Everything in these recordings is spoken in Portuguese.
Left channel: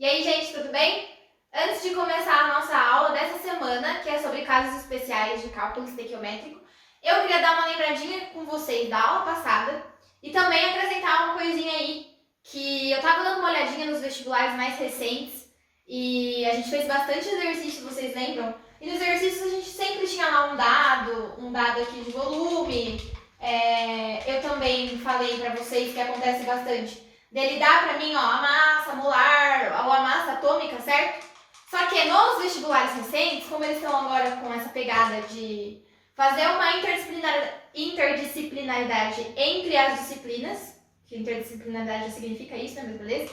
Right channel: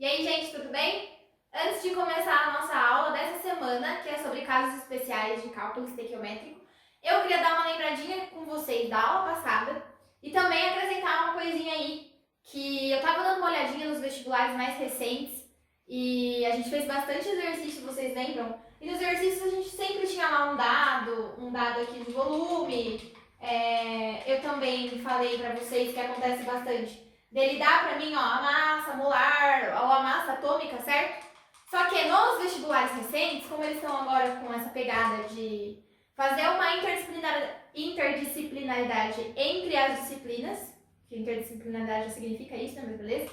E aí, gente, tudo bem? Antes de começar a nossa aula dessa semana, que é sobre casos especiais de cálculo estequiométrico, eu queria dar uma lembradinha com vocês da aula passada e também acrescentar uma coisinha aí, que eu estava dando uma olhadinha nos vestibulares mais recentes e a gente fez bastante exercício, vocês lembram? E nos exercícios a gente sempre tinha lá um dado aqui de volume. Eu também falei para vocês que acontece bastante dele dar para mim, ó, a massa molar ou a massa atômica, certo? Só que nos vestibulares recentes, como eles estão agora com essa pegada de fazer uma interdisciplinaridade entre as disciplinas, que interdisciplinaridade significa isso, né, mas beleza?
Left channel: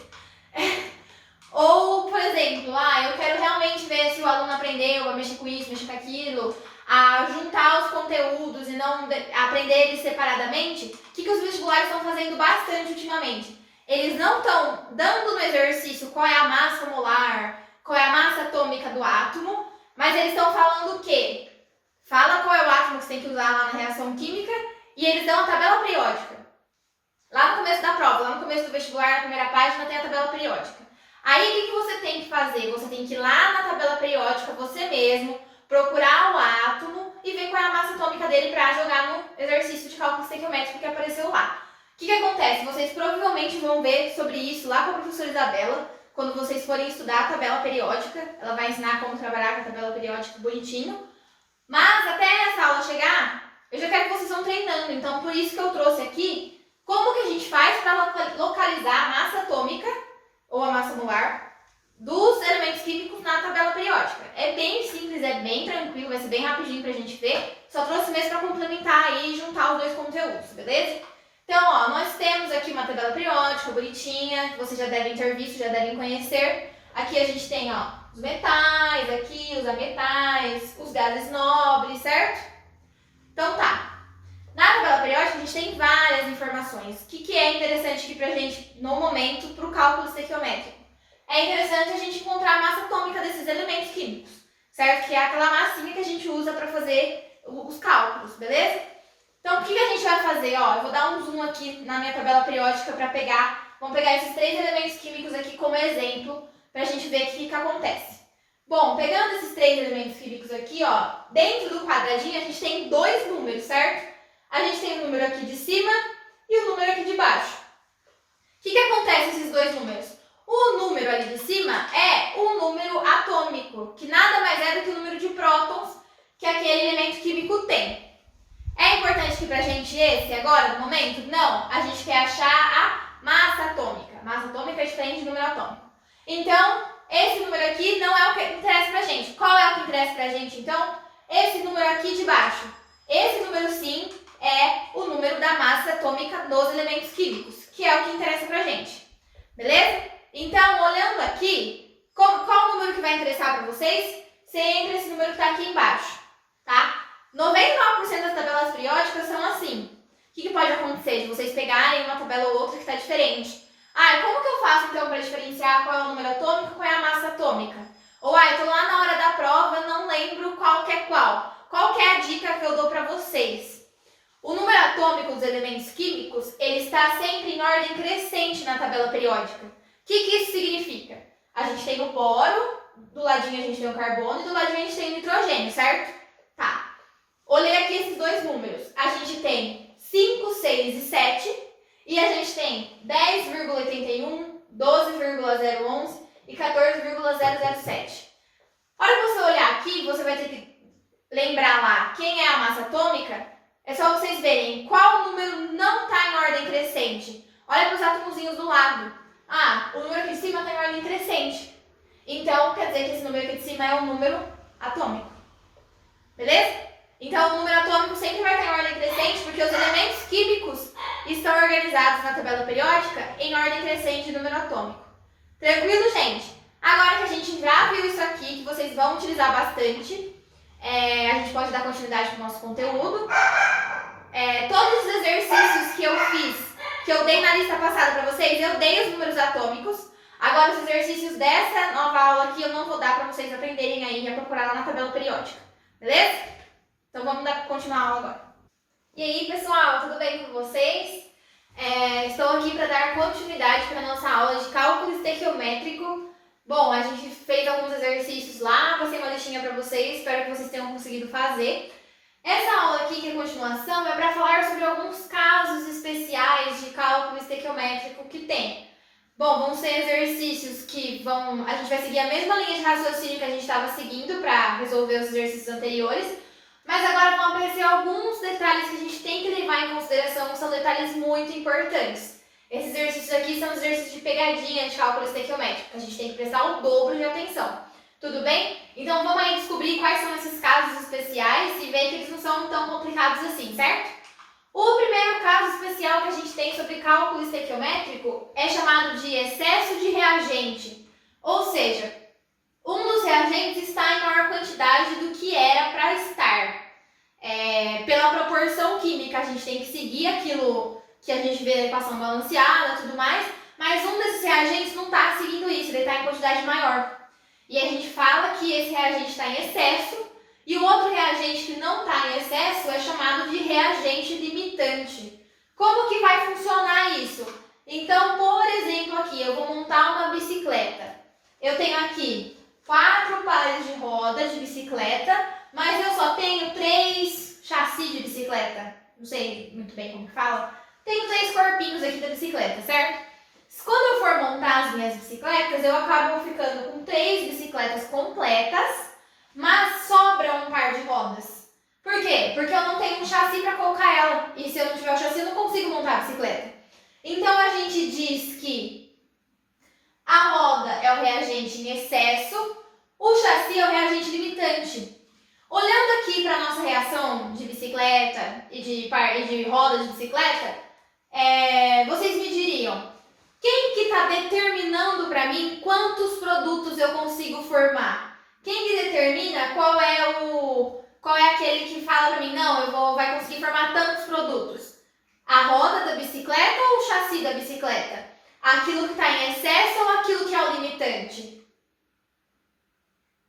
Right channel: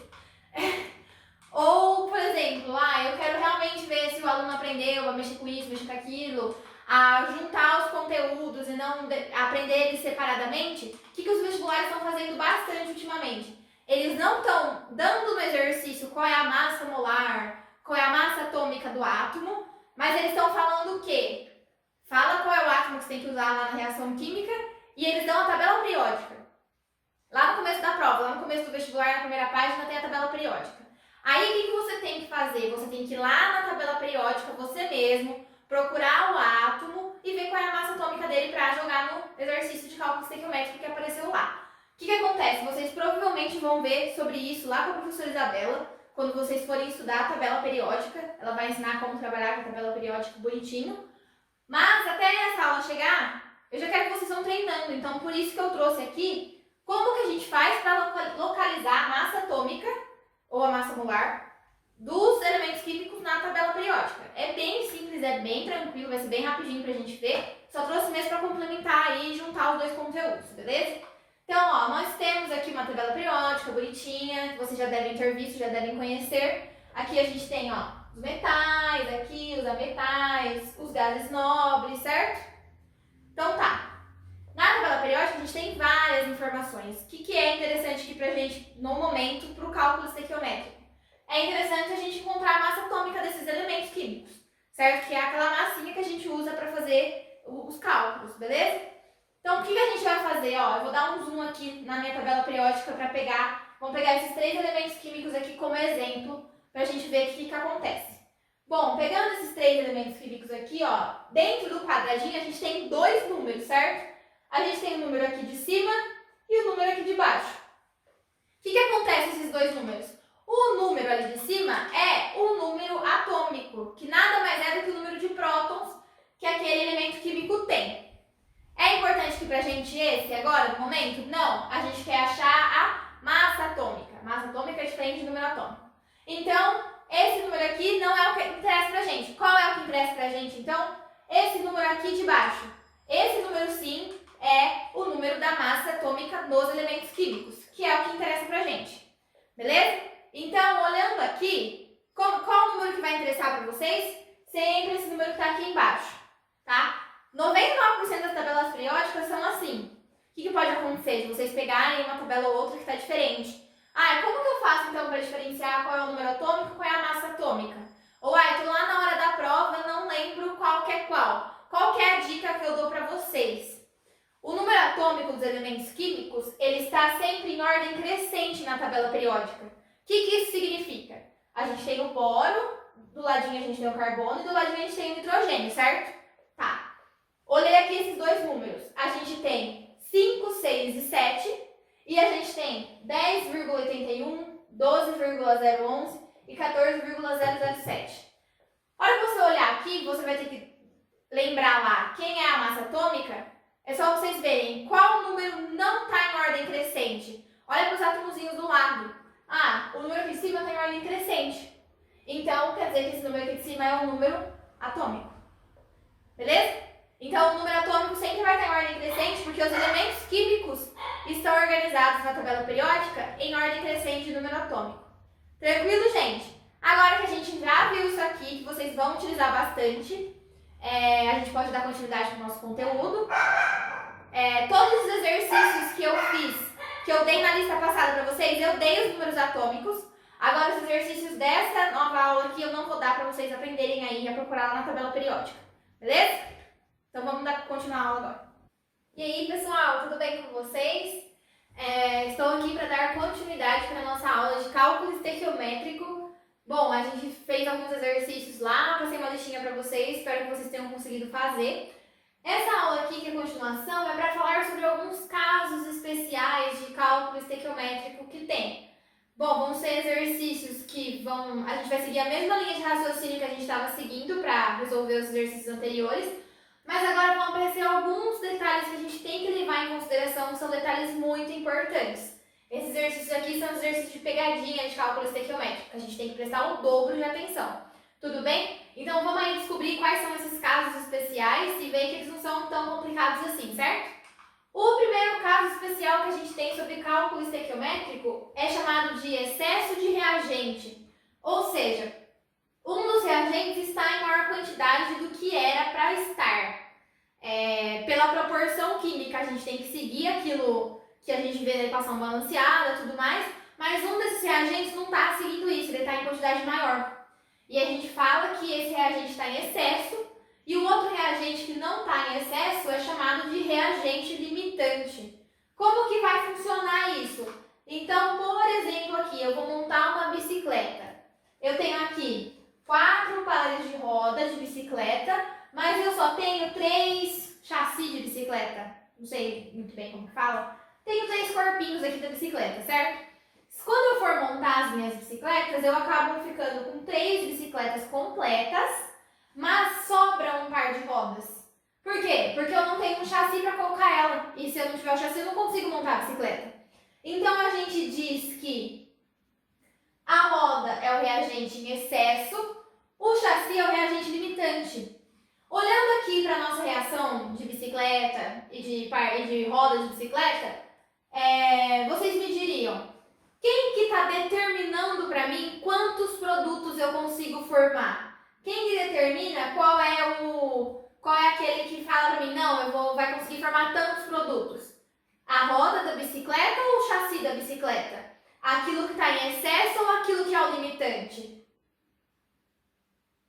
Ou, por exemplo, eu quero realmente ver se o aluno aprendeu a mexer com isso, mexer com aquilo, a juntar os conteúdos e não aprender eles separadamente. O que os vestibulares estão fazendo bastante ultimamente? Eles não estão dando no exercício qual é a massa molar, qual é a massa atômica do átomo, mas eles estão falando o quê? Fala qual é o átomo que você tem que usar lá na reação química e eles dão a tabela periódica. Lá no começo da prova, lá no começo do vestibular, na primeira página, tem a tabela periódica. Aí o que você tem que fazer? Você tem que ir lá na tabela periódica, você mesmo, procurar o átomo e ver qual é a massa atômica dele para jogar no exercício de cálculo estequiométrico que apareceu lá. O que acontece? Vocês provavelmente vão ver sobre isso lá com a professora Isabela, quando vocês forem estudar a tabela periódica. Ela vai ensinar como trabalhar com a tabela periódica bonitinho. Mas até essa aula chegar, eu já quero que vocês vão treinando. Então, por isso que eu trouxe aqui como que a gente faz para localizar a massa atômica ou a massa molar dos elementos químicos na tabela periódica. É bem simples, é bem tranquilo, vai ser bem rapidinho pra gente ver. Só trouxe mesmo para complementar aí e juntar os dois conteúdos, beleza? Então, ó, nós temos aqui uma tabela periódica bonitinha, que vocês já devem ter visto, já devem conhecer. Aqui a gente tem, ó, os metais, aqui os ametais, os gases nobres, certo? Então tá. Na tabela periódica a gente tem várias informações. O que é interessante aqui pra gente, no momento, para o cálculo estequiométrico? É interessante a gente encontrar a massa atômica desses elementos químicos, certo? Que é aquela massinha que a gente usa para fazer os cálculos, beleza? Então, o que a gente vai fazer? Ó, eu vou dar um zoom aqui na minha tabela periódica para vamos pegar esses três elementos químicos aqui como exemplo, para a gente ver o que acontece. Bom, pegando esses três elementos químicos aqui, ó, dentro do quadradinho a gente tem dois números, certo? A gente tem o número aqui de cima e o número aqui de baixo. O que acontece esses dois números? O número ali de cima é o número atômico, que nada mais é do que o número de prótons que aquele elemento químico tem. É importante que pra gente esse agora, no momento? Não, a gente quer achar a massa atômica. Massa atômica é diferente do número atômico. Então, esse número aqui não é o que interessa pra gente. Qual é o que interessa pra gente, então? Esse número aqui de baixo. Esse número, sim, é o número da massa atômica nos elementos químicos, que é o que interessa pra gente. Beleza? Então, olhando aqui, qual o número que vai interessar pra vocês? Sempre esse número que tá aqui embaixo, tá? 99% das tabelas periódicas são assim. O que pode acontecer de vocês pegarem uma tabela ou outra que está diferente? Como que eu faço então para diferenciar qual é o número atômico e qual é a massa atômica? Ou, eu estou lá na hora da prova, não lembro qual que é qual. Qual que é a dica que eu dou para vocês? O número atômico dos elementos químicos, ele está sempre em ordem crescente na tabela periódica. O que isso significa? A gente tem o boro, do ladinho a gente tem o carbono e do ladinho a gente tem o nitrogênio, certo? Tá. Olhei aqui esses dois números. A gente tem 5, 6 e 7. E a gente tem 10,81, 12,011 e 14,007. A hora que você olhar aqui, você vai ter que lembrar lá quem é a massa atômica. É só vocês verem qual número não está em ordem crescente. Olha para os átomozinhos do lado. O número aqui de cima está em ordem crescente. Então, quer dizer que esse número aqui de cima é um número atômico. Beleza? Então, o número atômico sempre vai estar em ordem crescente porque os elementos químicos estão organizados na tabela periódica em ordem crescente de número atômico. Tranquilo, gente? Agora que a gente já viu isso aqui, que vocês vão utilizar bastante, a gente pode dar continuidade para o nosso conteúdo. Todos os exercícios que eu fiz, que eu dei na lista passada para vocês, eu dei os números atômicos. Agora, os exercícios dessa nova aula aqui, eu não vou dar para vocês aprenderem aí a procurar lá na tabela periódica. Beleza? Então vamos continuar a aula agora. E aí, pessoal, tudo bem com vocês? Estou aqui para dar continuidade para a nossa aula de cálculo estequiométrico Bom, a gente fez alguns exercícios lá, passei uma listinha para vocês, espero que vocês tenham conseguido fazer. Essa aula aqui, que é a continuação, é para falar sobre alguns casos especiais de cálculo estequiométrico que tem. Bom, vão ser exercícios que a gente vai seguir a mesma linha de raciocínio que a gente estava seguindo para resolver os exercícios anteriores, mas agora vão aparecer alguns detalhes que a gente tem que levar em consideração, que são detalhes muito importantes. Esses exercícios aqui são exercícios de pegadinha de cálculo estequiométrico, que a gente tem que prestar o dobro de atenção. Tudo bem? Então vamos aí descobrir quais são esses casos especiais e ver que eles não são tão complicados assim, certo? O primeiro caso especial que a gente tem sobre cálculo estequiométrico é chamado de excesso de reagente. Ou seja, um dos reagentes está em maior quantidade do que era para estar. Pela proporção química, a gente tem que seguir aquilo que a gente vê na equação balanceada e tudo mais, mas um desses reagentes não está seguindo isso, ele está em quantidade maior. E a gente fala que esse reagente está em excesso, e o outro reagente que não está em excesso é chamado de reagente limitante. Como que vai funcionar isso? Então, por exemplo, aqui eu vou montar uma bicicleta. Eu tenho aqui 4 pares de rodas de bicicleta, mas eu só tenho 3 chassis de bicicleta. Não sei muito bem como fala. Tenho 3 corpinhos aqui da bicicleta, certo? Quando eu for montar as minhas bicicletas, eu acabo ficando com 3 bicicletas completas, mas sobra um par de rodas. Por quê? Porque eu não tenho um chassi para colocar ela. E se eu não tiver o chassi, eu não consigo montar a bicicleta. Então, a gente diz que a roda é o reagente em excesso, o chassi é o reagente limitante. Olhando aqui para a nossa reação de bicicleta e de roda de bicicleta, vocês me diriam, quem que está determinando para mim quantos produtos eu consigo formar? Quem que determina qual é aquele que fala para mim, não, vai conseguir formar tantos produtos? A roda da bicicleta ou o chassi da bicicleta? Aquilo que está em excesso ou aquilo que é o limitante?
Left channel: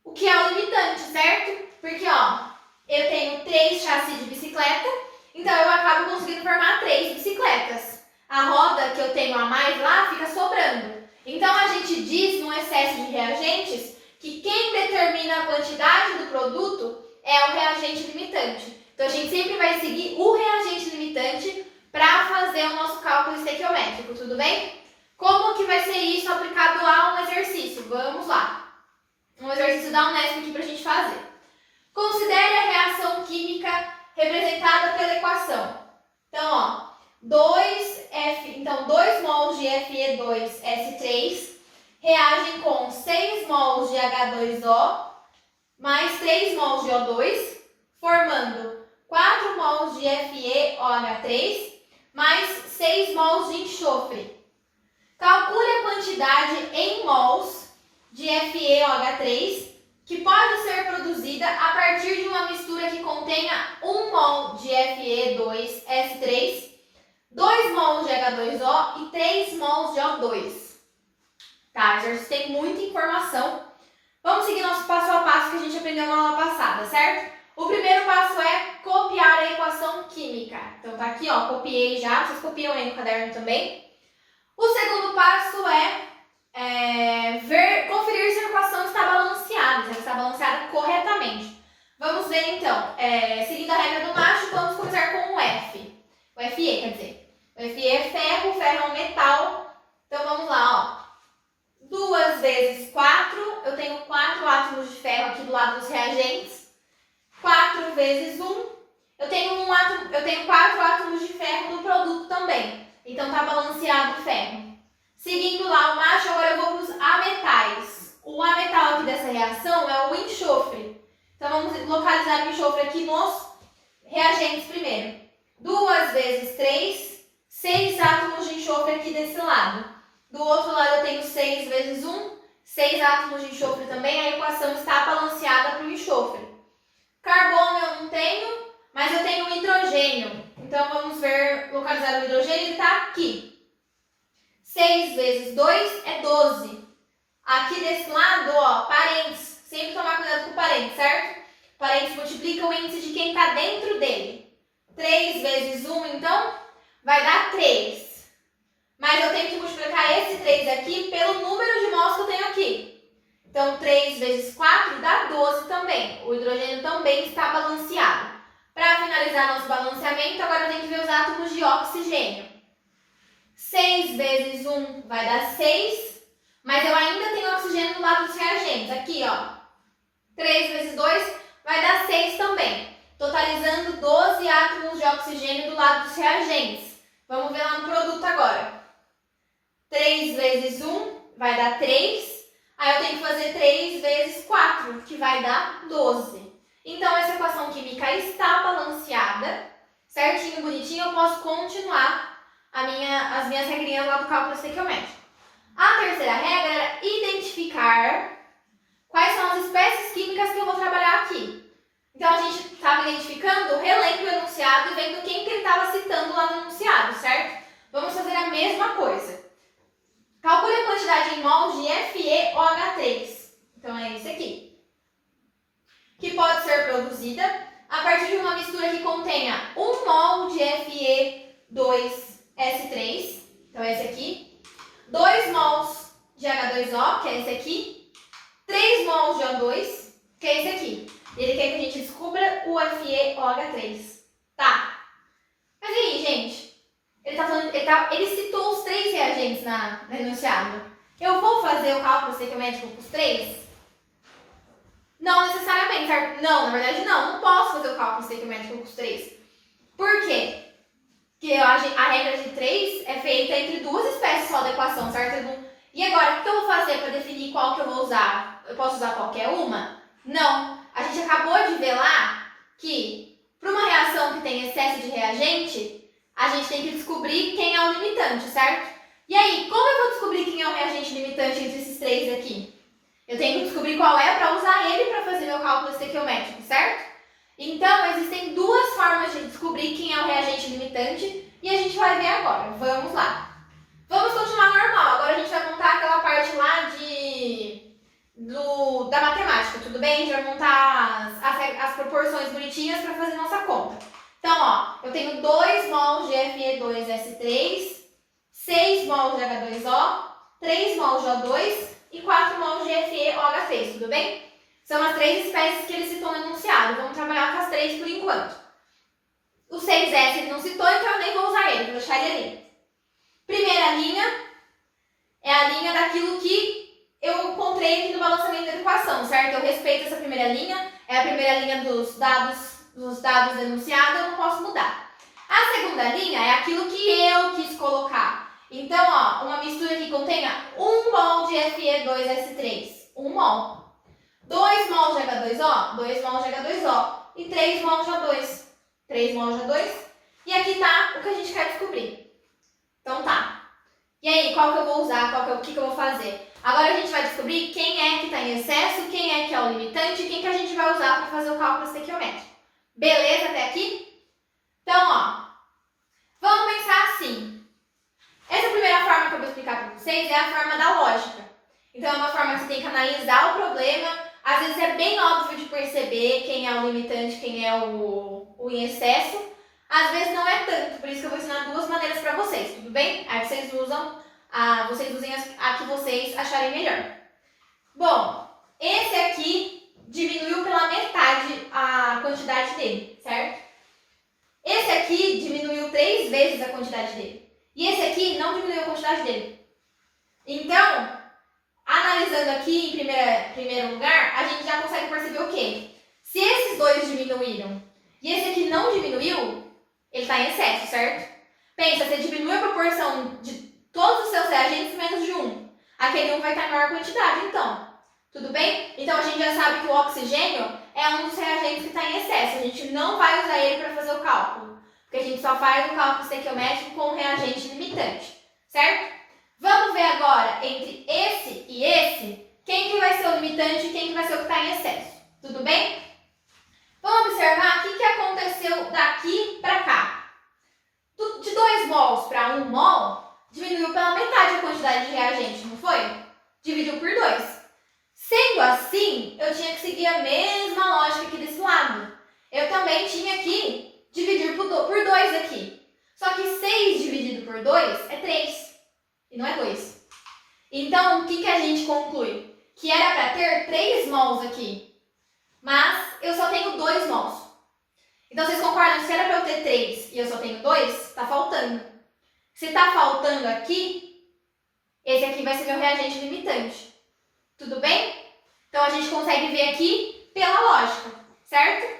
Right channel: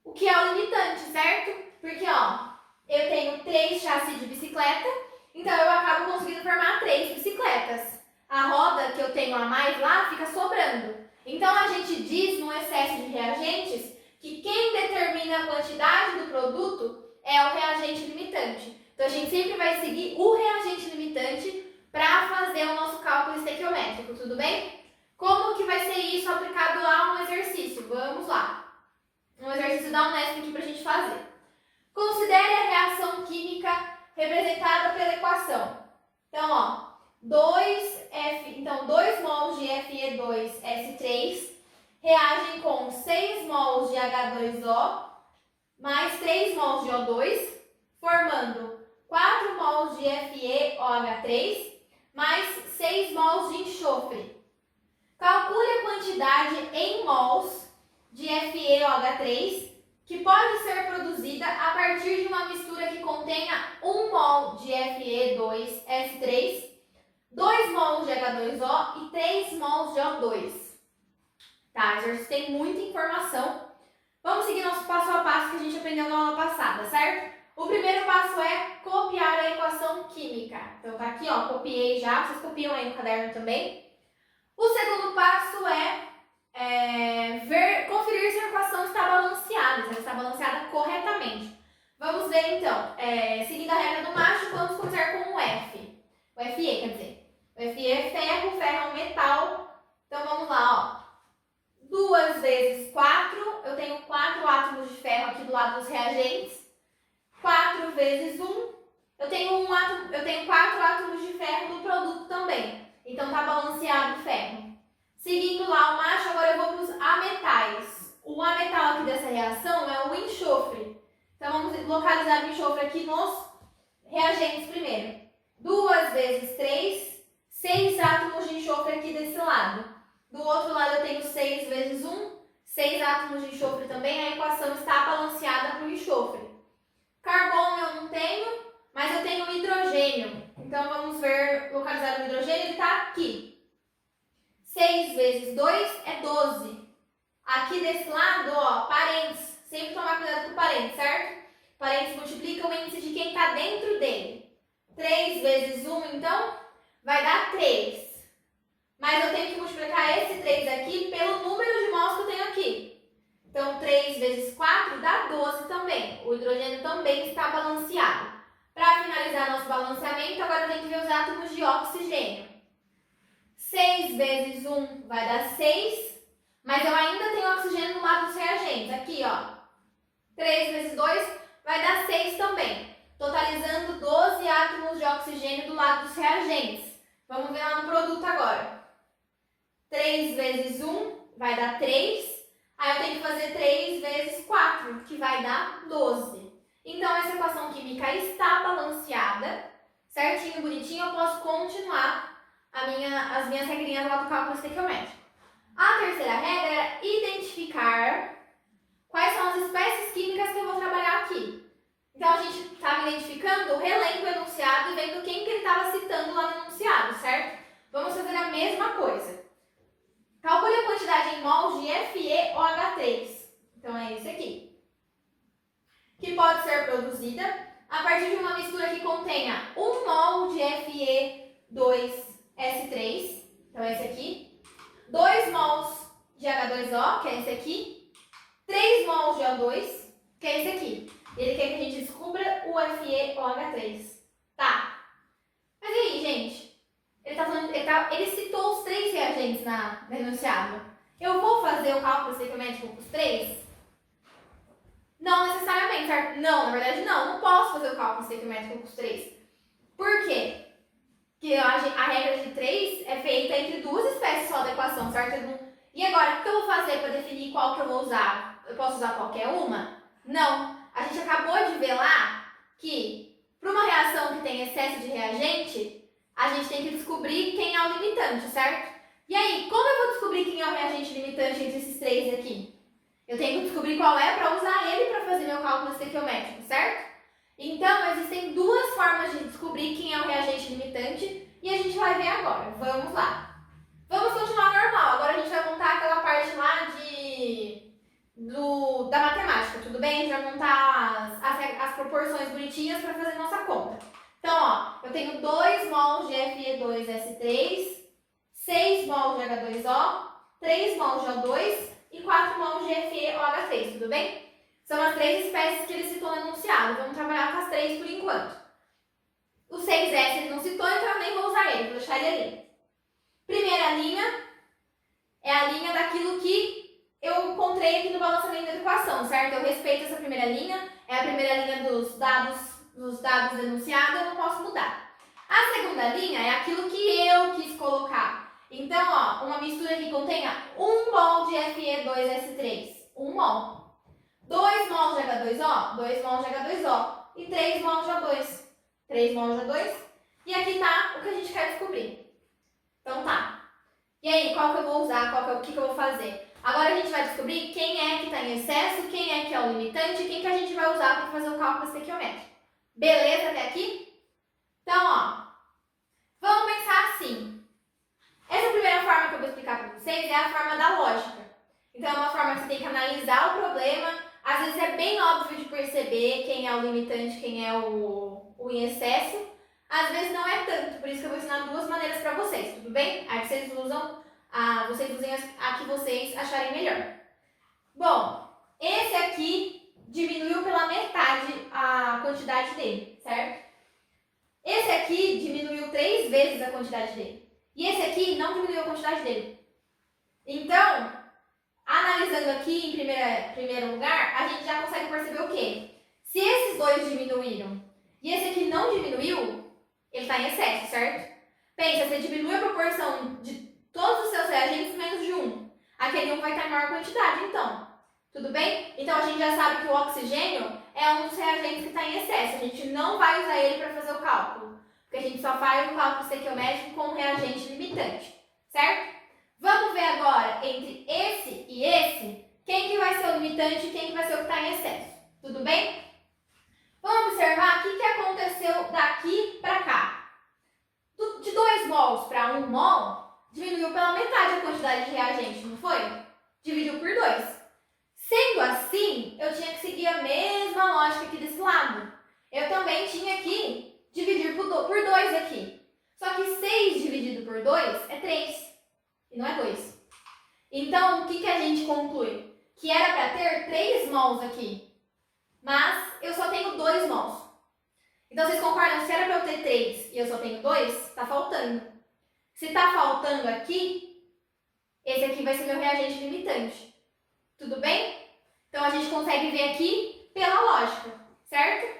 O que é o limitante, certo? Porque, eu tenho 3 chassis de bicicleta, então eu acabo conseguindo formar 3 bicicletas. A roda que eu tenho a mais lá fica sobrando. Então, a gente diz, no excesso de reagentes, que quem determina a quantidade do produto é o reagente limitante. Então, a gente sempre vai seguir o reagente limitante para fazer o nosso cálculo estequiométrico, tudo bem? Como que vai ser isso aplicado a um exercício? Vamos lá. Um exercício da Unesp aqui para a gente fazer. Considere a reação química representada pela equação. Então, 2 mols de Fe2S3 reagem com 6 mols de H2O mais 3 mols de O2, formando 4 mols de FeOH3 mais 6 mols de enxofre. Calcule a quantidade em mols de FeOH3 que pode ser produzida a partir de uma mistura que contenha 1 mol de Fe2S3, 2 mols de H2O e 3 mols de O2. Tá, exercício tem muita informação. Vamos seguir nosso passo a passo que a gente aprendeu na aula passada, certo? O primeiro passo é copiar a equação química. Então tá aqui, copiei já, vocês copiam aí no caderno também. O segundo passo é conferir se a equação está balanceada, se ela está balanceada corretamente. Vamos ver então, seguindo a regra do macho, vamos começar com o F. O Fe, quer dizer. O Fe é ferro, o ferro é um metal. Então vamos lá, 2 vezes 4, eu tenho 4 átomos de ferro aqui do lado dos reagentes. 4 vezes 1, eu tenho 4 átomos de ferro no produto também. Então tá balanceado o ferro. Seguindo lá o macho, agora eu vou para os ametais. O ametal aqui dessa reação é o enxofre. Então vamos localizar o enxofre aqui nos reagentes primeiro. 2 vezes 3, 6 átomos de enxofre aqui desse lado. Do outro lado eu tenho 6 vezes 1, 6 átomos de enxofre também. A equação está balanceada para o enxofre. Carbono eu não tenho, mas eu tenho hidrogênio. Então vamos ver, localizar o hidrogênio, ele está aqui. 6 vezes 2 é 12. Aqui desse lado, parênteses. Sempre tomar cuidado com o parênteses, certo? Parênteses multiplica o índice de quem está dentro dele. 3 vezes 1, então, vai dar 3. Mas eu tenho que multiplicar esse 3 aqui pelo número de mols que eu tenho aqui. vezes 4 dá 12 também. O hidrogênio também está balanceado. Para finalizar nosso balanceamento, agora eu tenho que ver os átomos de oxigênio. 6 vezes 1 vai dar 6, mas eu ainda tenho oxigênio no lado dos reagentes. Aqui, ó, 3 vezes 2 vai dar 6 também, totalizando 12 átomos de oxigênio do lado dos reagentes. Vamos ver lá no produto agora. 3 vezes 1 vai dar 3, aí eu tenho que fazer 3 vezes 4, que vai dar 12. Então, essa equação química está balanceada, certinho, bonitinho, eu posso continuar as minhas regrinhas lá do cálculo estequiométrico. A terceira regra era identificar quais são as espécies químicas que eu vou trabalhar aqui. Então, a gente estava identificando, relendo o enunciado e vendo quem que ele estava citando lá no enunciado, certo? Vamos fazer a mesma coisa. Calcule a quantidade em mols de FeOH3. Então, é esse aqui. Que pode ser produzida a partir de uma mistura que contenha 1 mol de Fe2S3, então é esse aqui, 2 mols de H2O, que é esse aqui, 3 mols de O2, que é esse aqui. Ele quer que a gente descubra o FeOH3. Tá. Mas e aí, gente? Ele citou os 3 reagentes no enunciado. Eu vou fazer o cálculo estequiométrico com os 3? Não necessariamente, certo? Não, na verdade não posso fazer o cálculo estequiométrico com os 3. Por quê? Porque a regra de 3 é feita entre 2 espécies só da equação, certo? E agora, o que eu vou fazer para definir qual que eu vou usar? Eu posso usar qualquer uma? Não. A gente acabou de ver lá que, para uma reação que tem excesso de reagente, a gente tem que descobrir quem é o limitante, certo? E aí, como eu vou descobrir quem é o reagente limitante entre esses 3 aqui? Eu tenho que descobrir qual é para usar ele para fazer meu cálculo estequiométrico, certo? Então, existem 2 formas de descobrir quem é o reagente limitante e a gente vai ver agora. Vamos lá. Vamos continuar normal. Agora a gente vai montar aquela parte lá da matemática, tudo bem? A gente vai montar as proporções bonitinhas para fazer nossa conta. Então, ó, eu tenho 2 mols de Fe2S3, 6 mols de H2O, 3 mols de O2 e 4 mols de FeOH3, tudo bem? São as 3 espécies que ele citou no enunciado. Vamos trabalhar com as 3 por enquanto. O 6S ele não citou, então eu nem vou usar ele, vou deixar ele ali. Primeira linha é a linha daquilo que eu encontrei aqui no balanceamento da equação, certo? Eu respeito essa primeira linha, é a primeira linha dos dados do enunciado, eu não posso mudar. A segunda linha é aquilo que eu quis colocar. Então, ó, uma mistura que contenha 1 mol de Fe2S3, 1 mol. 2 mols de H2O, 2 mols de H2O. E 3 mols de O2, 3 mols de O2. E aqui tá o que a gente quer descobrir. Então tá. E aí, qual que eu vou usar? O que eu vou fazer? Agora a gente vai descobrir quem é que está em excesso, quem é que é o limitante e quem que a gente vai usar para fazer o cálculo estequiométrico. Beleza até aqui? Então, ó, vamos pensar assim. Essa primeira forma que eu vou explicar para vocês é a forma da lógica. Então, é uma forma que você tem que analisar o problema. Às vezes é bem óbvio de perceber quem é o limitante, quem é o em excesso. Às vezes não é tanto, por isso que eu vou ensinar 2 maneiras para vocês, tudo bem? Aí vocês usem a que vocês acharem melhor. Bom, esse aqui diminuiu pela metade a quantidade dele, certo? Esse aqui diminuiu 3 vezes a quantidade dele. E esse aqui não diminuiu a quantidade dele. Então, analisando aqui em primeiro lugar, a gente já consegue perceber o quê? Se esses 2 diminuíram e esse aqui não diminuiu, ele está em excesso, certo? Pensa, você diminui a proporção de todos os seus reagentes menos de 1. Aquele 1 vai estar em maior quantidade, então. Tudo bem? Então, a gente já sabe que o oxigênio é um dos reagentes que está em excesso. A gente não vai usar ele para fazer o cálculo. Porque a gente só faz o cálculo estequiométrico com o reagente limitante, certo? Vamos ver agora, entre esse e esse, quem que vai ser o limitante e quem que vai ser o que está em excesso. Tudo bem? Vamos observar o que aconteceu daqui para cá. De 2 mols para 1 mol, diminuiu pela metade a quantidade de reagente, não foi? Dividiu por 2. Sendo assim, eu tinha que seguir a mesma lógica aqui desse lado. Eu também tinha que dividir por 2 aqui. Só que 6 dividido por 2 é 3. E não é 2. Então, o que a gente conclui? que era para ter 3 mols aqui, mas eu só tenho 2 mols. Então, vocês concordam? Se era para eu ter 3 e eu só tenho 2, tá faltando. Se tá faltando aqui, esse aqui vai ser meu reagente limitante. Tudo bem? Então, a gente consegue ver aqui pela lógica, certo?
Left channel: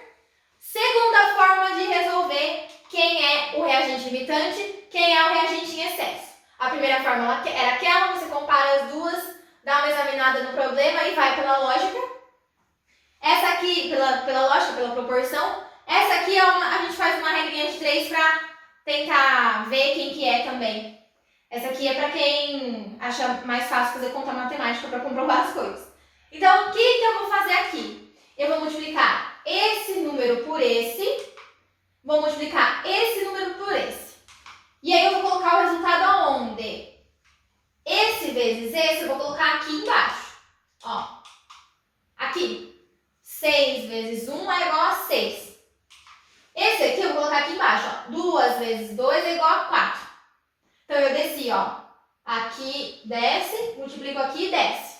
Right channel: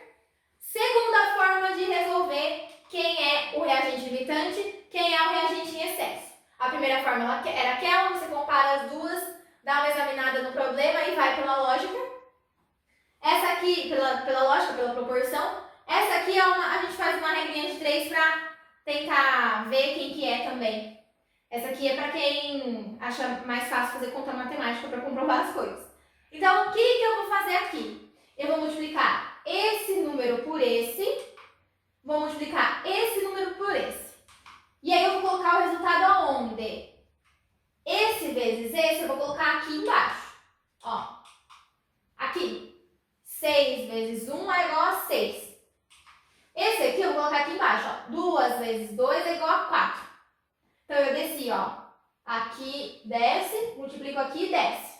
Segunda forma de resolver quem é o reagente limitante, quem é o reagente em excesso. A primeira forma era aquela, você compara as duas, dá uma examinada no problema e vai pela lógica. Essa aqui, pela lógica, pela proporção. Essa aqui a gente faz uma regrinha de 3 para tentar ver quem que é também. Essa aqui é para quem acha mais fácil fazer conta matemática para comprovar as coisas. Então, o que eu vou fazer aqui? Eu vou multiplicar esse número por esse, vou multiplicar esse número por esse. E aí eu vou colocar o resultado aonde? Esse vezes esse eu vou colocar aqui embaixo. Ó, aqui. 6 vezes 1 é igual a 6. Esse aqui eu vou colocar aqui embaixo, ó. 2 vezes 2 é igual a 4. Então, eu desci, ó. Aqui desce, multiplico aqui e desce.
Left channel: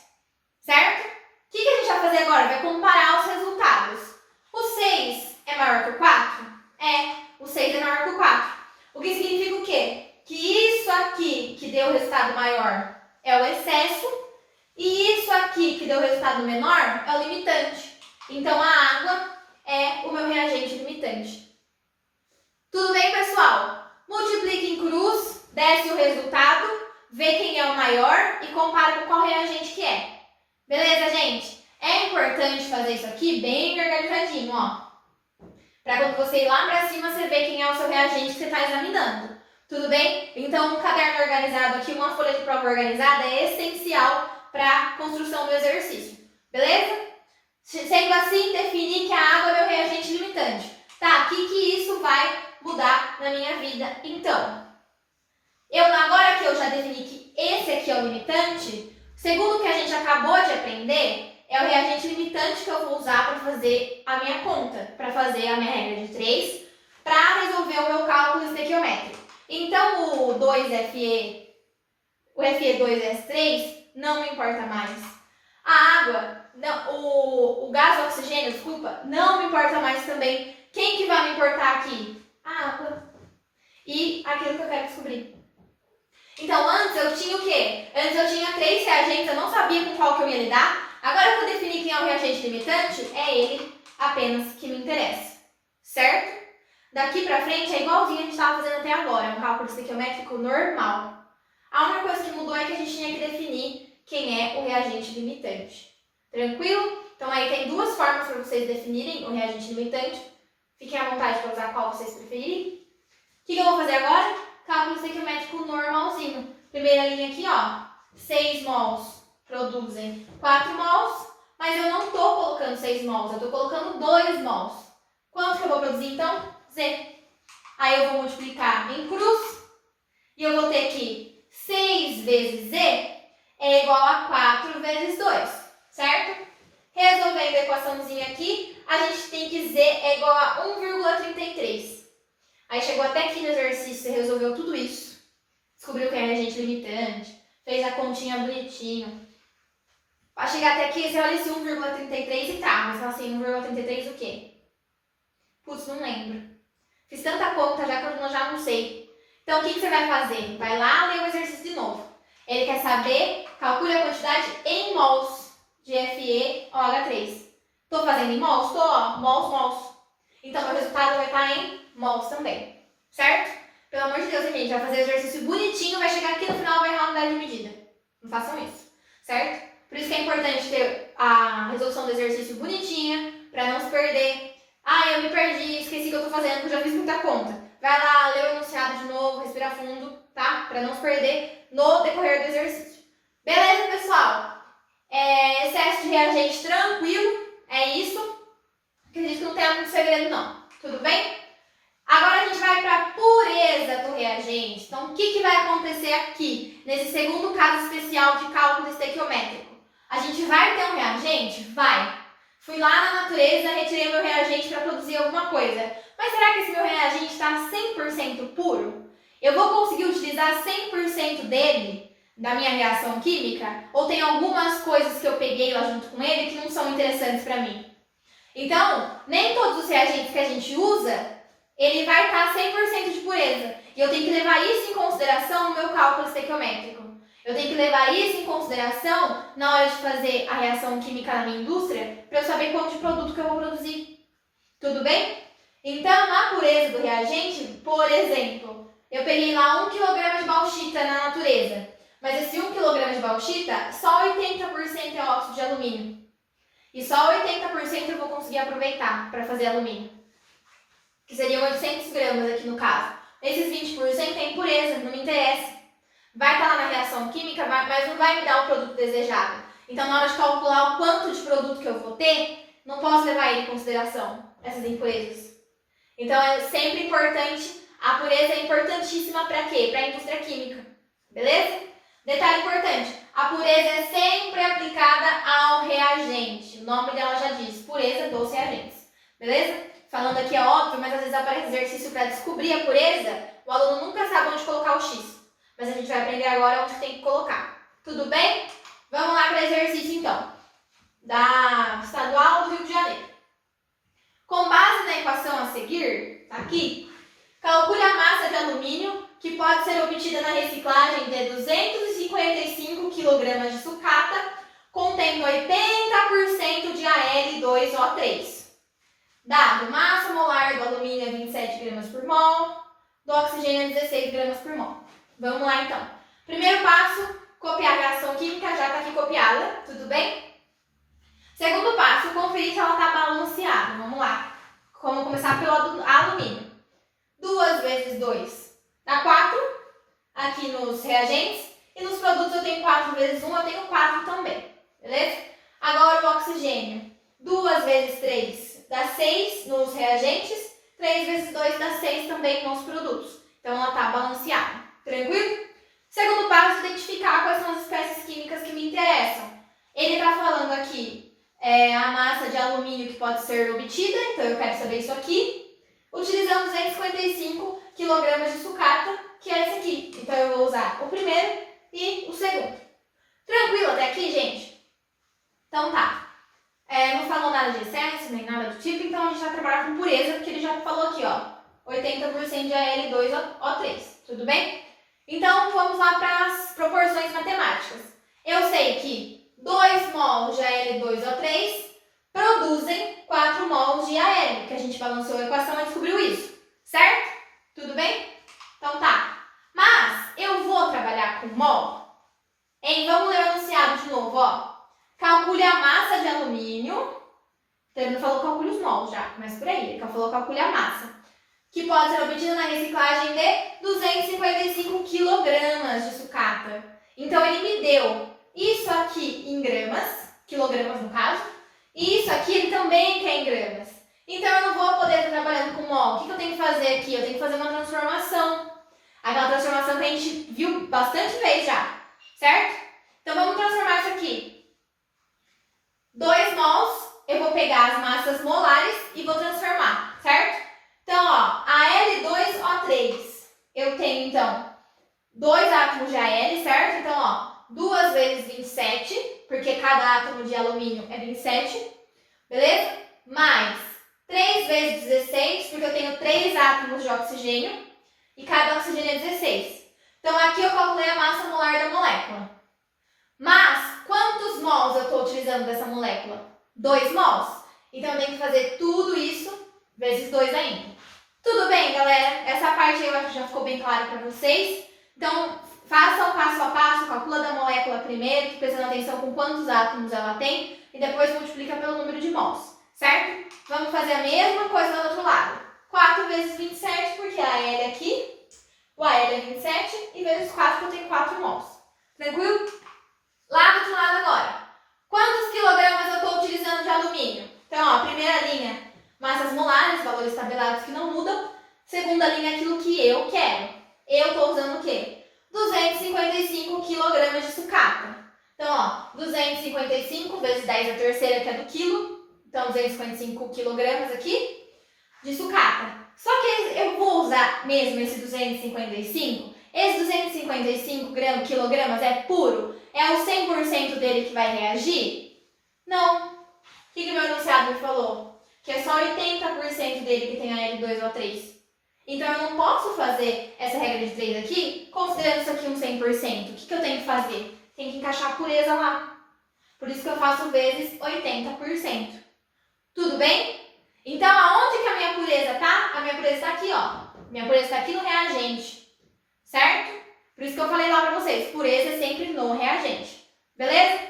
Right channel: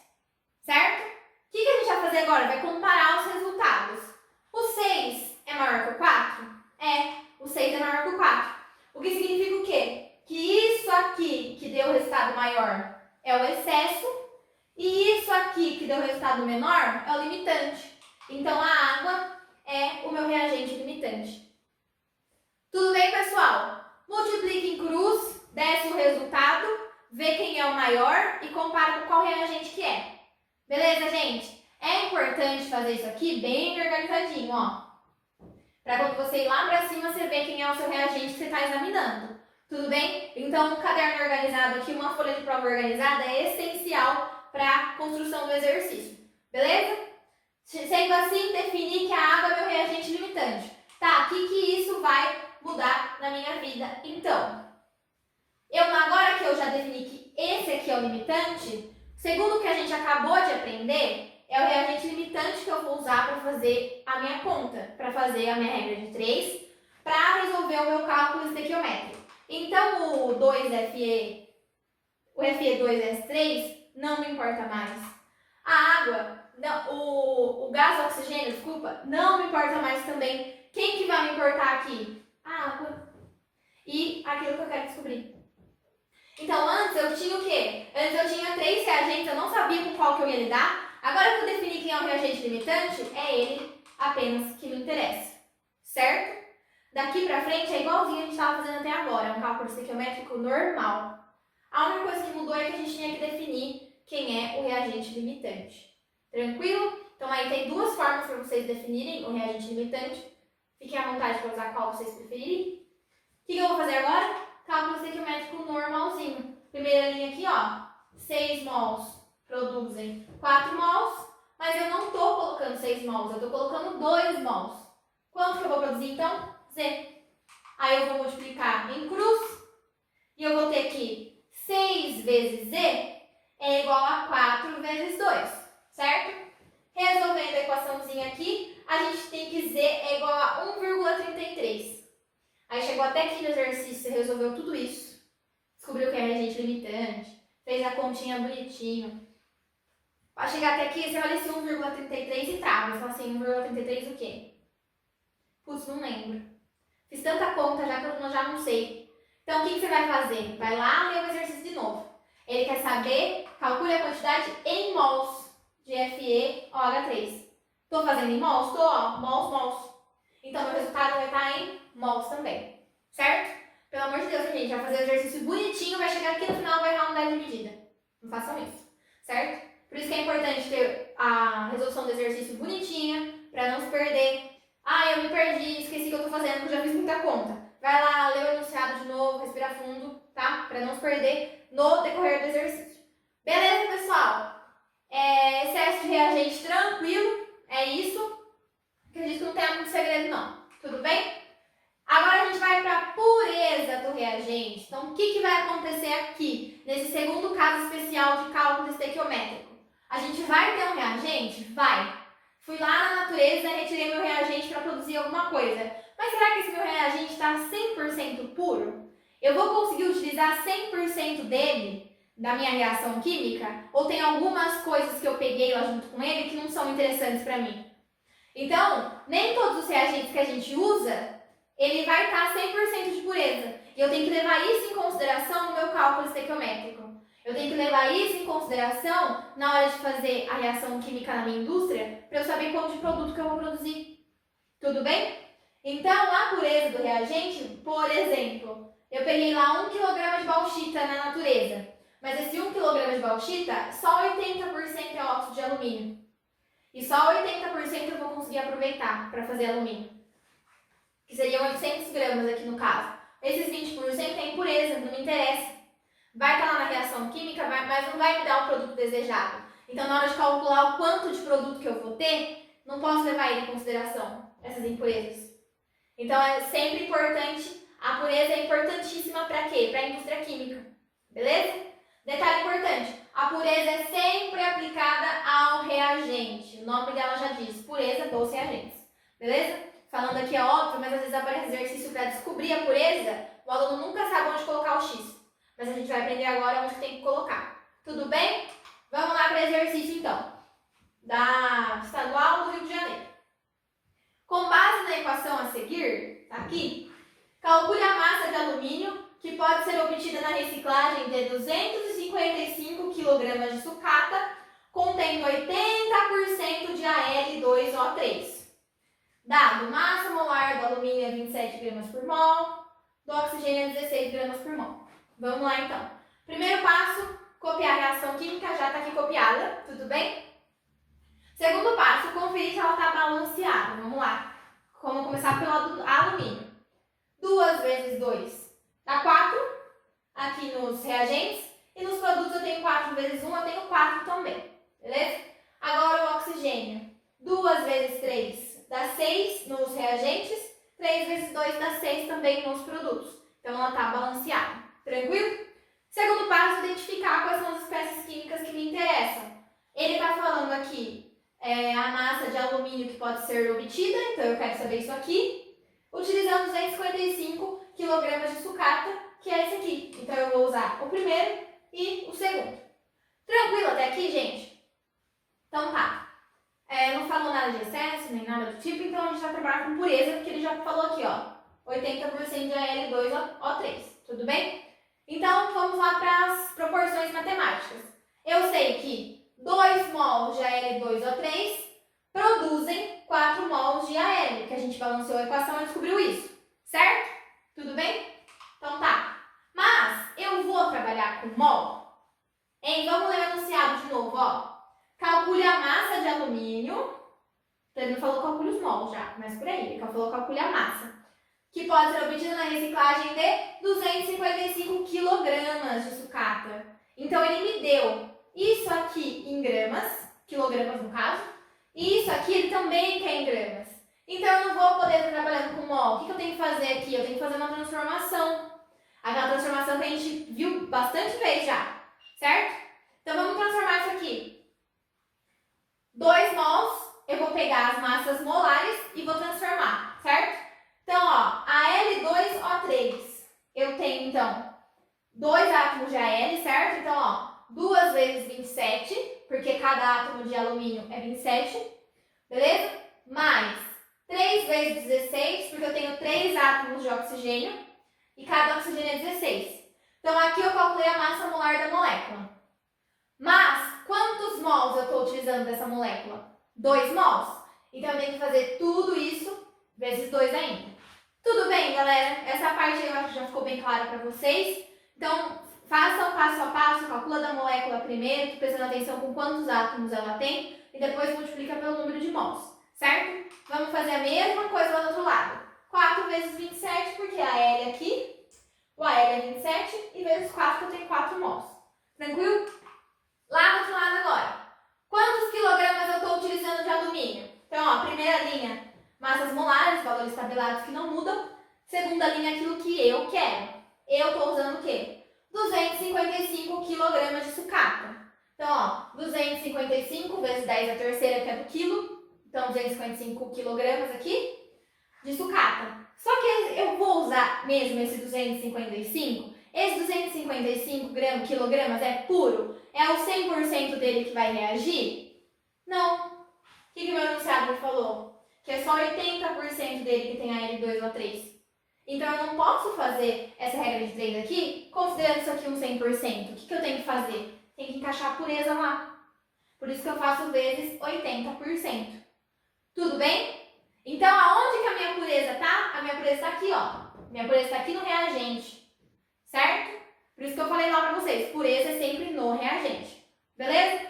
Certo? O que a gente vai fazer agora? Vai comparar os resultados. O 6 é maior que o 4? É, o 6 é maior que o 4. O que significa o quê? Que isso aqui que deu o resultado maior é o excesso e isso aqui que deu o resultado menor é o limitante. Então, a água é o meu reagente limitante. Tudo bem, pessoal? Multiplica em cruz, desce o resultado, vê quem é o maior e compara com qual reagente que é. Beleza, gente? É importante fazer isso aqui bem organizadinho, ó. Para quando você ir lá para cima, você ver quem é o seu reagente que você está examinando. Tudo bem? Então, um caderno organizado aqui, uma folha de prova organizada é essencial para a construção do exercício. Beleza? Sendo assim, definir que a água é meu reagente limitante. Tá, o que isso vai mudar na minha vida? Então, agora que eu já defini que esse aqui é o limitante, segundo o que a gente acabou de aprender, é o reagente limitante que eu vou usar para fazer a minha conta, para fazer a minha regra de 3, para resolver o meu cálculo estequiométrico. Então, o Fe2S3 não me importa mais. A água, não, o gás oxigênio, desculpa, não me importa mais também. Quem que vai me importar aqui? A água. E aquilo que eu quero descobrir. Então, antes eu tinha o quê? Antes eu tinha 3 reagentes, eu não sabia com qual que eu ia lidar. Agora que eu defini quem é o reagente limitante, é ele apenas que me interessa. Certo? Daqui pra frente é igualzinho a gente estava fazendo até agora, é um cálculo estequiométrico normal. A única coisa que mudou é que a gente tinha que definir quem é o reagente limitante. Tranquilo? Então aí tem 2 formas para vocês definirem o reagente limitante. Fiquem à vontade para usar qual vocês preferirem. O que eu vou fazer agora? Cálculo estequiométrico normalzinho. Primeira linha aqui, ó. 6 mols produzem 4 mols, mas eu não estou colocando 6 mols, eu estou colocando 2 mols. Quanto que eu vou produzir então? Z. Aí eu vou multiplicar em cruz e eu vou ter que 6 vezes Z é igual a 4 vezes 2, certo? Resolvendo a equaçãozinha aqui, a gente tem que Z é igual a 1,33. Aí chegou até aqui no exercício, você resolveu tudo isso. Descobriu que é reagente limitante, fez a continha bonitinho. Para chegar até aqui, você olha esse 1,33 e tá, mas fala assim, 1,33 o quê? Putz, não lembro. Fiz tanta conta já que eu já não sei. Então, o que você vai fazer? Vai lá ler o exercício de novo. Ele quer saber, calcule a quantidade em mols de FeOH3. Estou fazendo em mols? Estou, ó, mols. Então, meu resultado vai estar em mols também. Certo? Pelo amor de Deus, gente, vai fazer o exercício bonitinho, vai chegar aqui no final e vai errar a unidade de medida. Não façam isso. Certo? Por isso que é importante ter a resolução do exercício bonitinha, para não se perder. Ah, eu me perdi, esqueci o que eu estou fazendo, porque eu já fiz muita conta. Vai lá, lê o enunciado de novo, respira fundo, tá? Para não se perder no decorrer do exercício. Beleza, pessoal? Excesso de reagente tranquilo, é isso. Acredito que não tenha muito segredo, não. Tudo bem? Agora a gente vai para a pureza do reagente. Então, o que vai acontecer aqui, nesse segundo caso especial de cálculo estequiométrico? A gente vai ter um reagente? Vai. Fui lá na natureza, retirei meu reagente para produzir alguma coisa. Mas será que esse meu reagente está 100% puro? Eu vou conseguir utilizar 100% dele da minha reação química? Ou tem algumas coisas que eu peguei lá junto com ele que não são interessantes para mim? Então, nem todos os reagentes que a gente usa, ele vai estar 100% de pureza. E eu tenho que levar isso em consideração no meu cálculo estequiométrico. Eu tenho que levar isso em consideração na hora de fazer a reação química na minha indústria para eu saber quanto de produto que eu vou produzir. Tudo bem? Então, a pureza do reagente, por exemplo, eu peguei lá 1 kg de bauxita na natureza. Mas esse 1 kg de bauxita, só 80% é óxido de alumínio. E só 80% eu vou conseguir aproveitar para fazer alumínio. Que seriam 800 gramas aqui no caso. Esses 20% é impureza, não me interessa. Vai estar lá na reação química, mas não vai me dar o produto desejado. Então, na hora de calcular o quanto de produto que eu vou ter, não posso levar ele em consideração, essas impurezas. Então, é sempre importante, a pureza é importantíssima para quê? Para a indústria química, beleza? Detalhe importante, a pureza é sempre aplicada ao reagente. O nome dela já diz, pureza dos reagentes, beleza? Falando aqui é óbvio, mas às vezes aparece exercício para descobrir a pureza, o aluno nunca sabe onde colocar o X. Mas a gente vai aprender agora onde tem que colocar. Tudo bem? Vamos lá para exercício então, da Estadual do Rio de Janeiro. Com base na equação a seguir, tá aqui, calcule a massa de alumínio que pode ser obtida na reciclagem de 255 kg de sucata, contendo 80% de Al2O3. Dado, massa molar do alumínio é 27 gramas por mol, do oxigênio é 16 gramas por mol. Vamos lá então. Primeiro passo, copiar a reação química, já está aqui copiada, tudo bem? Segundo passo, conferir se ela está balanceada. Vamos lá. Vamos começar pelo alumínio. 2 vezes 2 dá 4, aqui nos reagentes. E nos produtos eu tenho 4 vezes 1, eu tenho 4 também, beleza? Agora o oxigênio. 2 vezes 3 dá 6 nos reagentes. 3 vezes 2 dá 6 também nos produtos. Então ela está balanceada. Tranquilo? Segundo passo, identificar quais são as espécies químicas que me interessam. Ele está falando aqui a massa de alumínio que pode ser obtida, então eu quero saber isso aqui. Utilizando 255 kg de sucata, que é esse aqui. Então eu vou usar o primeiro e o segundo. Tranquilo até aqui, gente? Então tá. Não falou nada de excesso, nem nada do tipo, então a gente vai trabalhar com pureza, porque ele já falou aqui, ó. 80% de Al2O3, tudo bem? Então, vamos lá para as proporções matemáticas. Eu sei que 2 mols de Al2O3 produzem 4 mols de Al, que a gente balanceou a equação e descobriu isso, certo? Tudo bem? Então tá. Mas eu vou trabalhar com mol. Vamos ler o enunciado de novo, ó. Calcule a massa de alumínio. Ele não falou calcule os mols já, mas por aí. Ele falou calcule a massa, que pode ser obtida na reciclagem de 255 kg de sucata. Então, ele me deu isso aqui em gramas, quilogramas no caso, e isso aqui ele também quer em gramas. Então, eu não vou poder estar trabalhando com mol. O que eu tenho que fazer aqui? Eu tenho que fazer uma transformação. Aquela transformação que a gente viu bastante vezes já, certo? Então, vamos transformar isso aqui. 2 mols, eu vou pegar as massas molares e vou transformar, certo? Então, ó, Al2O3, eu tenho, então, 2 átomos de Al, certo? Então, ó, 2 vezes 27, porque cada átomo de alumínio é 27, beleza? Mais 3 vezes 16, porque eu tenho 3 átomos de oxigênio, e cada oxigênio é 16. Então, aqui eu calculei a massa molar da molécula. Mas, quantos mols eu estou utilizando dessa molécula? 2 mols. Então, eu tenho que fazer tudo isso vezes 2 ainda. Tudo bem, galera? Essa parte eu acho que já ficou bem clara para vocês. Então, façam passo a passo, calcula da molécula primeiro, prestando atenção com quantos átomos ela tem, e depois multiplica pelo número de mols, certo? Vamos fazer a mesma coisa do outro lado. 4 vezes 27, porque a L aqui, o Al é 27, e vezes 4, porque eu tenho 4 mols. Tranquilo? Lá do outro lado agora. Quantos quilogramas eu estou utilizando de alumínio? Então, ó, primeira linha, massas molares, valores tabelados que não mudam. Segunda linha, aquilo que eu quero. Eu estou usando o quê? 255 kg de sucata. Então, ó, 255 vezes 10 a terceira, que é do quilo. Então, 255 kg aqui de sucata. Só que eu vou usar mesmo esse 255 esse 255 quilogramas é puro? É o 100% dele que vai reagir? Não. O que meu enunciado me falou? Que é só 80% dele que tem a L2O3. Então, eu não posso fazer essa regra de 3 aqui, considerando isso aqui um 100%. O que eu tenho que fazer? Tenho que encaixar a pureza lá. Por isso que eu faço vezes 80%. Tudo bem? Então, aonde que a minha pureza tá? A minha pureza está aqui, ó. Minha pureza está aqui no reagente. Certo? Por isso que eu falei lá pra vocês, pureza é sempre no reagente. Beleza?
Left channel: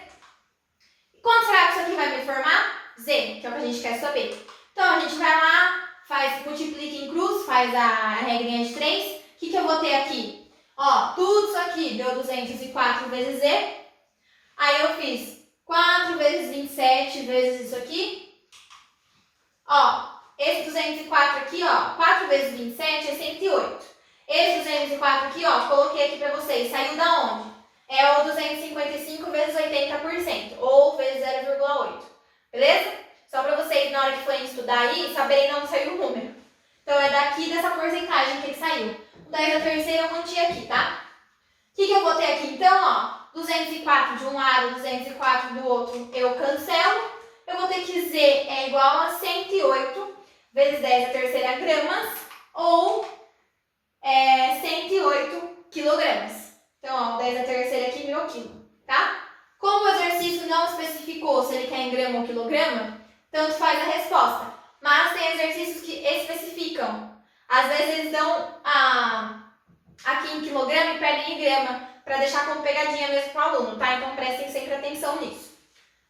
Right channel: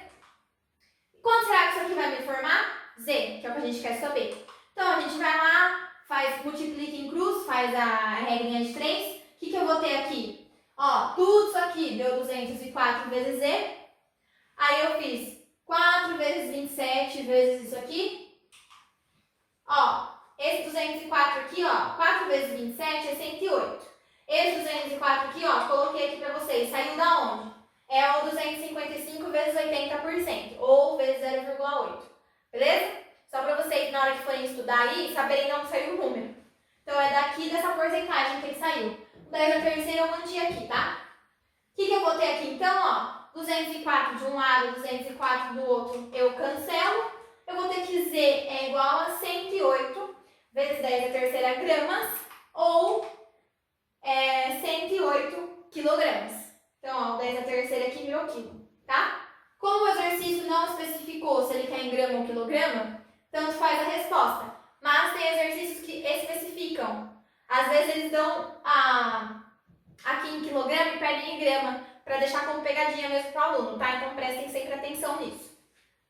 E quanto será que isso aqui vai me formar? Z, que é o que a gente quer saber. Então, a gente vai lá, multiplica em cruz, faz a regrinha de 3. O que eu vou ter aqui? Ó, tudo isso aqui deu 204 vezes Z. Aí eu fiz 4 vezes 27 vezes isso aqui. Ó, esse 204 aqui, ó, 4 vezes 27 é 108. Esse 204 aqui, ó, coloquei aqui pra vocês. Saiu da onde? É o 255 vezes 80%, ou vezes 0,8. Beleza? Só pra vocês, na hora que forem estudar aí, saberem de onde saiu o número. Então, é daqui dessa porcentagem que ele saiu. O 10 a terceira eu mantive aqui, tá? O que eu vou ter aqui, então, ó? 204 de um lado, 204 do outro, eu cancelo. Eu vou ter que Z é igual a 108 vezes 10 a terceira gramas, ou 108 quilogramas. Então, ó, 10 a terceira aqui virou quilo, tá? Como o exercício não especificou se ele quer em grama ou quilograma, tanto faz a resposta. Mas tem exercícios que especificam. Às vezes eles dão aqui em quilograma e pedem em grama, para deixar como pegadinha mesmo para o aluno, tá? Então prestem sempre atenção nisso.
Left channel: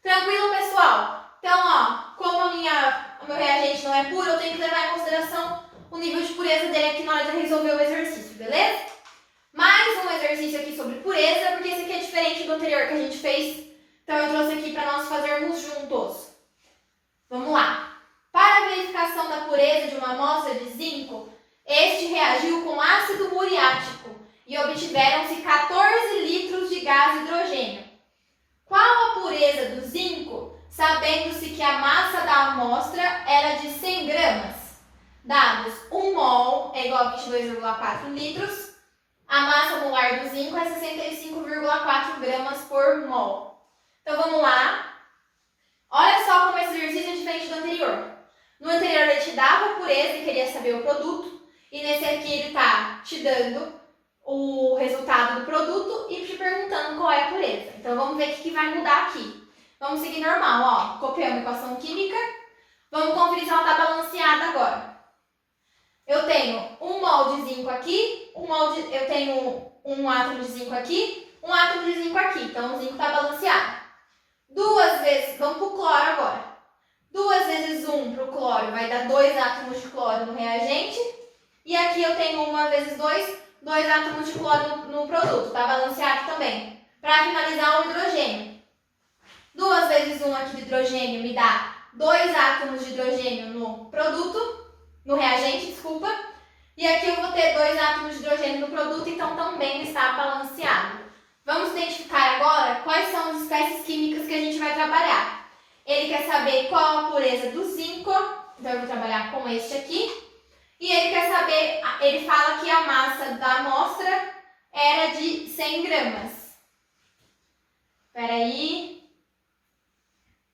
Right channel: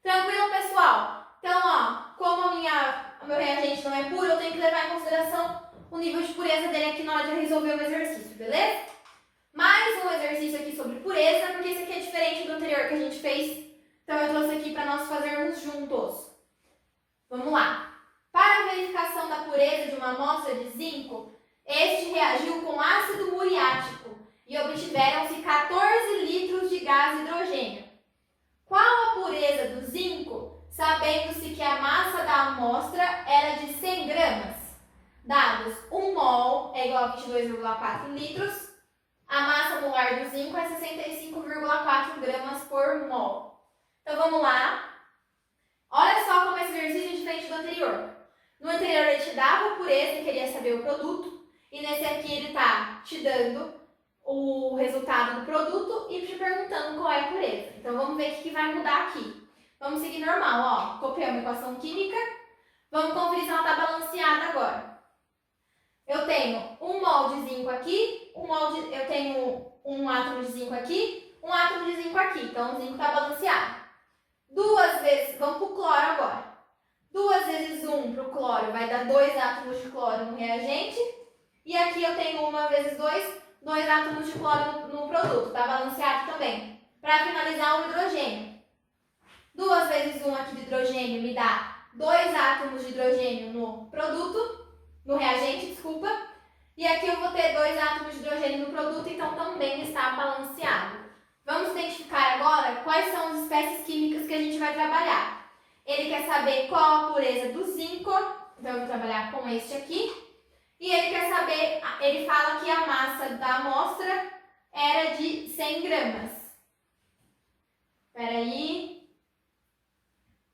Tranquilo, pessoal? Então, ó, como o meu reagente não é puro, eu tenho que levar em consideração o nível de pureza dele aqui na hora de resolver o exercício, beleza? Mais um exercício aqui sobre pureza, porque esse aqui é diferente do anterior que a gente fez. Então, eu trouxe aqui para nós fazermos juntos. Vamos lá. Para a verificação da pureza de uma amostra de zinco, este reagiu com ácido muriático e obtiveram-se 14 litros de gás hidrogênio. Qual a pureza do zinco, sabendo-se que a massa da amostra era de 100 gramas? Dados 1 mol é igual a 22,4 litros. A massa molar do zinco é 65,4 gramas por mol. Então, vamos lá. Olha só como esse exercício é diferente do anterior. No anterior, ele te dava a pureza e queria saber o produto. E nesse aqui, ele está te dando o resultado do produto e te perguntando qual é a pureza. Então, vamos ver o que vai mudar aqui. Vamos seguir normal, ó. Copiamos a equação química. Vamos conferir se ela está balanceada agora. Eu tenho 1 mol de zinco aqui, eu tenho um átomo de zinco aqui, um átomo de zinco aqui. Então, o zinco está balanceado. 2 vezes, vamos para o cloro agora. 2 vezes 1 para o cloro vai dar 2 átomos de cloro no reagente. E aqui eu tenho 1 vezes 2 átomos de cloro no produto. Está balanceado também. Para finalizar, o hidrogênio. 2 vezes 1 aqui de hidrogênio me dá 2 átomos de hidrogênio no produto, no reagente, desculpa. E aqui eu vou ter 2 átomos de hidrogênio no produto, então também está balanceado. Vamos identificar agora quais são as espécies químicas que a gente vai trabalhar. Ele quer saber qual a pureza do zinco, então eu vou trabalhar com este aqui. E ele quer saber, ele fala que a massa da amostra era de 100 gramas. Espera aí.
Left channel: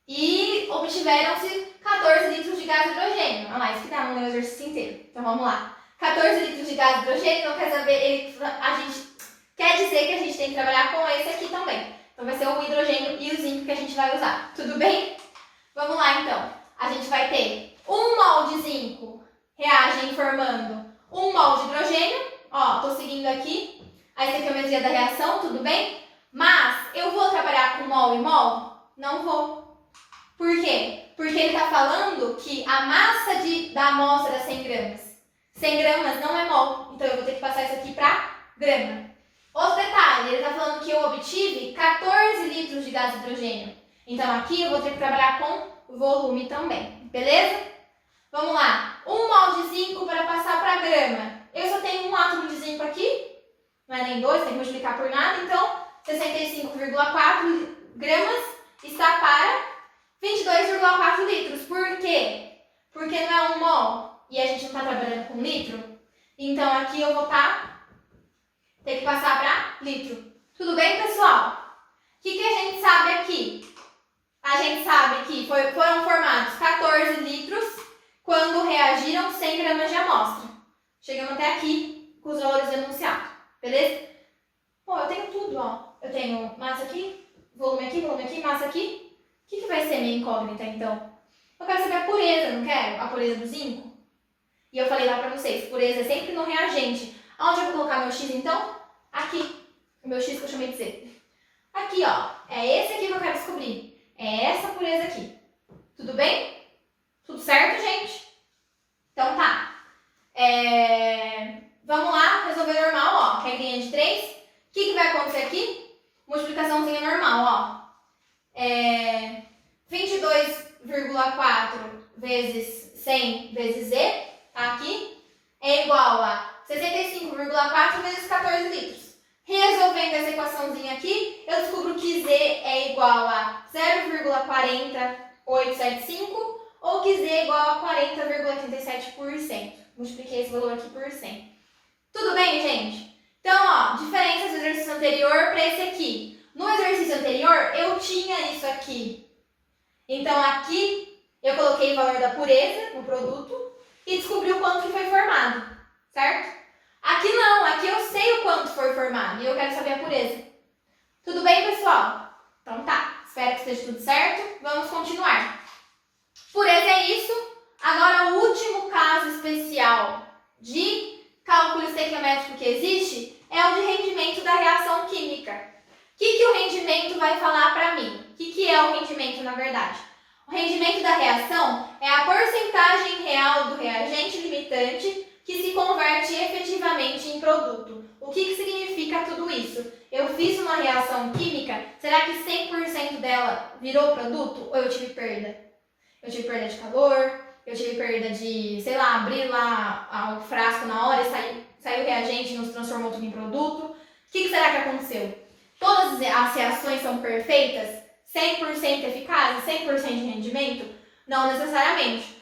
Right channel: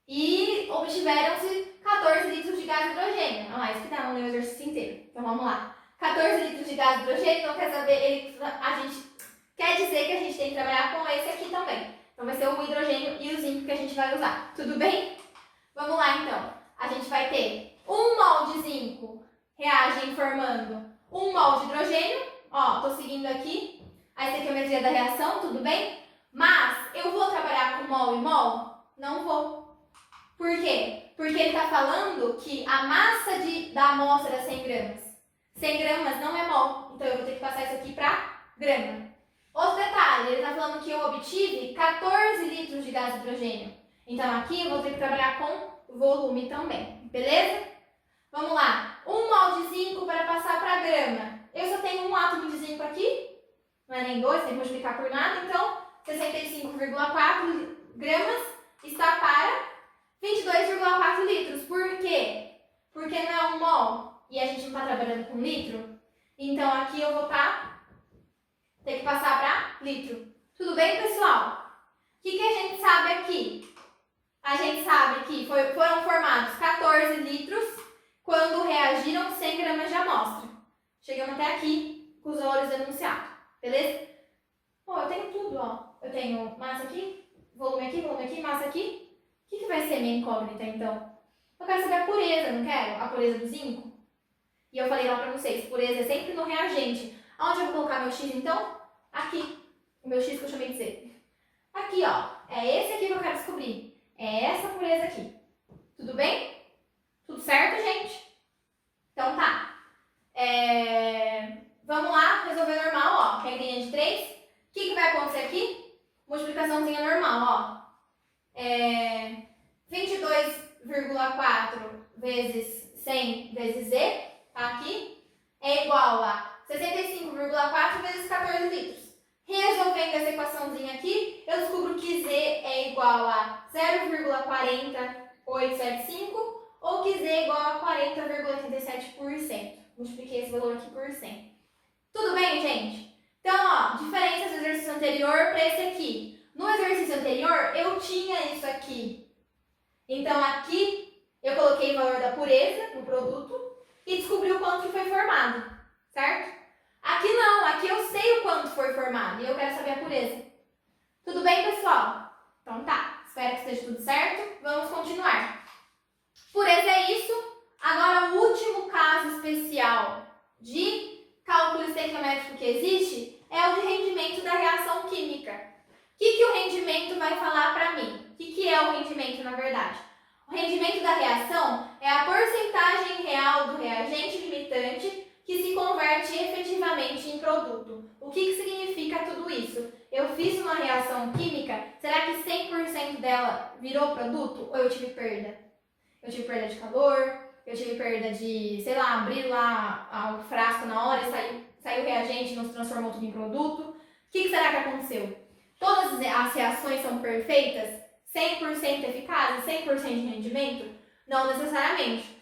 E obtiveram-se 14 litros de gás hidrogênio. Olha lá, isso que tá no exercício inteiro. Então vamos lá. 14 litros de gás hidrogênio, então quer saber, a gente quer dizer que a gente tem que trabalhar com esse aqui também. Então vai ser o hidrogênio e o zinco que a gente vai usar. Tudo bem? Vamos lá então. A gente vai ter 1 mol de zinco reagem formando 1 mol de hidrogênio. Ó, tô seguindo aqui a estequiometria da reação, tudo bem? Mas eu vou trabalhar com mol e mol? Não vou. Por quê? Porque ele está falando que a massa da amostra é 100 gramas. 100 gramas não é mol, então eu vou ter que passar isso aqui para grama. Outro detalhe, ele está falando que eu obtive 14 litros de gás hidrogênio. Então aqui eu vou ter que trabalhar com volume também, beleza? Vamos lá. 1 mol de zinco para passar para grama. Eu só tenho um átomo de zinco aqui, não é nem 2, tem que multiplicar por nada, então 65,4 gramas está para 22,4 litros. Por quê? Porque não é 1 mol e a gente não está trabalhando com litro. Então aqui eu vou estar tem que passar para litro. Tudo bem, pessoal? O que a gente sabe aqui? A gente sabe que foram formados 14 litros quando reagiram 100 gramas de amostra. Chegamos até aqui com os valores enunciados, beleza? Bom, eu tenho tudo, ó. Eu tenho massa aqui, volume aqui, massa aqui. O que vai ser minha incógnita, então? Eu quero saber a pureza, não quero? A pureza do zinco. E eu falei lá pra vocês, pureza é sempre no reagente. Aonde eu vou colocar meu X, então? Aqui. O meu X que eu chamei de Z. Aqui, ó. É esse aqui que eu quero descobrir. É essa pureza aqui. Tudo bem? Tudo certo, gente? Então tá. Vamos lá, resolver normal, ó. Regrinha de 3. O que vai acontecer aqui? Multiplicaçãozinha normal, ó. 22,4 vezes 100 vezes Z, tá aqui, é igual a 65,4 vezes 14 litros. Resolvendo essa equaçãozinha aqui, eu descubro que Z é igual a 0,40875 ou que Z é igual a 40,87%. Multipliquei esse valor aqui por 100. Tudo bem, gente? Então, ó, diferenças do exercício anterior para esse aqui. No exercício anterior, eu tinha isso aqui. Então, aqui, eu coloquei o valor da pureza no produto e descobri o quanto que foi formado, certo? Aqui não, aqui eu sei o quanto foi formado e eu quero saber a pureza. Tudo bem, pessoal? Então tá, espero que esteja tudo certo. Vamos continuar. Pureza é isso. Agora, o último caso especial de cálculo estequiométrico que existe é o de rendimento da reação química. O que o rendimento vai falar para mim? O que é o rendimento, na verdade? O rendimento da reação é a porcentagem real do reagente limitante que se converte efetivamente em produto. O que significa tudo isso? Eu fiz uma reação química, será que 100% dela virou produto ou eu tive perda? Eu tive perda de calor, eu tive perda de, sei lá, abrir lá o frasco na hora e saiu o reagente e nos transformou tudo em produto. O que será que aconteceu? Todas as reações são perfeitas? 100% eficazes? 100% de rendimento? Não necessariamente.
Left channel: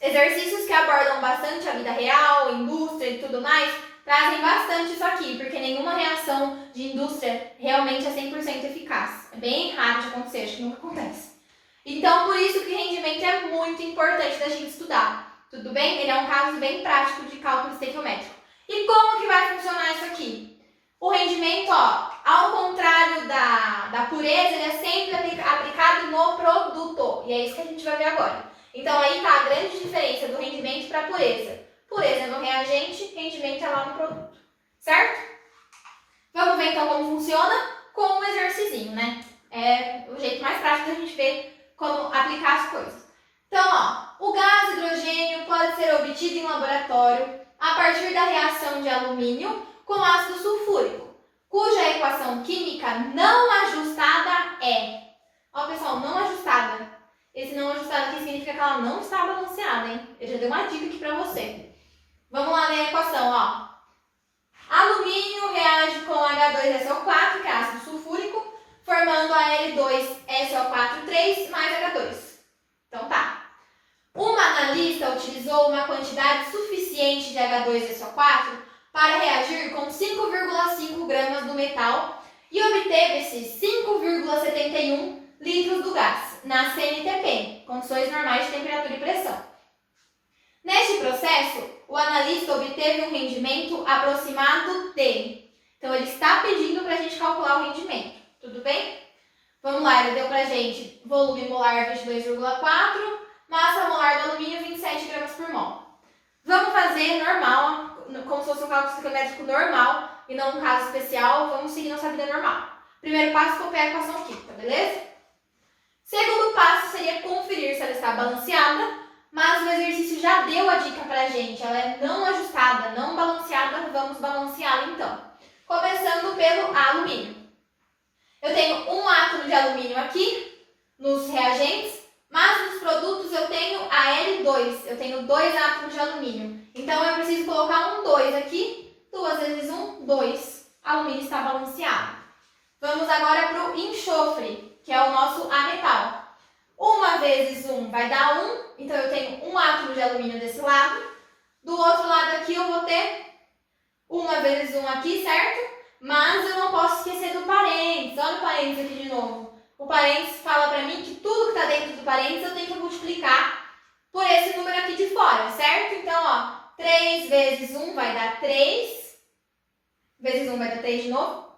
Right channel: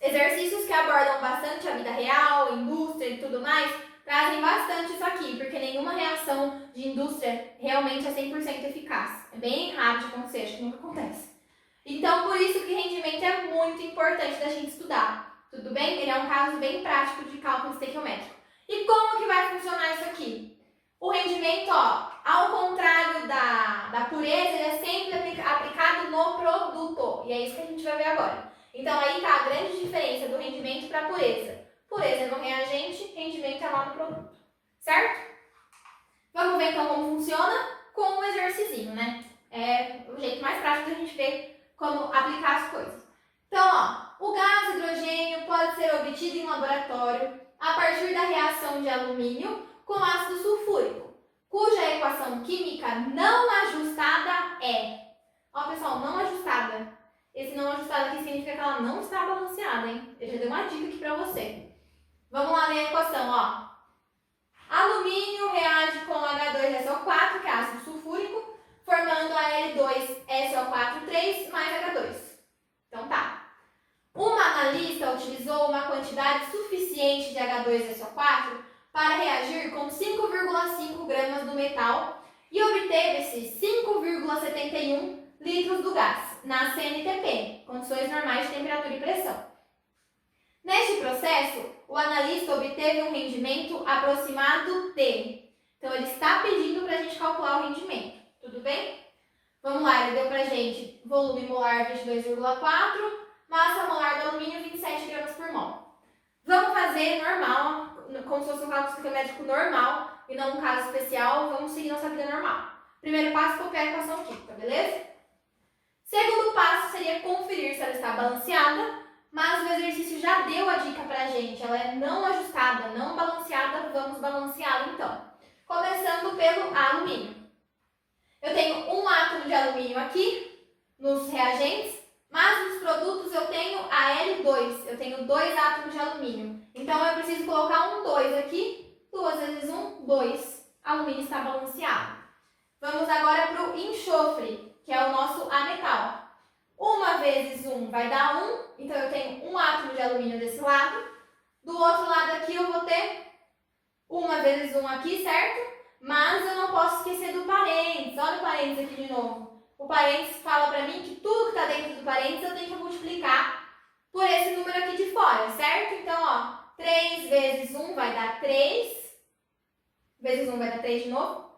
Exercícios que abordam bastante a vida real, indústria e tudo mais, trazem bastante isso aqui, porque nenhuma reação de indústria realmente é 100% eficaz. É bem raro de acontecer, acho que nunca acontece. Então, por isso que o rendimento é muito importante da gente estudar. Tudo bem? Ele é um caso bem prático de cálculo estequiométrico. E como que vai funcionar isso aqui? O rendimento, ó, ao contrário da pureza, ele é sempre aplicado no produto. E é isso que a gente vai ver agora. Então, aí está a grande diferença do rendimento para a pureza. Pureza é no reagente, rendimento é lá no produto. Certo? Vamos ver então como funciona com um exercício, né? É o jeito mais prático da gente ver como aplicar as coisas. Então, ó, o gás hidrogênio pode ser obtido em laboratório a partir da reação de alumínio com ácido sulfúrico, cuja equação química não ajustada é... Ó, pessoal, não ajustada. Esse não ajustado aqui significa que ela não está balanceada, hein? Eu já dei uma dica aqui pra você. Vamos lá ler a equação, ó. Alumínio reage com H2SO4, que é ácido sulfúrico, formando Al2SO4 mais H2. Então tá. Uma analista utilizou uma quantidade suficiente de H2SO4 para reagir com 5,5 gramas do metal e obteve-se 5,71 litros do gás na CNTP, condições normais de temperatura e pressão. Neste processo, o analista obteve um rendimento aproximado de... Então, ele está pedindo para a gente calcular o rendimento, tudo bem? Vamos lá, ele deu para a gente volume molar 22,4, massa molar do alumínio 27 gramas por mol. Vamos fazer normal, como se fosse um cálculo estequiométrico normal e não um caso especial, vamos seguir nossa vida normal. Primeiro passo, copiar a equação química, beleza? Segundo passo seria conferir se ela está balanceada, mas o exercício já deu a dica pra gente, ela é não ajustada, não balanceada, vamos balanceá-la então. Começando pelo alumínio. Eu tenho um átomo de alumínio aqui, nos reagentes, mas nos produtos eu tenho a L2, eu tenho 2 átomos de alumínio. Então eu preciso colocar um 2 aqui, 2 vezes 1, 2. Alumínio está balanceado. Vamos agora para o enxofre, que é o nosso ametal. 1 vezes 1 vai dar 1, então eu tenho um átomo de alumínio desse lado. Do outro lado aqui eu vou ter 1 vezes 1 aqui, certo? Mas eu não posso esquecer do parênteses. Olha o parênteses aqui de novo. O parênteses fala para mim que tudo que está dentro do parênteses eu tenho que multiplicar por esse número aqui de fora, certo? Então, ó, 3 vezes 1 vai dar 3. Vezes 1 vai dar 3 de novo.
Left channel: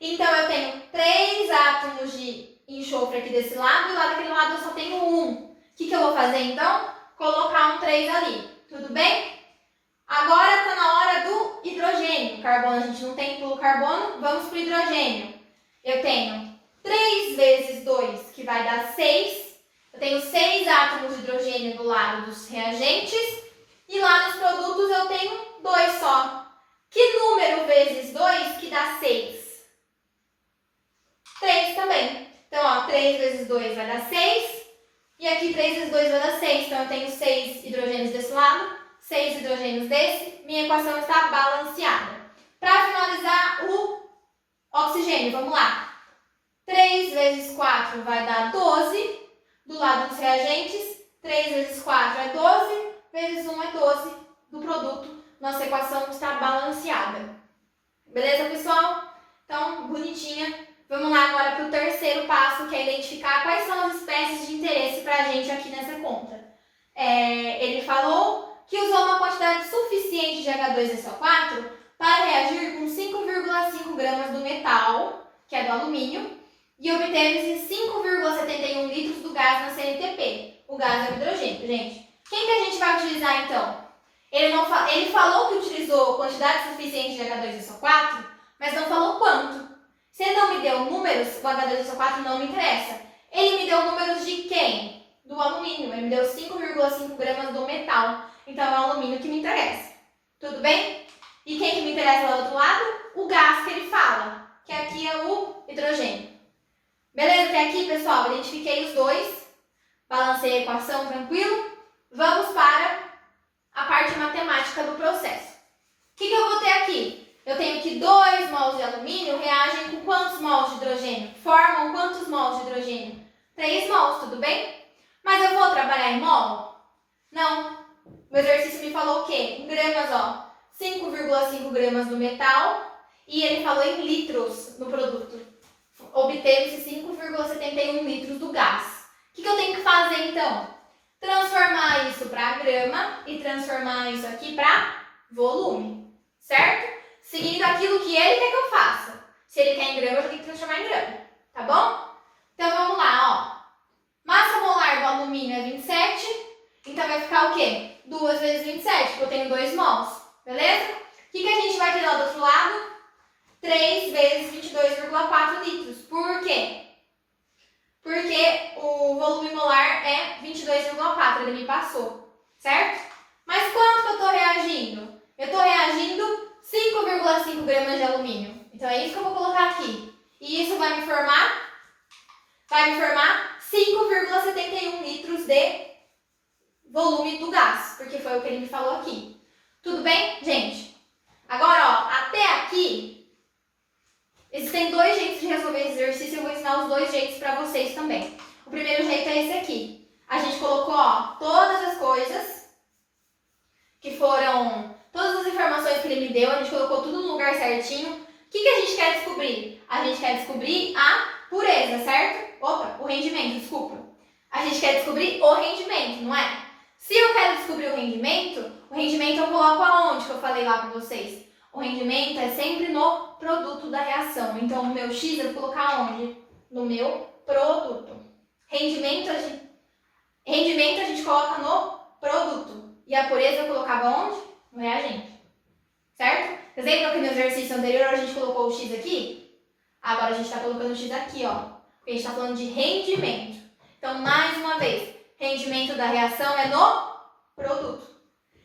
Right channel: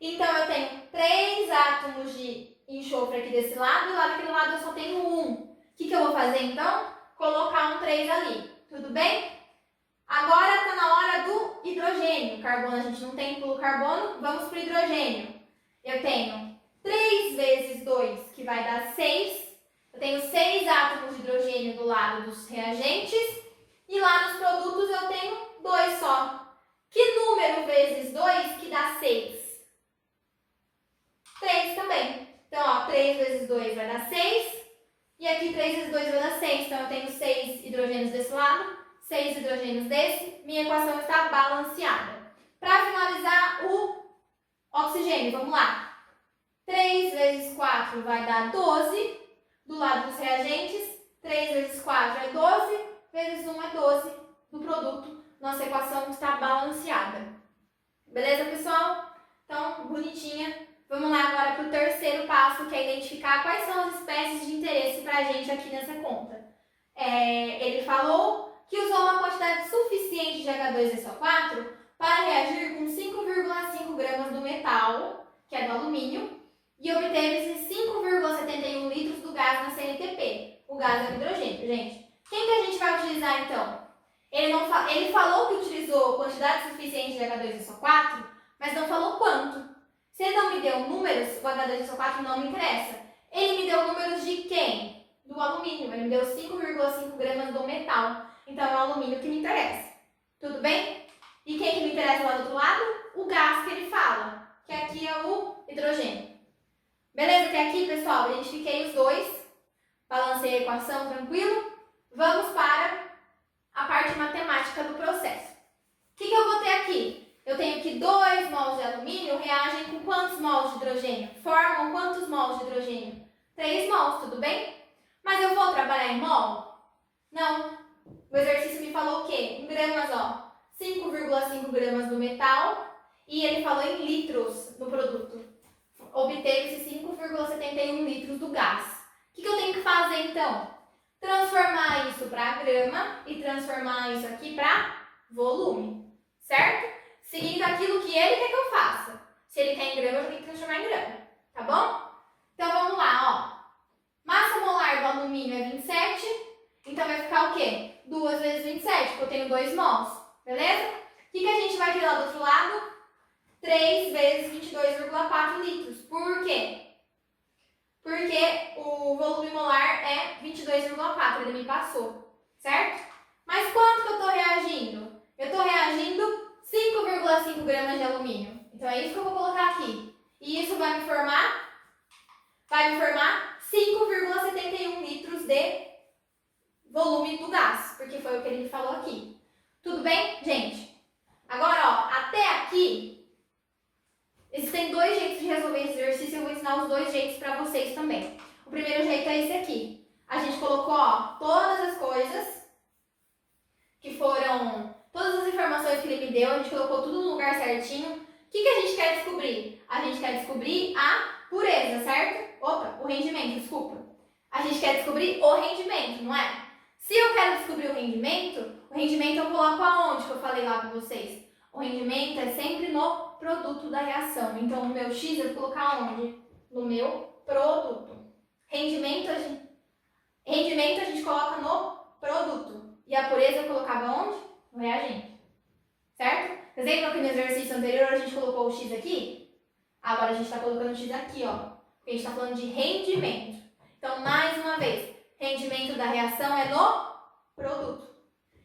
Então, eu tenho 3 átomos de enxofre aqui desse lado e lá daquele lado eu só tenho 1. O que eu vou fazer, então? Colocar um 3 ali. Tudo bem? Agora está na hora do hidrogênio. Carbono a gente não tem pelo carbono, vamos para o hidrogênio. Eu tenho 3 vezes 2, que vai dar 6. Eu tenho 6 átomos de hidrogênio do lado dos reagentes. E lá nos produtos eu tenho 2 só. Que número vezes 2 que dá 6? 3 também. Então, ó, 3 vezes 2 vai dar 6. E aqui 3 vezes 2 vai dar 6. Então, eu tenho 6 hidrogênios desse lado, 6 hidrogênios desse. Minha equação está balanceada. Para finalizar, o oxigênio. Vamos lá. 3 vezes 4 vai dar 12. Do lado dos reagentes, 3 vezes 4 é 12. Vezes 1 é 12 do produto. Nossa equação está balanceada. Beleza, pessoal? Então, bonitinha. Vamos lá agora para o terceiro passo, que é identificar quais são as espécies de interesse para a gente aqui nessa conta. Ele falou que usou uma quantidade suficiente de H2SO4 para reagir com 5,5 gramas do metal, que é do alumínio, e obteve 5,71 litros do gás na CNTP. O gás é o hidrogênio, gente. Quem que a gente vai utilizar, então? Ele falou que utilizou quantidade suficiente de H2SO4, mas não falou quanto. Se ele não me deu números, o H2SO4 não me interessa. Ele me deu números de quem? Do alumínio. Ele me deu 5,5 gramas do metal. Então, é o alumínio que me interessa. Tudo bem? E quem que me interessa lá do outro lado? O gás que ele fala, que aqui é o hidrogênio. Beleza? Até aqui, pessoal, identifiquei os dois. Balancei a equação, tranquilo? Vamos para a parte matemática do processo. O que eu vou ter aqui? Eu tenho que 2 mols de alumínio reagem com quantos mols de hidrogênio? Formam quantos mols de hidrogênio? 3 mols, tudo bem? Mas eu vou trabalhar em mol? Não. O exercício me falou o quê? Em gramas, ó. 5,5 gramas do metal e ele falou em litros no produto. Obteve-se 5,71 litros do gás. O que eu tenho que fazer, então? Transformar isso para grama e transformar isso aqui para volume, certo? Seguindo aquilo que ele quer que eu faça. Se ele quer em grama, eu vou ter que transformar em grama, tá bom? Então vamos lá, ó. Massa molar do alumínio é 27, então vai ficar o quê? 2 vezes 27, porque eu tenho 2 mols, beleza? O que a gente vai ter lá do outro lado? 3 vezes 22,4 litros. Por quê? Porque o volume molar é 22,4, ele me passou, certo? Mas quanto que eu estou reagindo? Eu estou reagindo 5,5 gramas de alumínio. Então é isso que eu vou colocar aqui. E isso vai me formar 5,71 litros de volume do gás, porque foi o que ele me falou aqui. Tudo bem, gente? Agora, ó, até aqui existem 2 jeitos de resolver esse exercício, eu vou ensinar os 2 jeitos para vocês também. O primeiro jeito é esse aqui. A gente colocou, ó, todas as coisas que foram, todas as informações que ele me deu, a gente colocou tudo no lugar certinho. O que a gente quer descobrir? A gente quer descobrir a pureza, certo? Opa, o rendimento, desculpa. A gente quer descobrir o rendimento, não é? Se eu quero descobrir o rendimento eu coloco aonde que eu falei lá para vocês? O rendimento é sempre no produto da reação. Então, o meu X eu vou colocar onde? No meu produto. Rendimento a gente coloca no produto. E a pureza eu colocava onde? No reagente. Certo? Vocês lembram que no exercício anterior a gente colocou o X aqui? Agora a gente está colocando o X aqui, ó. Porque a gente está falando de rendimento. Então, mais uma vez, rendimento da reação é no produto.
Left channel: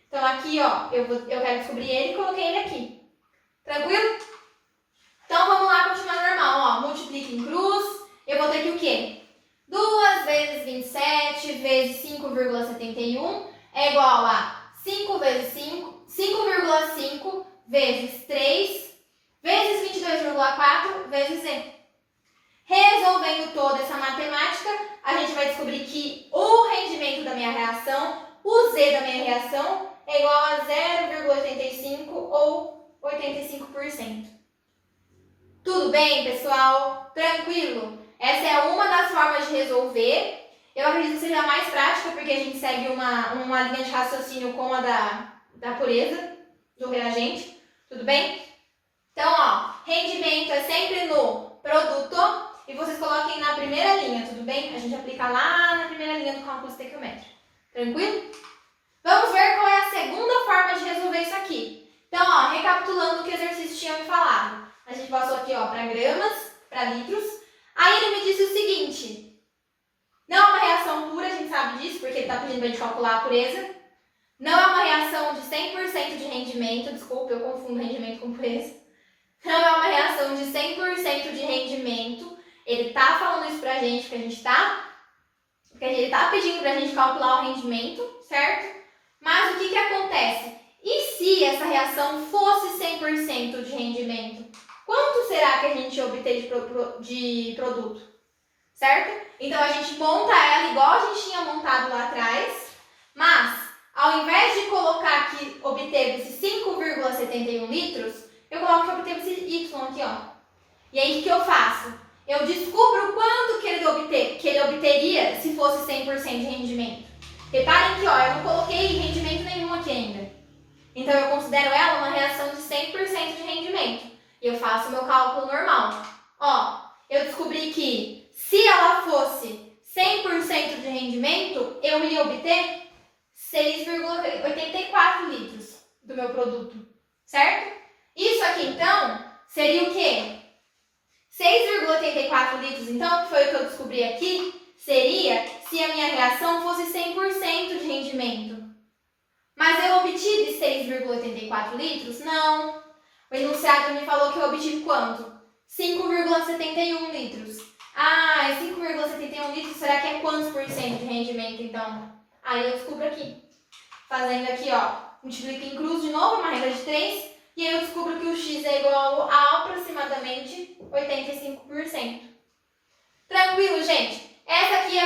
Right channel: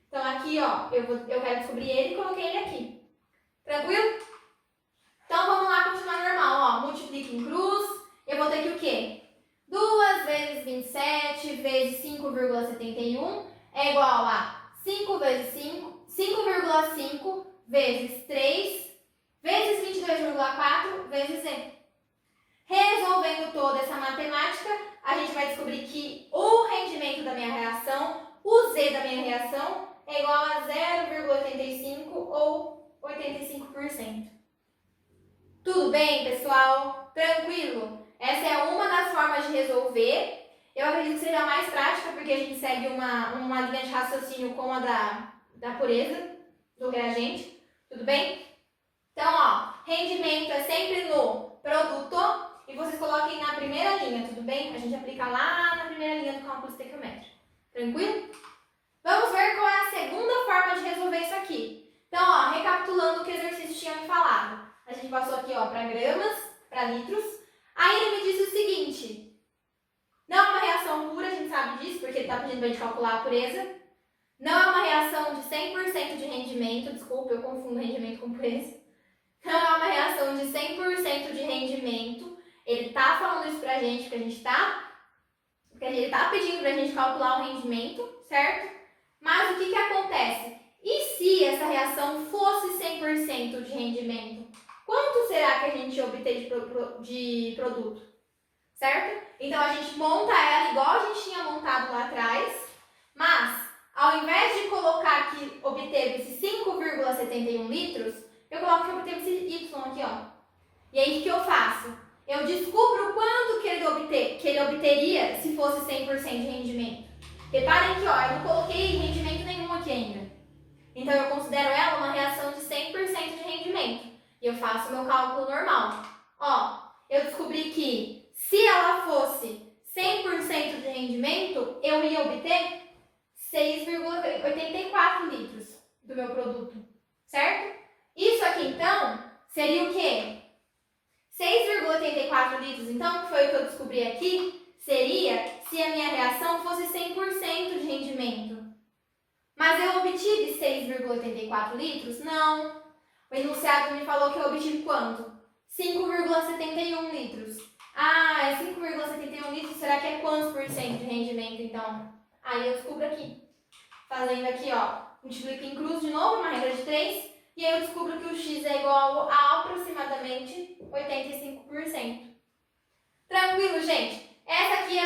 Então, aqui, ó, eu quero descobrir ele e coloquei ele aqui. Tranquilo? Então, vamos lá continuar normal. Ó, multiplica em cruz. Eu vou ter que o quê? 2 vezes 27 vezes 5,71 é igual a 5 vezes 5, 5,5 vezes 3 vezes 22,4 vezes Z. Resolvendo toda essa matemática, a gente vai descobrir que o rendimento da minha reação, o Z da minha reação, é igual a 0,85 ou 85%. Tudo bem, pessoal? Tranquilo? Essa é uma das formas de resolver. Eu acredito que seja mais prática, porque a gente segue uma linha de raciocínio como a da pureza do reagente. Tudo bem? Então, ó, rendimento é sempre no produto e vocês coloquem na primeira linha, tudo bem? A gente aplica lá na primeira linha do cálculo estequiométrico. Tranquilo? Vamos ver qual é a segunda forma de resolver isso aqui. Então, ó, recapitulando o que o exercício tinha me falado. A gente passou aqui, ó, para gramas, para litros. Aí ele me disse o seguinte: não é uma reação pura, a gente sabe disso, porque ele está pedindo para a gente calcular a pureza. Não é uma reação de 100% de rendimento, desculpa, eu confundo rendimento com pureza. Não é uma reação de 100% de rendimento. Ele está falando isso para a gente, porque ele está pedindo para a gente calcular o rendimento, certo? Mas o que acontece? E se essa reação fosse 100% de rendimento? Quanto será que a gente obtém de produto? Certo? Então, a gente monta ela igual a gente tinha montado lá atrás, mas, ao invés de colocar que obteve-se 5,71 litros, eu coloco que obteve-se Y aqui, ó. E aí, o que eu faço? Eu descubro quanto que ele obteria se fosse 100% de rendimento. Reparem que, ó, eu não coloquei rendimento nenhum aqui ainda. Então, eu considero ela uma reação de 100% de rendimento. E eu faço o meu cálculo normal. Ó, eu descobri que se ela fosse 100% de rendimento, eu ia obter 6,84 litros do meu produto, certo? Isso aqui, então, seria o quê? 6,84 litros, então, que foi o que eu descobri aqui, seria se a minha reação fosse 100% de rendimento. Mas eu obtive 6,84 litros? Não. O enunciado me falou que eu obtive quanto? 5,71 litros. Ah, 5,71 litros, será que é quantos por cento de rendimento, então? Aí eu descubro aqui. Fazendo aqui, ó, multiplico em cruz de novo, uma regra de 3, e aí eu descubro que o x é igual a aproximadamente 85%. Tranquilo, gente? Essa aqui é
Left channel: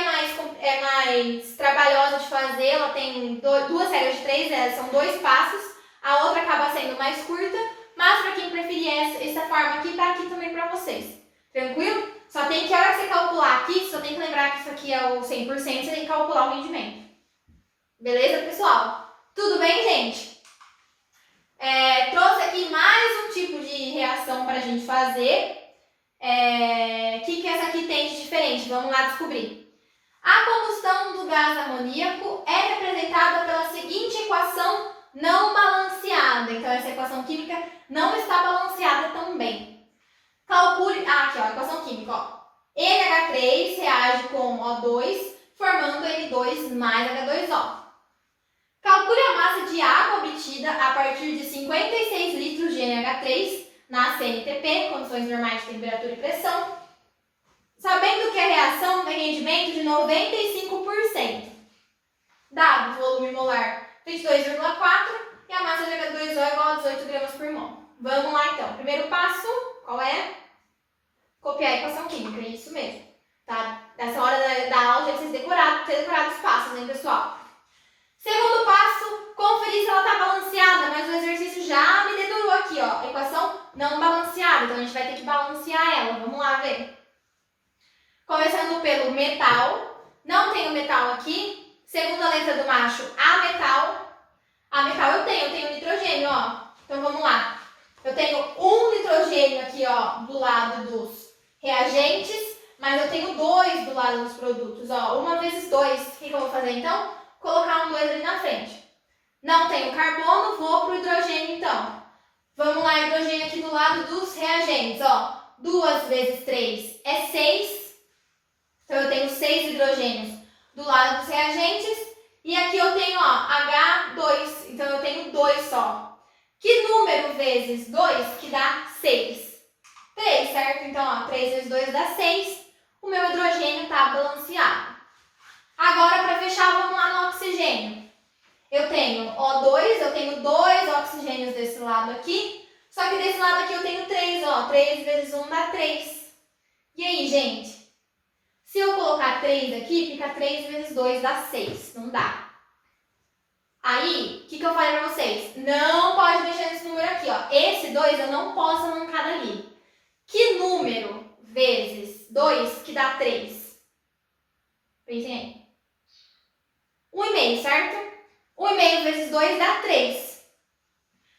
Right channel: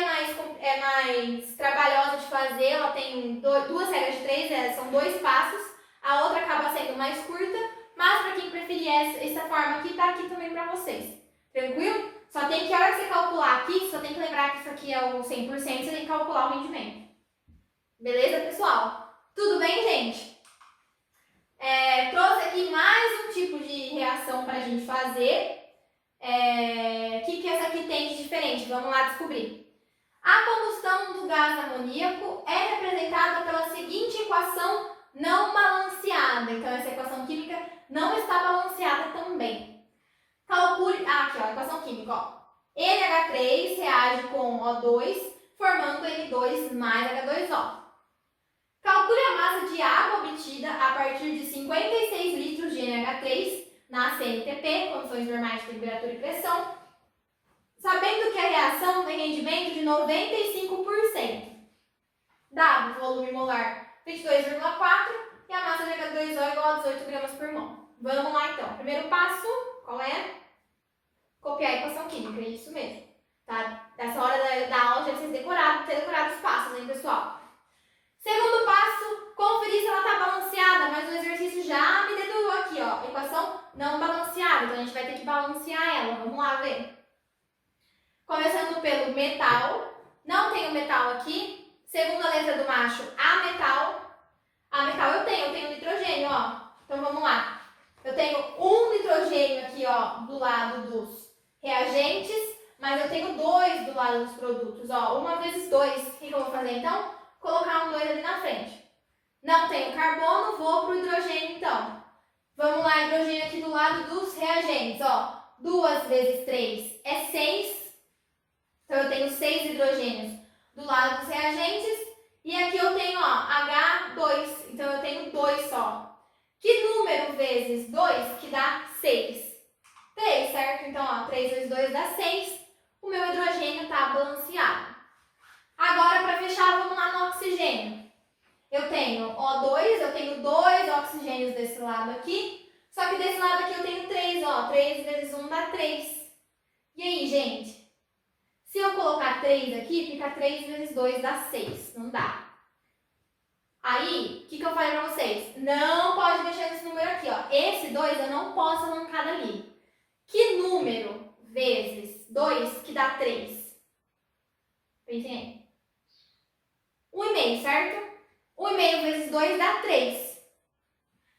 mais trabalhosa de fazer, ela tem duas regras de 3, são 2 passos, a outra acaba sendo mais curta, mas para quem preferir essa forma aqui, tá aqui também para vocês. Tranquilo? Só tem que, a hora que você calcular aqui, só tem que lembrar que isso aqui é o 100%, você tem que calcular o rendimento. Beleza, pessoal? Tudo bem, gente? Trouxe aqui mais um tipo de reação para a gente fazer. O que essa aqui tem de diferente? Vamos lá descobrir. A combustão do gás amoníaco é representada pela seguinte equação não balanceada. Então, essa equação química não está balanceada também. Calcule... aqui, ó, a equação química, ó. NH3 reage com O2, formando N2 mais H2O. Calcule a massa de água obtida a partir de 56 litros de NH3 na CNTP, condições normais de temperatura e pressão, sabendo que a reação tem rendimento de 95%. Dado o volume molar 22,4 e a massa de H2O é igual a 18 gramas por mol. Vamos lá, então. Primeiro passo, qual é? Copiar a equação química, isso mesmo. Tá? Nessa hora da aula já vocês ter decorado os passos, hein, pessoal? Segundo passo, conferir se ela está balanceada, mas o exercício já me dedurou aqui, ó. Equação não balanceada, então a gente vai ter que balancear ela. Vamos lá ver. Começando pelo metal. Não tenho metal aqui. Segunda letra do macho, ametal. Ametal eu tenho nitrogênio, ó. Então vamos lá. Eu tenho um nitrogênio aqui, ó, do lado dos reagentes, mas eu tenho 2 do lado dos produtos, ó. 1 vezes 2. O que eu vou fazer então? Colocar um 2 ali na frente. Não tenho carbono, vou pro hidrogênio então. Vamos lá, hidrogênio aqui do lado dos reagentes, ó. 2 vezes 3 é 6. Então eu tenho 6 hidrogênios do lado dos reagentes. E aqui eu tenho, ó, H2. Então eu tenho 2 só. Que número vezes 2 que dá 6? 3, certo? Então, ó, 3 vezes 2 dá 6. O meu hidrogênio está balanceado. Agora, para fechar, vamos lá no oxigênio. Eu tenho O2, eu tenho 2 oxigênios desse lado aqui. Só que desse lado aqui eu tenho 3, ó. 3 vezes 1 dá 3. E aí, gente? Se eu colocar 3 aqui, fica 3 vezes 2 dá 6. Não dá. Aí, o que eu falei pra vocês? Não pode mexer nesse número aqui, ó. Esse 2 eu não posso arrancar dali. Que número vezes 2 que dá 3? Pensem aí. 1,5, certo? 1,5 vezes 2 dá 3.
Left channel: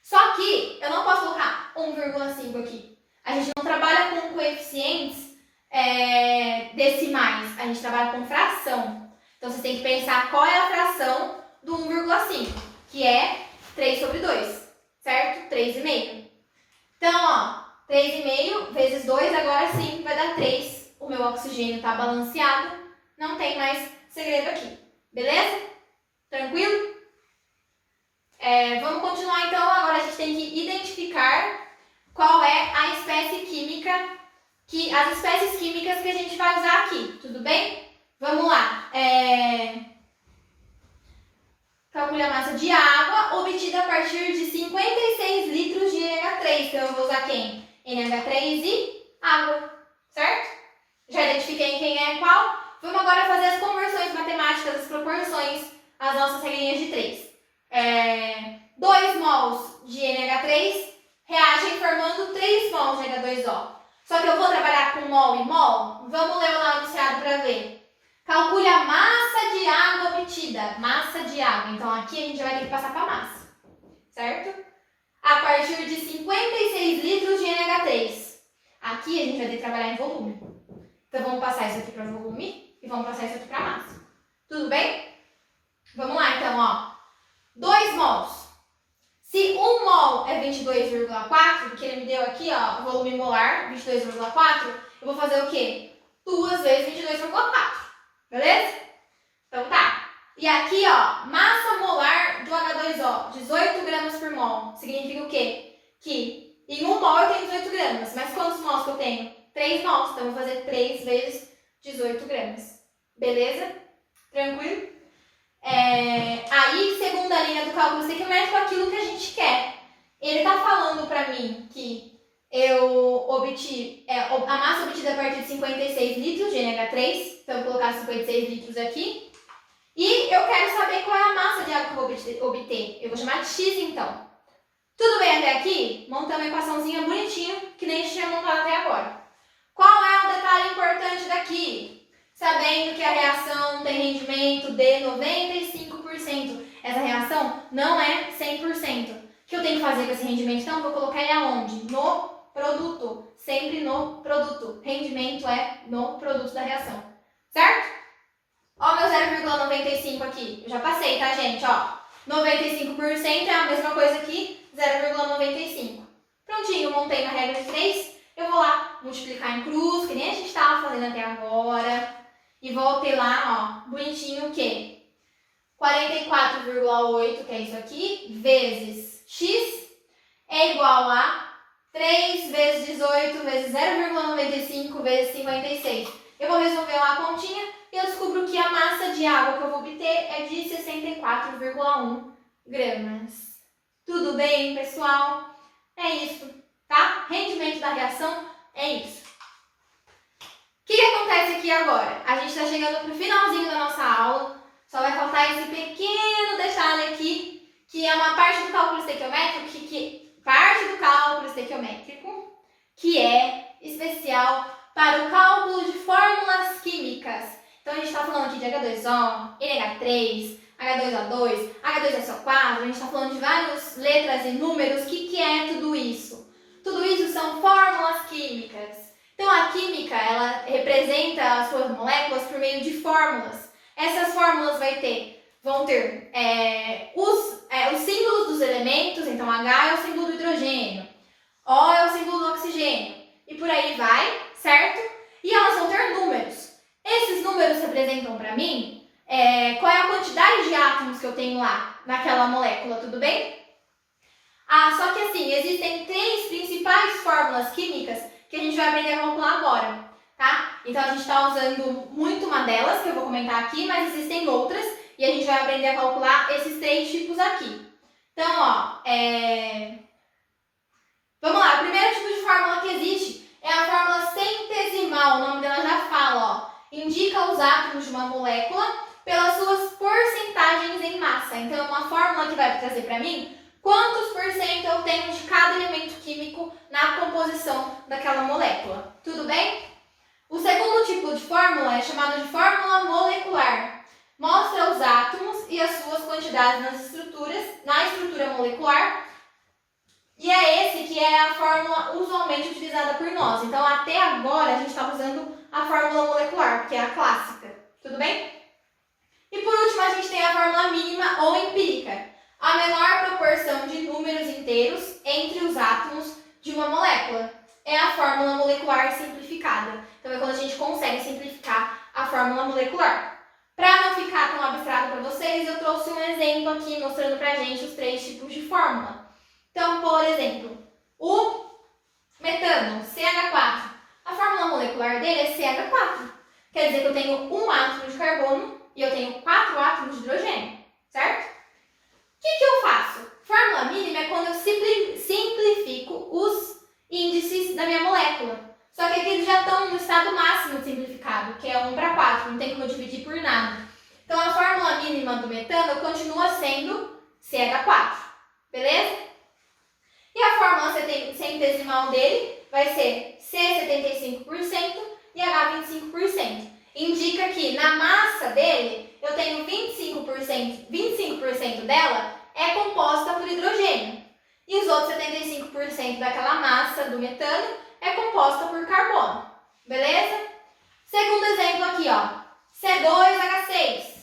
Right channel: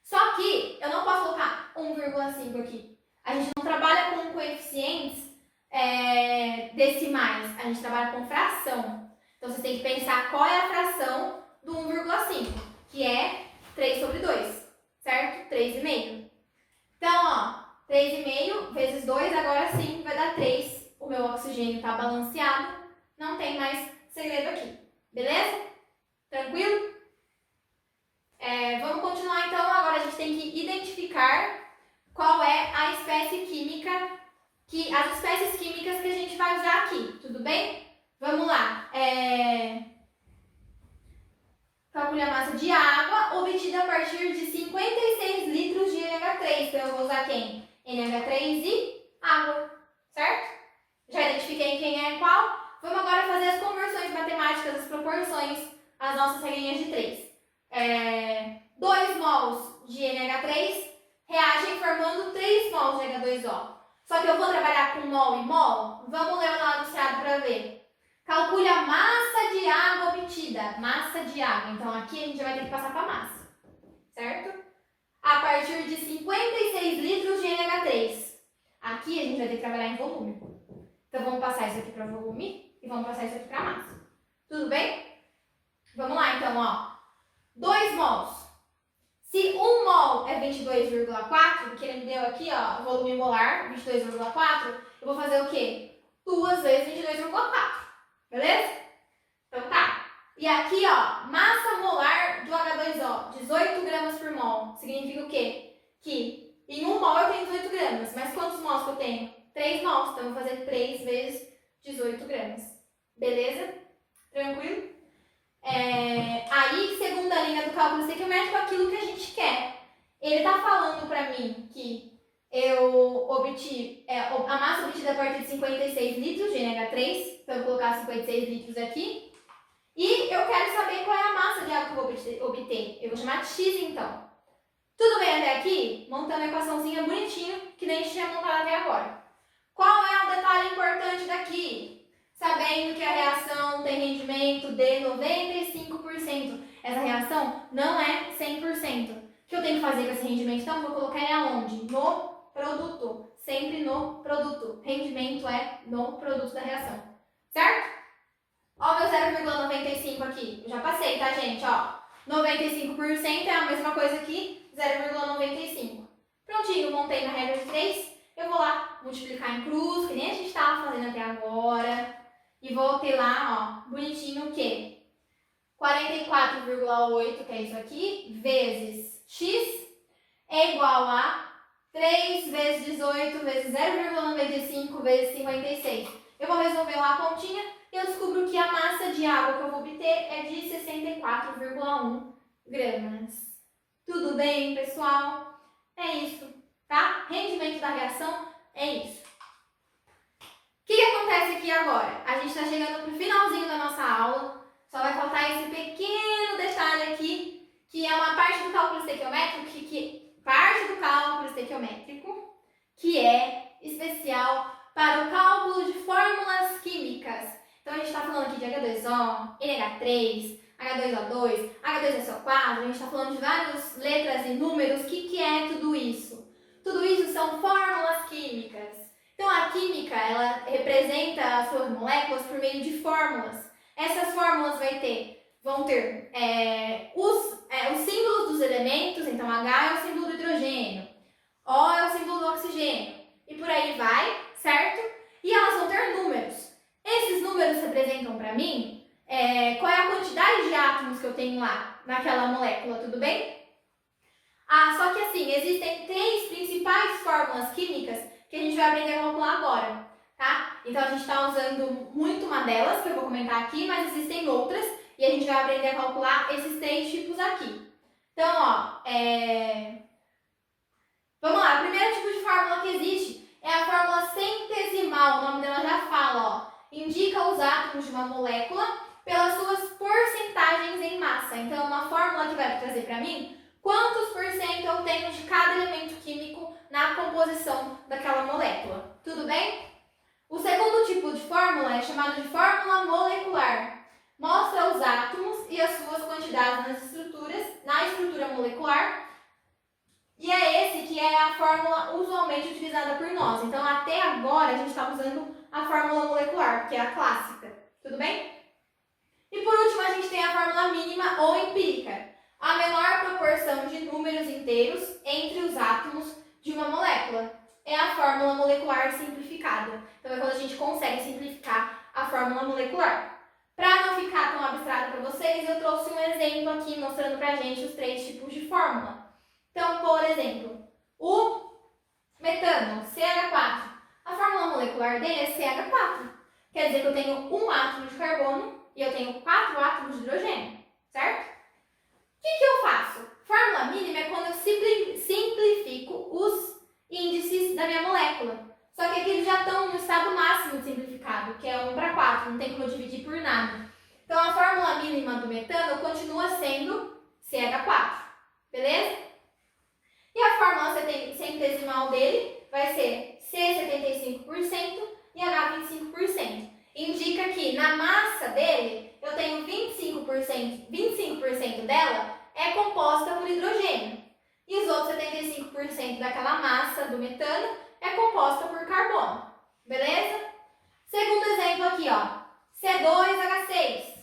Só que eu não posso colocar 1,5 aqui. A gente não trabalha com coeficientes decimais. A gente trabalha com fração. Então, vocês têm que pensar qual é a fração do 1,5, que é 3 sobre 2, certo? 3,5. Então, ó, 3,5 vezes 2, agora sim vai dar 3. O meu oxigênio está balanceado, não tem mais segredo aqui. Beleza? Tranquilo? Vamos continuar então. Agora a gente tem que identificar qual é a espécie química, as espécies químicas que a gente vai usar aqui, tudo bem? Vamos lá. Calcule a massa de água obtida a partir de 56 litros de NH3. Então eu vou usar quem? NH3 e água, certo? Já identifiquei quem é qual. Vamos agora fazer as conversões matemáticas, as proporções, as nossas regrinhas de 3. 2 mols de NH3 reagem formando 3 mols de H2O. Só que eu vou trabalhar com mol e mol? Vamos ler o lá anunciado para ver. Calcule a massa de água obtida. Massa de água. Então, aqui a gente já vai ter que passar para a massa. Certo? A partir de 56 litros de NH3. Aqui a gente vai ter que trabalhar em volume. Então, vamos passar isso aqui para volume e vamos passar isso aqui para massa. Tudo bem? Vamos lá, então, ó. 2 mols. Se 1 mol é 22,4, que ele me deu aqui, ó, volume molar, 22,4, eu vou fazer o quê? 2 vezes 22,4. Beleza? Então tá. E aqui, ó, massa molar do H2O, 18 gramas por mol. Significa o quê? Que em 1 mol eu tenho 18 gramas. Mas quantos mols que eu tenho? 3 mols. Então eu vou fazer 3 vezes 18 gramas. Beleza? Tranquilo? Aí, segunda linha do cálculo estequiométrico, aquilo que a gente quer. Ele tá falando pra mim que eu obtive a massa obtida a partir de 56 litros de NH3. Então, eu vou colocar 56 litros aqui. E eu quero saber qual é a massa de água que eu vou obter. Eu vou chamar de X, então. Tudo bem até aqui? Montamos a equaçãozinha bonitinha, que nem a gente tinha montado até agora. Qual é o detalhe importante daqui? Sabendo que a reação tem rendimento de 95%. Essa reação não é 100%. O que eu tenho que fazer com esse rendimento? Então, eu vou colocar ele aonde? No produto. Sempre no produto. Rendimento é no produto da reação. Certo? Ó, meu 0,95 aqui. Eu já passei, tá, gente? Ó, 95% é a mesma coisa que 0,95. Prontinho, montei uma regra de 3. Eu vou lá multiplicar em cruz, que nem a gente estava fazendo até agora. E vou ter lá, ó, bonitinho o quê? 44,8, que é isso aqui, vezes x, é igual a 3 vezes 18 vezes 0,95 vezes 56. Eu vou resolver lá a continha e eu descubro que a massa de água que eu vou obter é de 64,1 gramas. Tudo bem, pessoal? É isso, tá? Rendimento da reação é isso. O que acontece aqui agora? A gente está chegando para o finalzinho da nossa aula. Só vai faltar esse pequeno detalhe aqui, que é uma parte do cálculo estequiométrico, que é especial para o cálculo de fórmulas químicas. Então, a gente está falando aqui de H2O, NH3, H2O2, H2SO4, a gente está falando de várias letras e números. O que é tudo isso? Tudo isso são fórmulas químicas. Então, a química, ela representa as suas moléculas por meio de fórmulas. Essas fórmulas vão ter os símbolos dos elementos. Então, H é o símbolo do hidrogênio, O é o símbolo do oxigênio, e por aí vai, certo? E elas vão ter números. Esses números representam para mim qual é a quantidade de átomos que eu tenho lá naquela molécula, tudo bem? Só que assim, existem 3 principais fórmulas químicas que a gente vai aprender a calcular agora, tá? Então, a gente está usando muito uma delas, que eu vou comentar aqui, mas existem outras, e a gente vai aprender a calcular esses 3 tipos aqui. Então, ó, vamos lá, o primeiro tipo de fórmula que existe é a fórmula centesimal, o nome dela já fala, ó, indica os átomos de uma molécula pelas suas porcentagens em massa. Então, é uma fórmula que vai trazer para mim quantos por cento eu tenho de cada elemento químico na composição daquela molécula. Tudo bem? O segundo tipo de fórmula é chamado de fórmula molecular. Mostra os átomos e as suas quantidades na estrutura molecular. E é esse que é a fórmula usualmente utilizada por nós. Então, até agora, a gente está usando a fórmula molecular, que é a clássica. Tudo bem? E por último, a gente tem a fórmula mínima ou empírica. A menor proporção de números inteiros entre os átomos de uma molécula. É a fórmula molecular simplificada. Então, é quando a gente consegue simplificar a fórmula molecular. Para não ficar tão abstrato para vocês, eu trouxe um exemplo aqui mostrando para a gente os 3 tipos de fórmula. Então, por exemplo, o metano, CH4, a fórmula molecular dele é CH4. Quer dizer que eu tenho um átomo de carbono e eu tenho 4 átomos de hidrogênio, certo? O que eu faço? Fórmula mínima é quando eu simplifico os índices da minha molécula. Só que aqui eles já estão no estado máximo simplificado, que é 1/4, não tem como eu dividir por nada. Então, a fórmula mínima do metano continua sendo CH4, beleza? E a fórmula centesimal dele vai ser C75% e H25%. Indica que na massa dele, eu tenho 25% dela é composta por hidrogênio. E os outros 75% daquela massa do metano é composta por carbono. Beleza? Segundo exemplo aqui, ó. C2H6.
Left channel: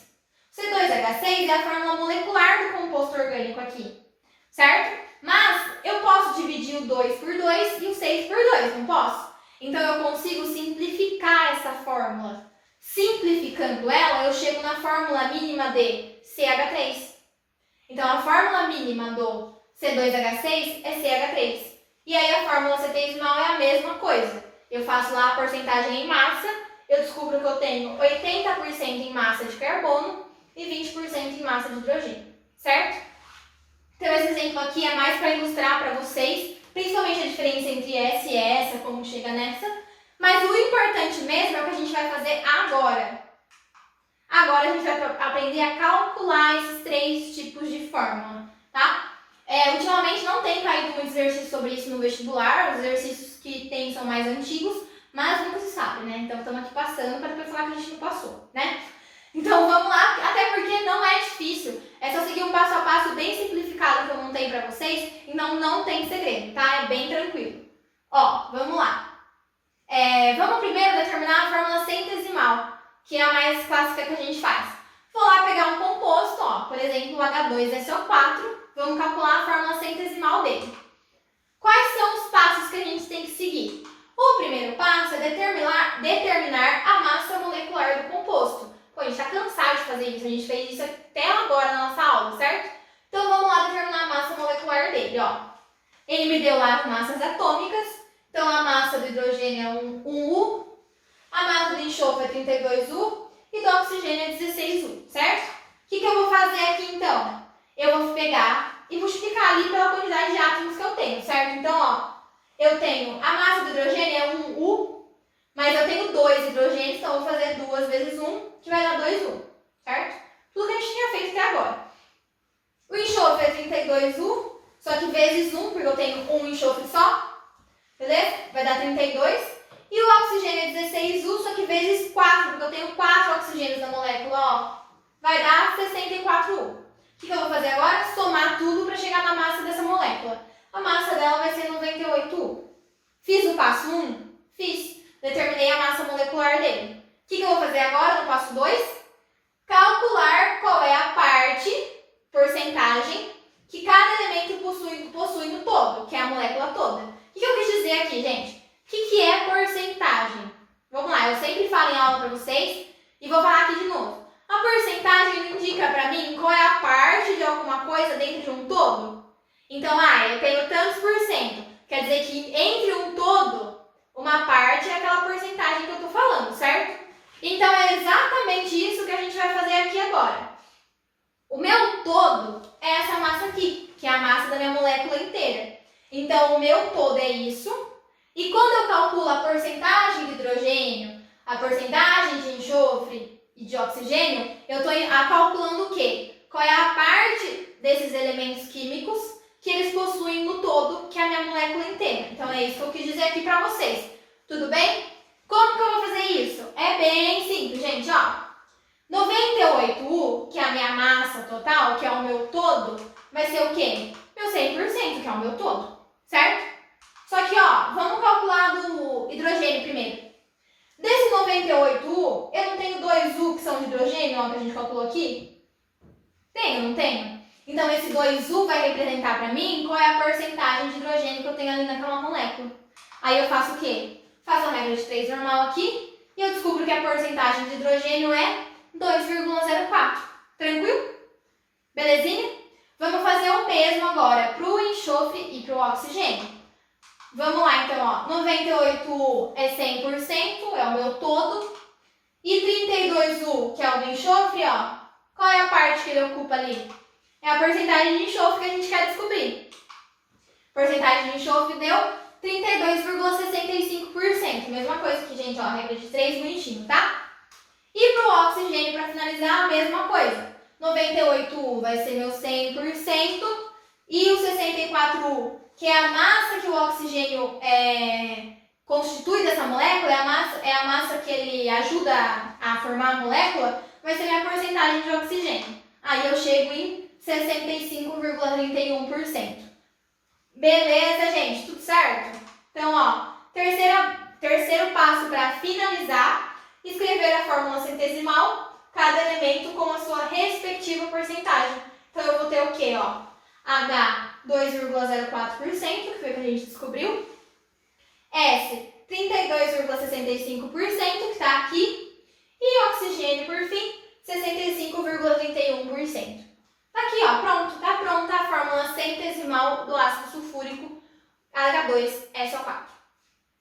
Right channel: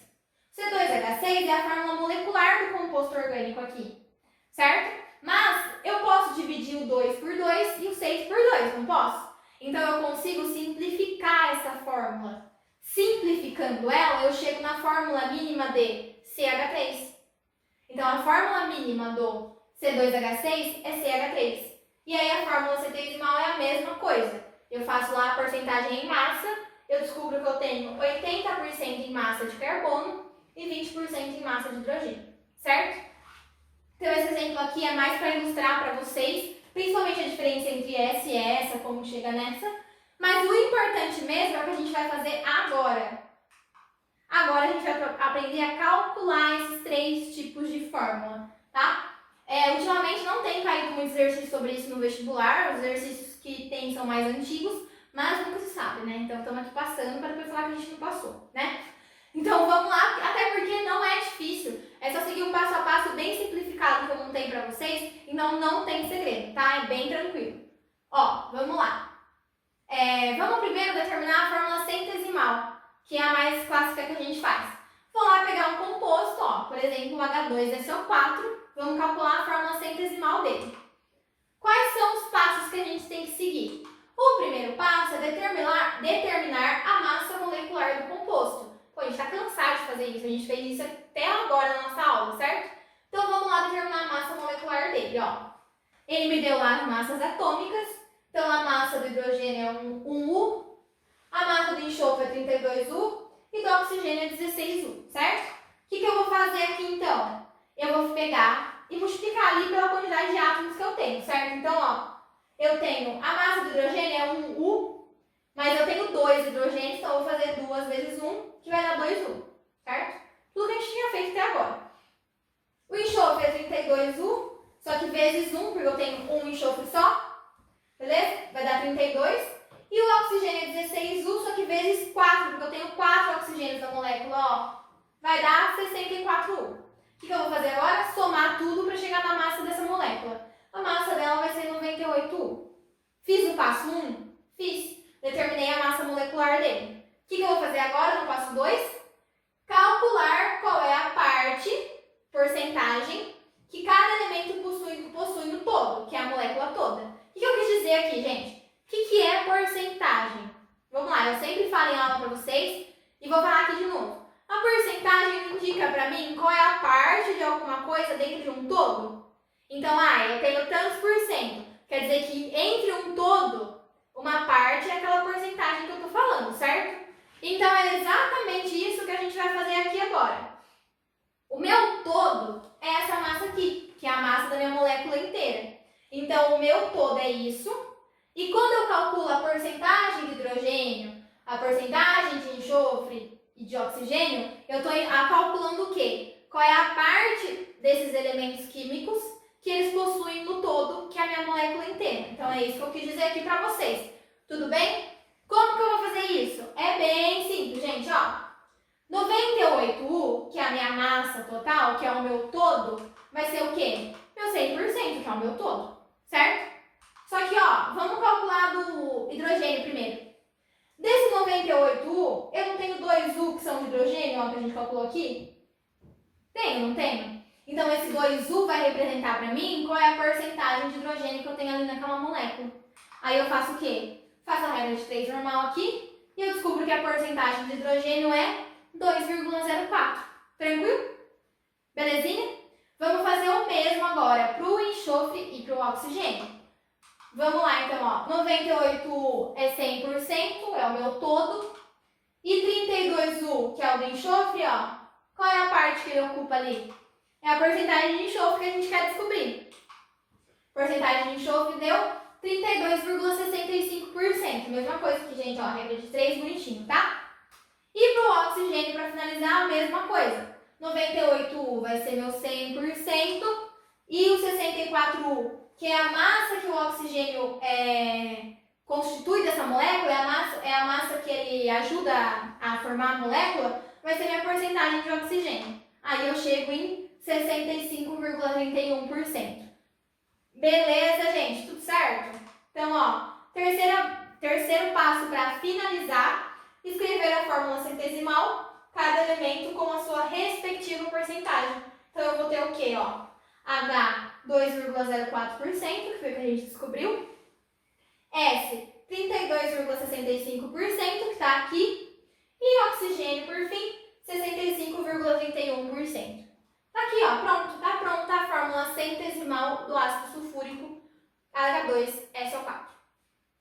C2H6 é a fórmula molecular do composto orgânico aqui. Certo? Mas eu posso dividir o 2 por 2 e o 6 por 2, não posso? Então eu consigo simplificar essa fórmula. Simplificando ela, eu chego na fórmula mínima de CH3. Então a fórmula mínima do C2H6 é CH3. E aí a fórmula centesimal é a mesma coisa. Eu faço lá a porcentagem em massa, eu descubro que eu tenho 80% em massa de carbono e 20% em massa de hidrogênio, certo? Então esse exemplo aqui é mais para ilustrar para vocês, principalmente a diferença entre essa e essa, como chega nessa. Mas o importante mesmo é o que a gente vai fazer agora. Agora a gente vai aprender a calcular esses 3 tipos de fórmula, tá? Ultimamente não tem caído muitos exercícios sobre isso no vestibular, os exercícios que tem são mais antigos, mas nunca se sabe, né? Então estamos aqui passando para depois falar que a gente não passou, né? Então vamos lá, até porque não é difícil, é só seguir um passo a passo bem simplificado que eu montei para vocês, então não tem segredo, tá? É bem tranquilo. Ó, vamos lá. Vamos primeiro determinar a fórmula centesimal, que é a mais clássica que a gente faz. Vou lá pegar um composto, ó, por exemplo, o H2SO4, vamos calcular a fórmula centesimal dele. Quais são os passos que a gente tem que seguir? O primeiro passo é determinar a massa molecular do composto. Pô, a gente está cansado de fazer isso, a gente fez isso até agora na nossa aula, certo? Então vamos lá determinar a massa molecular dele, ó. Ele me deu lá as massas atômicas, então a massa do hidrogênio é 1U, a massa do enxofre é 32U e do oxigênio é 16U, certo? O que eu vou fazer aqui então? Eu vou pegar e multiplicar ali pela quantidade de átomos que eu tenho, certo? Então, ó, eu tenho a massa do hidrogênio é 1U, mas eu tenho 2 hidrogênios, então eu vou fazer 2 vezes 1, que vai dar 2U, certo? Tudo que a gente tinha feito até agora. O enxofre é 32U, só que vezes 1, porque eu tenho um enxofre só, beleza? Vai dar 32. E o oxigênio é 16U, só que vezes 4, porque eu tenho 4 oxigênios na molécula, ó. Vai dar 64U. O que eu vou fazer agora? Somar tudo para chegar na massa dessa molécula. A massa dela vai ser 98U. Fiz o passo 1? Fiz. Determinei a massa molecular dele. O que eu vou fazer agora no passo 2? Calcular qual é a parte, porcentagem, que cada elemento possui no todo, que é a molécula toda. O que eu quis dizer aqui, gente? O que é porcentagem? Vamos lá, eu sempre falo em aula para vocês e vou falar aqui de novo. A porcentagem indica para mim qual é a parte de alguma coisa dentro de um todo. Então, eu tenho tantos por cento. Quer dizer que entre um todo, uma parte é aquela porcentagem que eu estou falando, certo? Então, é exatamente isso que a gente vai fazer aqui agora. O meu todo é essa massa aqui, que é a massa da minha molécula inteira. Então, o meu todo é isso. E quando eu calculo a porcentagem de hidrogênio, a porcentagem de enxofre e de oxigênio, eu estou calculando o quê? Qual é a parte desses elementos químicos que eles possuem no todo, que é a minha molécula inteira. Então é isso que eu quis dizer aqui para vocês. Tudo bem? Como que eu vou fazer isso? É bem simples, gente, ó. 98U, que é a minha massa total, que é o meu todo, vai ser o quê? Meu 100%, que é o meu todo, certo? Só que, ó, vamos calcular do hidrogênio primeiro. Desse 98U, eu não tenho 2U que são de hidrogênio, ó, que a gente calculou aqui? Tenho, não tenho? Então, esse 2U vai representar para mim qual é a porcentagem de hidrogênio que eu tenho ali naquela molécula. Aí eu faço o quê? Faço a regra de 3 normal aqui e eu descubro que a porcentagem de hidrogênio é 2,04. Tranquilo? Belezinha? Vamos fazer o mesmo agora para o enxofre e para o oxigênio. Vamos lá, então, ó. 98U é 100%, é o meu todo. E 32U, que é o do enxofre, ó. Qual é a parte que ele ocupa ali? É a porcentagem de enxofre que a gente quer descobrir. Porcentagem de enxofre deu 32,65%. Mesma coisa que, gente, ó, regra de 3, bonitinho, tá? E para o oxigênio, para finalizar, a mesma coisa. 98U vai ser meu 100%. E o 64U, que é a massa que o oxigênio constitui dessa molécula, é a massa que ele ajuda a formar a molécula, vai ser minha porcentagem de oxigênio. Aí eu chego em 65,31%. Beleza, gente? Tudo certo? Então, ó, terceiro passo para finalizar, escrever a fórmula centesimal, cada elemento com a sua respectiva porcentagem. Então, eu vou ter o quê, ó? H, 2,04%, que foi o que a gente descobriu. S, 32,65%, que está aqui. E oxigênio, por fim, 65,31%. Tá aqui, ó, pronto. Tá pronta a fórmula centesimal do ácido sulfúrico H2SO4.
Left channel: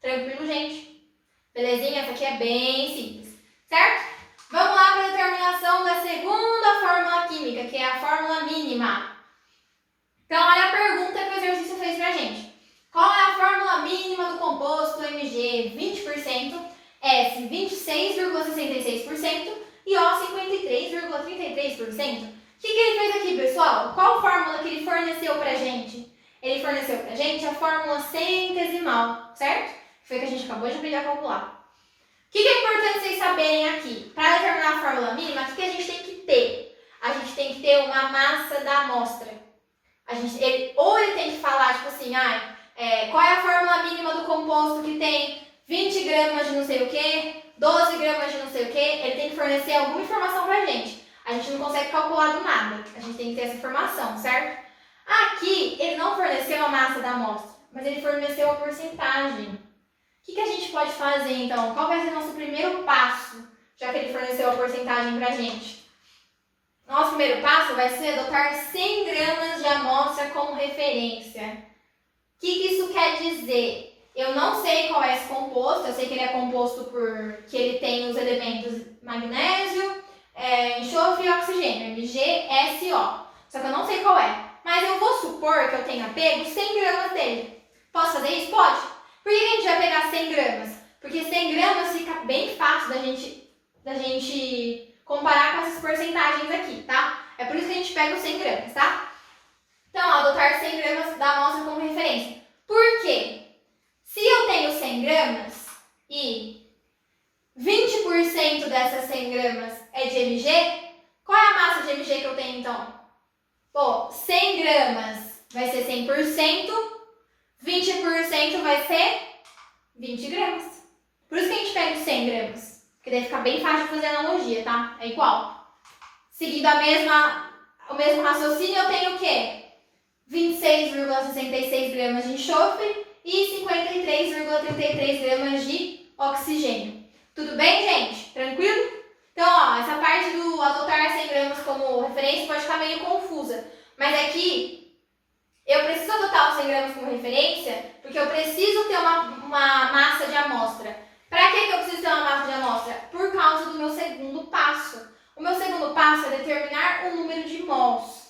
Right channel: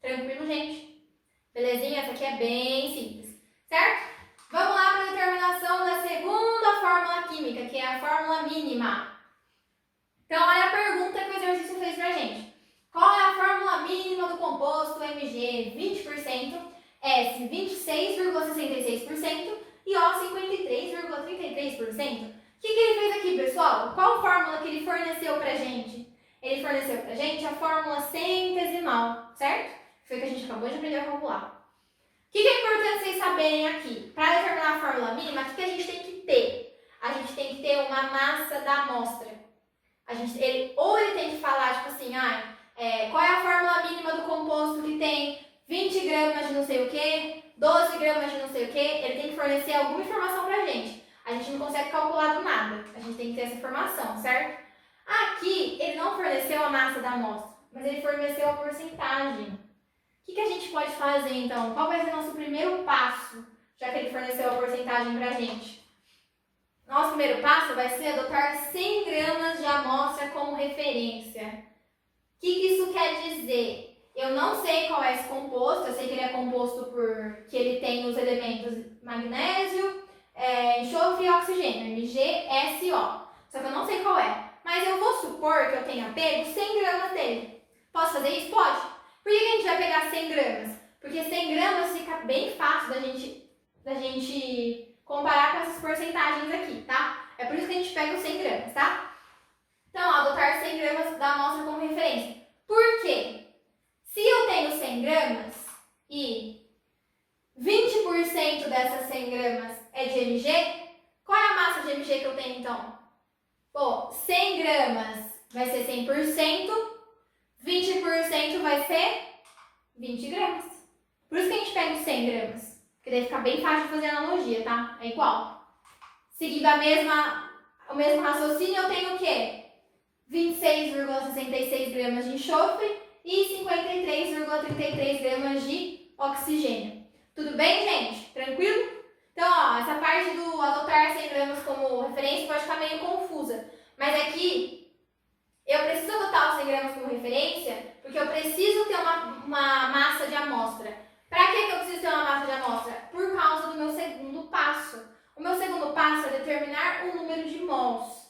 Tranquilo, gente? Belezinha? Essa aqui é bem simples, certo? Vamos lá para a determinação da segunda fórmula química, que é a fórmula mínima. Então, olha a pergunta que o exercício fez pra gente. Qual é a fórmula mínima do composto Mg 20%, S 26,66% e O 53,33%? O que ele fez aqui, pessoal? Qual fórmula que ele forneceu pra gente? Ele forneceu pra gente a fórmula centesimal, certo? Foi o que a gente acabou de aprender a calcular. O que é importante vocês saberem aqui? Para determinar a fórmula mínima, o que a gente tem que ter? A gente tem que ter uma massa da amostra. Ou ele tem que falar, tipo assim, qual é a fórmula mínima do composto que tem 20 gramas de não sei o que, 12 gramas de não sei o que, ele tem que fornecer alguma informação pra gente. A gente não consegue calcular do nada, a gente tem que ter essa informação, certo? Aqui, ele não forneceu a massa da amostra, mas ele forneceu a porcentagem. O que a gente pode fazer, então? Qual vai ser o nosso primeiro passo, já que ele forneceu a porcentagem pra gente? Nosso primeiro passo vai ser adotar 100 gramas de amostra como referência. O que isso quer dizer? Eu não sei qual é esse composto, eu sei que ele é composto que ele tem os elementos magnésio, enxofre e oxigênio, MgSO. Só que eu não sei qual é. Mas eu vou supor que eu tenha pego 100 gramas dele. Posso fazer isso? Pode. Por que a gente vai pegar 100 gramas? Porque 100 gramas fica bem fácil da gente comparar com essas porcentagens aqui, tá? É por isso que a gente pega os 100 gramas, tá? Então, adotar 100 gramas da amostra como referência. Por quê? Se eu tenho 100 gramas e 20% dessas 100 gramas é de Mg, qual é a massa de Mg que eu tenho, então? Pô, 100 gramas vai ser 100%, 20% vai ser 20 gramas. Por isso que a gente pega os 100 gramas. Porque daí fica bem fácil de fazer analogia, tá? É igual. Seguindo o mesmo raciocínio, eu tenho o quê? 26,66 gramas de enxofre e 53,33 gramas de oxigênio. Tudo bem, gente? Tranquilo? Então, ó, essa parte do adotar 100 gramas como referência pode ficar meio confusa. Mas aqui, eu preciso adotar os 100 gramas como referência porque eu preciso ter uma massa de amostra. Para que eu preciso ter uma massa de amostra? Por causa do meu segundo passo. O meu segundo passo é determinar o número de mols.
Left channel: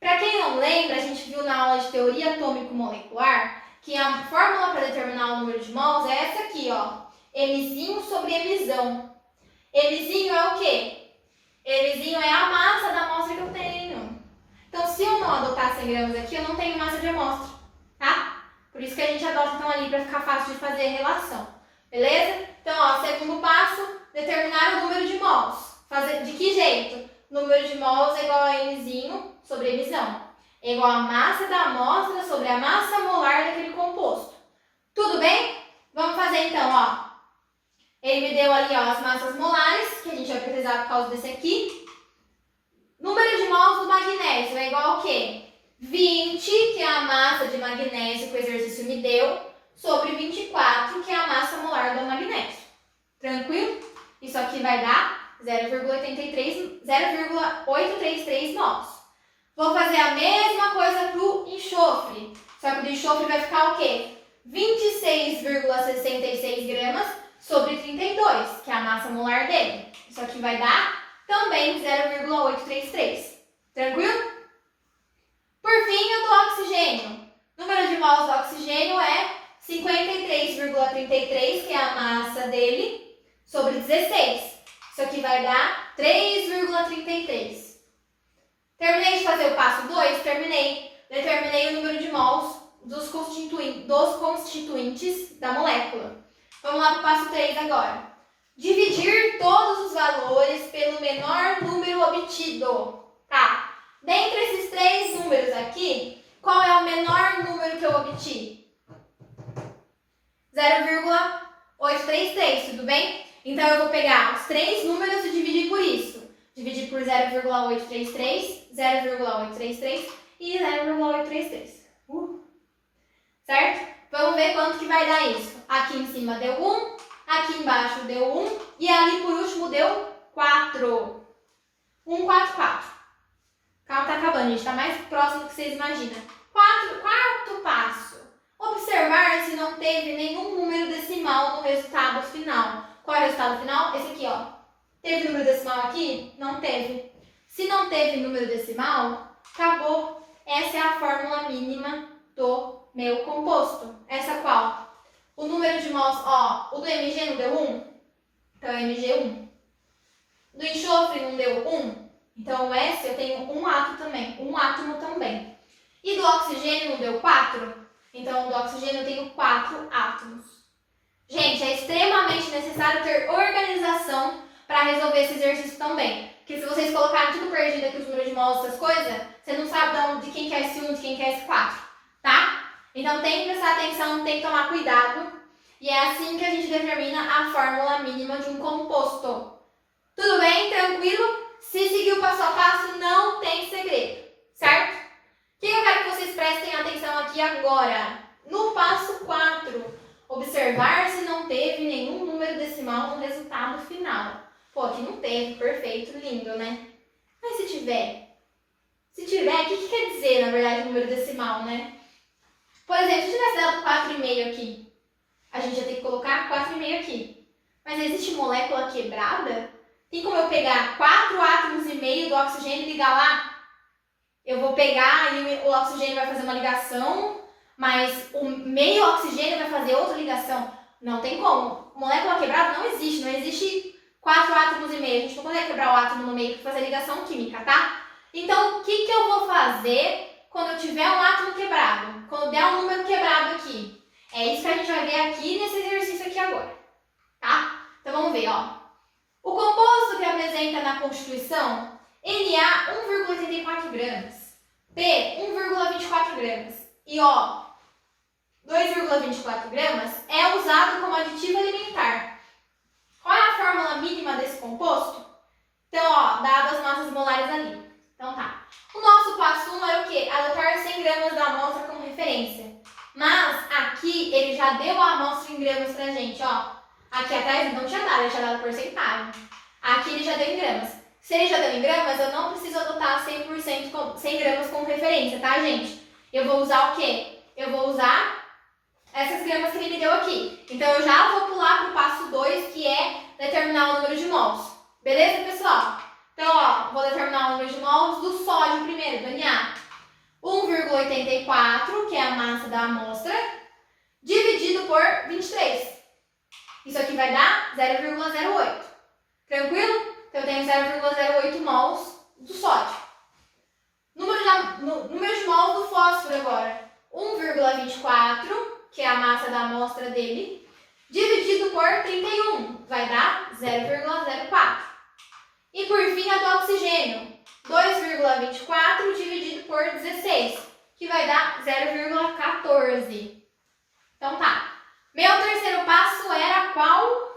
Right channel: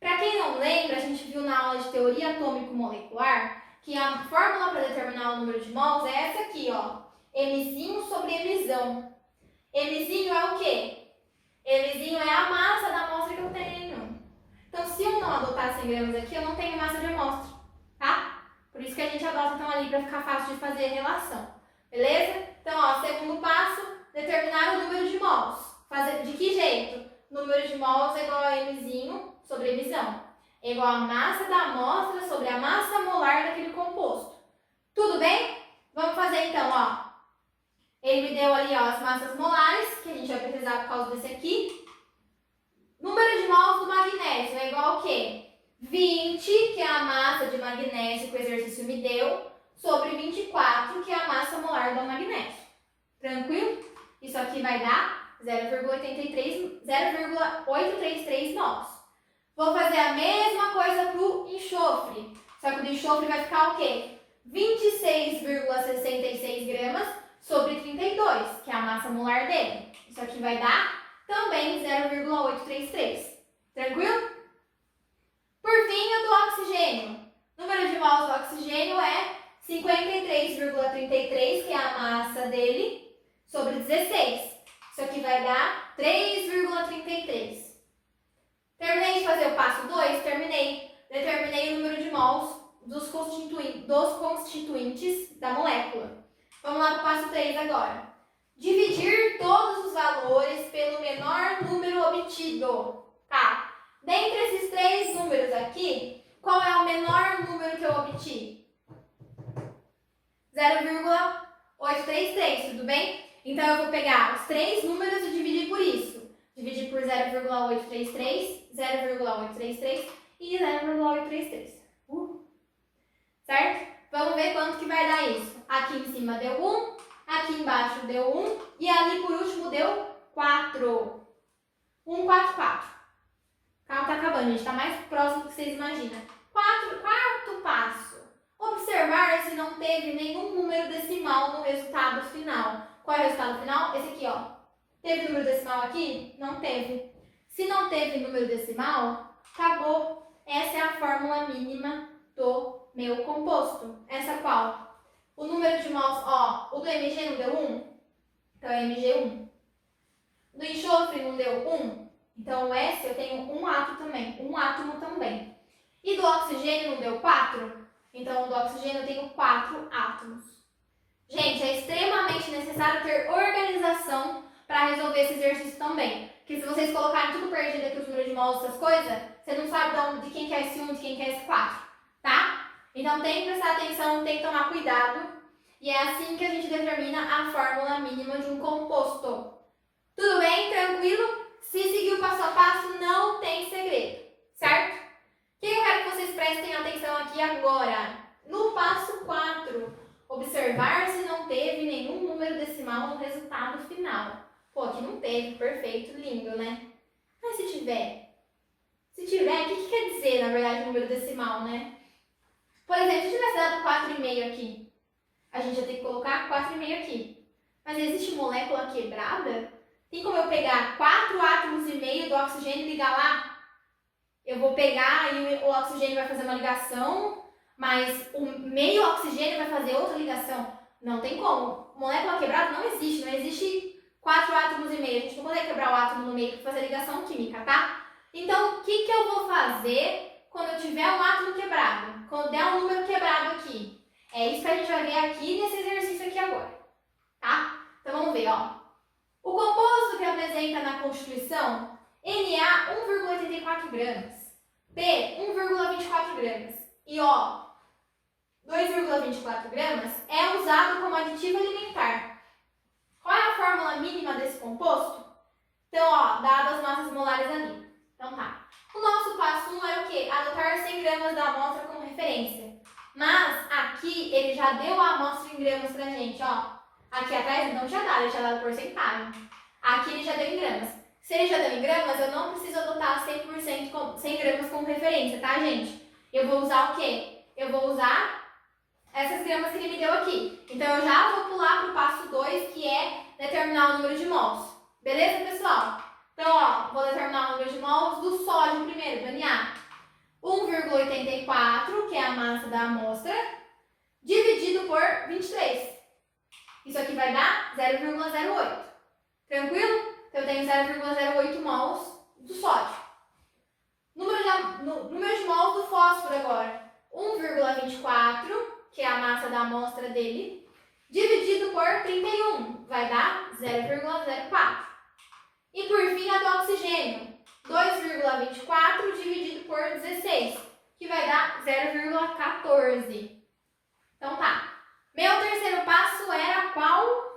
Para quem não lembra, a gente viu na aula de teoria atômico-molecular que a fórmula para determinar o número de mols é essa aqui, ó. Mzinho sobre Mzão. Mzinho é o quê? Mzinho é a massa da amostra que eu tenho. Então, se eu não 100 gramas aqui, eu não tenho massa de amostra, tá? Por isso que a gente adota então ali para ficar fácil de fazer a relação, beleza? Então, ó, segundo passo, determinar o número de mols. Fazer de que jeito? Número de mols é igual a Mzinho sobre emissão. É igual a massa da amostra sobre a massa molar daquele composto. Tudo bem? Vamos fazer então, ó. Ele me deu ali, ó, as massas molares, que a gente vai precisar por causa desse aqui. Número de mols do magnésio é igual ao quê? 20, que é a massa de magnésio que o exercício me deu, sobre 24, que é a massa molar do magnésio. Tranquilo? Isso aqui vai dar 0,833 mols. Vou fazer a mesma coisa para o enxofre, só que o do enxofre vai ficar o quê? 26,66 gramas sobre 32, que é a massa molar dele. Isso aqui vai dar também 0,833. Tranquilo? Por fim, o do oxigênio. O número de mols do oxigênio é 53,33, que é a massa dele, sobre 16. Isso aqui vai dar 3,33. Terminei de fazer o passo 2? Terminei. Determinei o número de mols dos constituintes da molécula. Vamos lá para o passo 3 agora. Dividir todos os valores pelo menor número obtido. Tá. Dentre esses 3 números aqui, qual é o menor número que eu obti? 0,833, tudo bem? Então, eu vou pegar os 3 números e dividir por isso. Dividir por 0,833, 0,833 e 0,833. Certo? Vamos ver quanto que vai dar isso. Aqui em cima deu 1, aqui embaixo deu 1 e ali por último deu 4. 1, 4, 4. Calma, tá acabando, gente. Tá mais próximo do que vocês imaginam. Quarto passo. Observar se não teve nenhum número decimal no resultado final. Qual é o resultado final? Esse aqui, ó. Teve número decimal aqui? Não teve. Se não teve número decimal, acabou. Essa é a fórmula mínima do meu composto. Essa qual? O número de mols, ó, o do Mg não deu 1? Então é Mg1. Do enxofre não deu 1? Então o S eu tenho um átomo também. E do oxigênio não deu 4? Então do oxigênio eu tenho 4 átomos. Gente, é extremamente necessário ter organização para resolver esse exercício também. Porque se vocês colocarem tudo perdido aqui, os números de mols, essas coisas, você não sabe de quem que é S1, de quem que é S4, tá? Então tem que prestar atenção, tem que tomar cuidado. E é assim que a gente determina a fórmula mínima de um composto. Tudo bem? Tranquilo? Se seguir o passo a passo, não tem segredo, certo? O que eu quero que vocês prestem atenção aqui agora? No passo 4, observar se não teve nenhum número decimal no resultado final. Pô, aqui não teve, perfeito, lindo, né? Mas se tiver? Se tiver, o que quer dizer, na verdade, número decimal, né? Por exemplo, se tivesse dado 4,5 aqui, a gente ia ter que colocar 4,5 aqui. Mas existe molécula quebrada? Tem como eu pegar 4 átomos e meio do oxigênio e ligar lá? Eu vou pegar e o oxigênio vai fazer uma ligação, mas o meio oxigênio vai fazer outra ligação. Não tem como. Molécula quebrada não existe 4 átomos e meio. A gente não consegue quebrar o átomo no meio para fazer ligação química, tá? Então, o que eu vou fazer quando eu tiver um átomo quebrado? Quando der um número quebrado aqui? É isso que a gente vai ver aqui nesse exercício aqui agora, tá? Então, vamos ver, ó. O composto que apresenta na Constituição, Na 1,84 gramas, P 1,24 gramas e O 2,24 gramas é usado como aditivo alimentar. Qual é a fórmula mínima desse composto? Então, ó, dado as massas molares ali. Então tá. O nosso passo 1 era o quê? Adotar 100 gramas da amostra como referência. Mas aqui ele já deu a amostra em gramas pra gente, ó. Aqui atrás ele não tinha dado, ele tinha dado porcentagem. Aqui ele já deu em gramas. Se ele já deu em gramas, eu não preciso adotar 100% 100 gramas como referência, tá, gente? Eu vou usar o quê? Eu vou usar essas gramas que ele me deu aqui. Então, eu já vou pular para o passo 2, que é determinar o número de mols. Beleza, pessoal? Então, ó, vou determinar o número de mols do sódio primeiro, do Na. 1,84, que é a massa da amostra, dividido por 23. Isso aqui vai dar 0,08. Tranquilo? Então, eu tenho 0,08 mols do sódio. Número de mols 0,24, que é a massa da amostra dele, dividido por 31, vai dar 0,04. E por fim, a do oxigênio, 2,24 dividido por 16, que vai dar 0,14. Então tá. Meu terceiro passo era qual?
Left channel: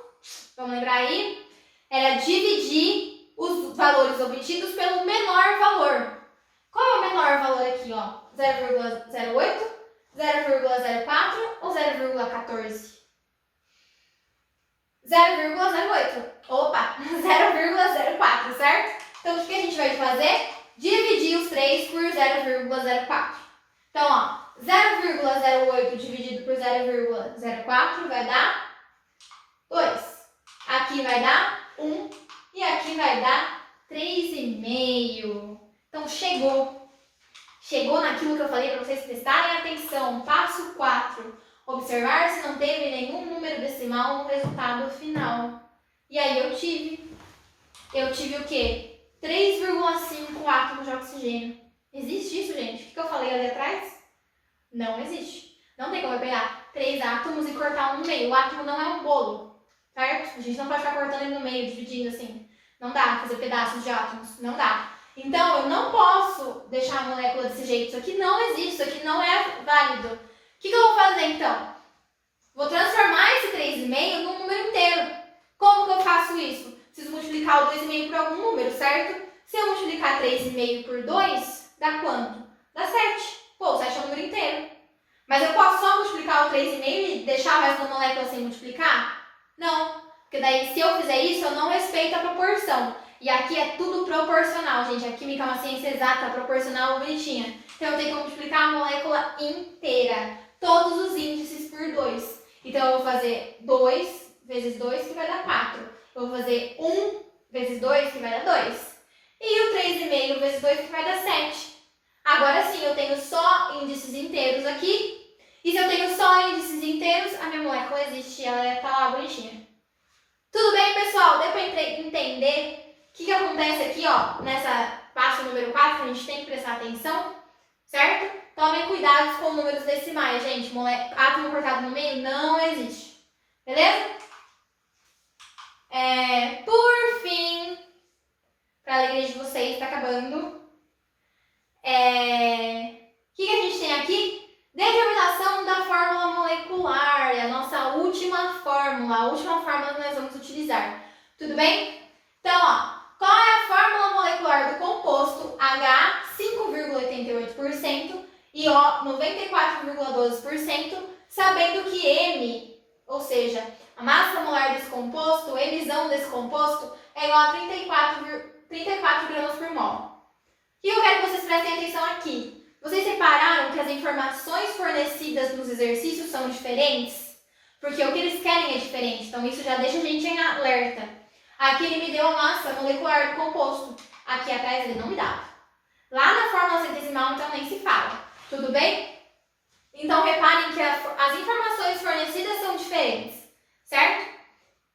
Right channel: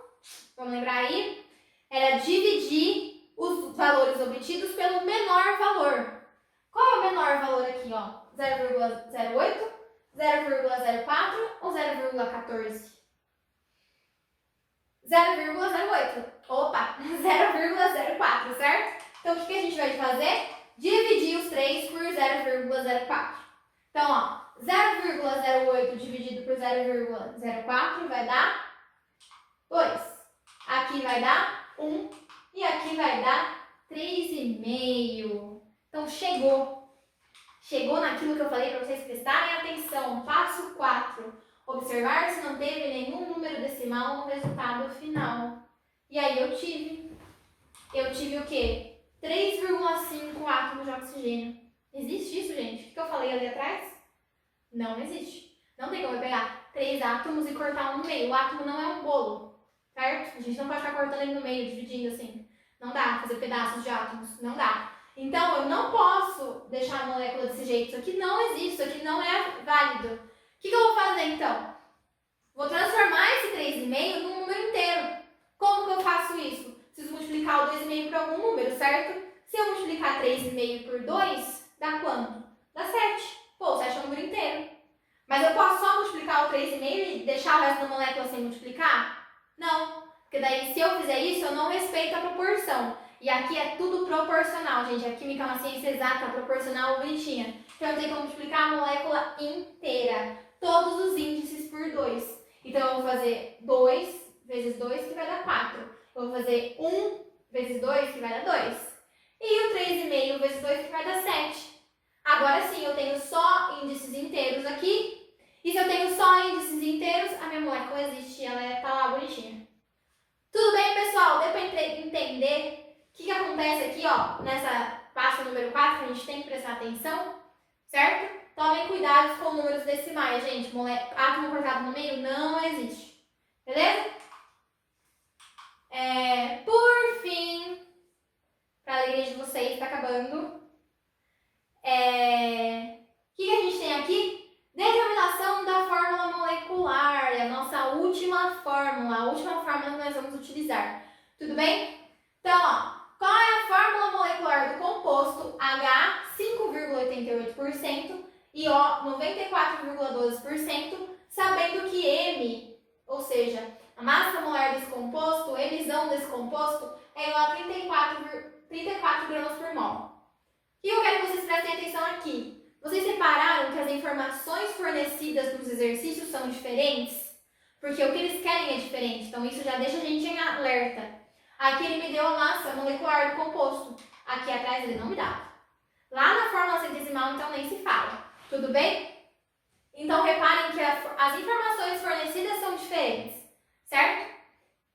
Vamos lembrar aí? Era dividir os valores obtidos pelo menor valor. Qual é o menor valor aqui, ó? 0,08, 0,04 ou 0,14? 0,08. Opa, 0,04, certo? Então, o que a gente vai fazer? Dividir os 3 por 0,04. Então, ó, 0,08 dividido por 0,04 vai dar 2. Aqui vai dar 1 e aqui vai dar 3,5. Então, chegou. Chegou naquilo que eu falei para vocês prestarem atenção. Passo 4. Observar se não teve nenhum número decimal no resultado final. E aí eu tive o quê? 3,5 átomos de oxigênio. Existe isso, gente? O que eu falei ali atrás? Não existe. Não tem como eu pegar 3 átomos e cortar um no meio. O átomo não é um bolo, certo? A gente não pode ficar cortando ele no meio, dividindo assim. Não dá, fazer pedaços de átomos. Não dá. Então, eu não posso deixar a molécula desse jeito. Isso aqui não existe, isso aqui não é válido. O que eu vou fazer, então? Vou transformar esse 3,5 num número inteiro. Como que eu faço isso? Preciso multiplicar o 2,5 por algum número, certo? Se eu multiplicar 3,5 por 2, dá quanto? Dá 7. Pô, o 7 é um número inteiro. Mas eu posso só multiplicar o 3,5 e deixar o resto da molécula sem multiplicar? Não. Porque daí, se eu fizer isso, eu não respeito a proporção. E aqui é tudo proporcional, gente. A química é uma ciência exata, proporcional, bonitinha. Então, eu tenho que multiplicar a molécula inteira. Todos os índices por 2. Então, eu vou fazer 2 vezes 2, que vai dar 4. Eu vou fazer 1 vezes 2, que vai dar 2. E o 3,5 vezes 2, que vai dar 7. Agora sim, eu tenho só índices inteiros aqui. E se eu tenho só índices inteiros, a minha molécula existe, ela está lá bonitinha. Tudo bem, pessoal? Deu para entender o que acontece aqui, ó, nessa passo número 4, a gente tem que prestar atenção, certo? Tomem cuidado com números decimais, gente. Átomo cortado no meio não existe. Beleza? Por fim, para a alegria de vocês, está acabando. O que a gente tem aqui? Determinação da fórmula molecular, a nossa última fórmula, a última fórmula que nós vamos utilizar. Tudo bem? Então, ó, qual é a fórmula molecular do composto H, 5,88% e O, 94,12%, sabendo que M, ou seja, a massa molar desse composto, a emissão desse composto, é igual a 34 gramas por mol. E eu quero que vocês prestem atenção aqui. Vocês repararam que as informações fornecidas nos exercícios são diferentes? Porque o que eles querem é diferente, então isso já deixa a gente em alerta. Aqui ele me deu a massa molecular do composto, aqui atrás ele não me dava. Lá na fórmula centesimal, então, nem se fala. Tudo bem? Então, reparem que as informações fornecidas são diferentes, certo?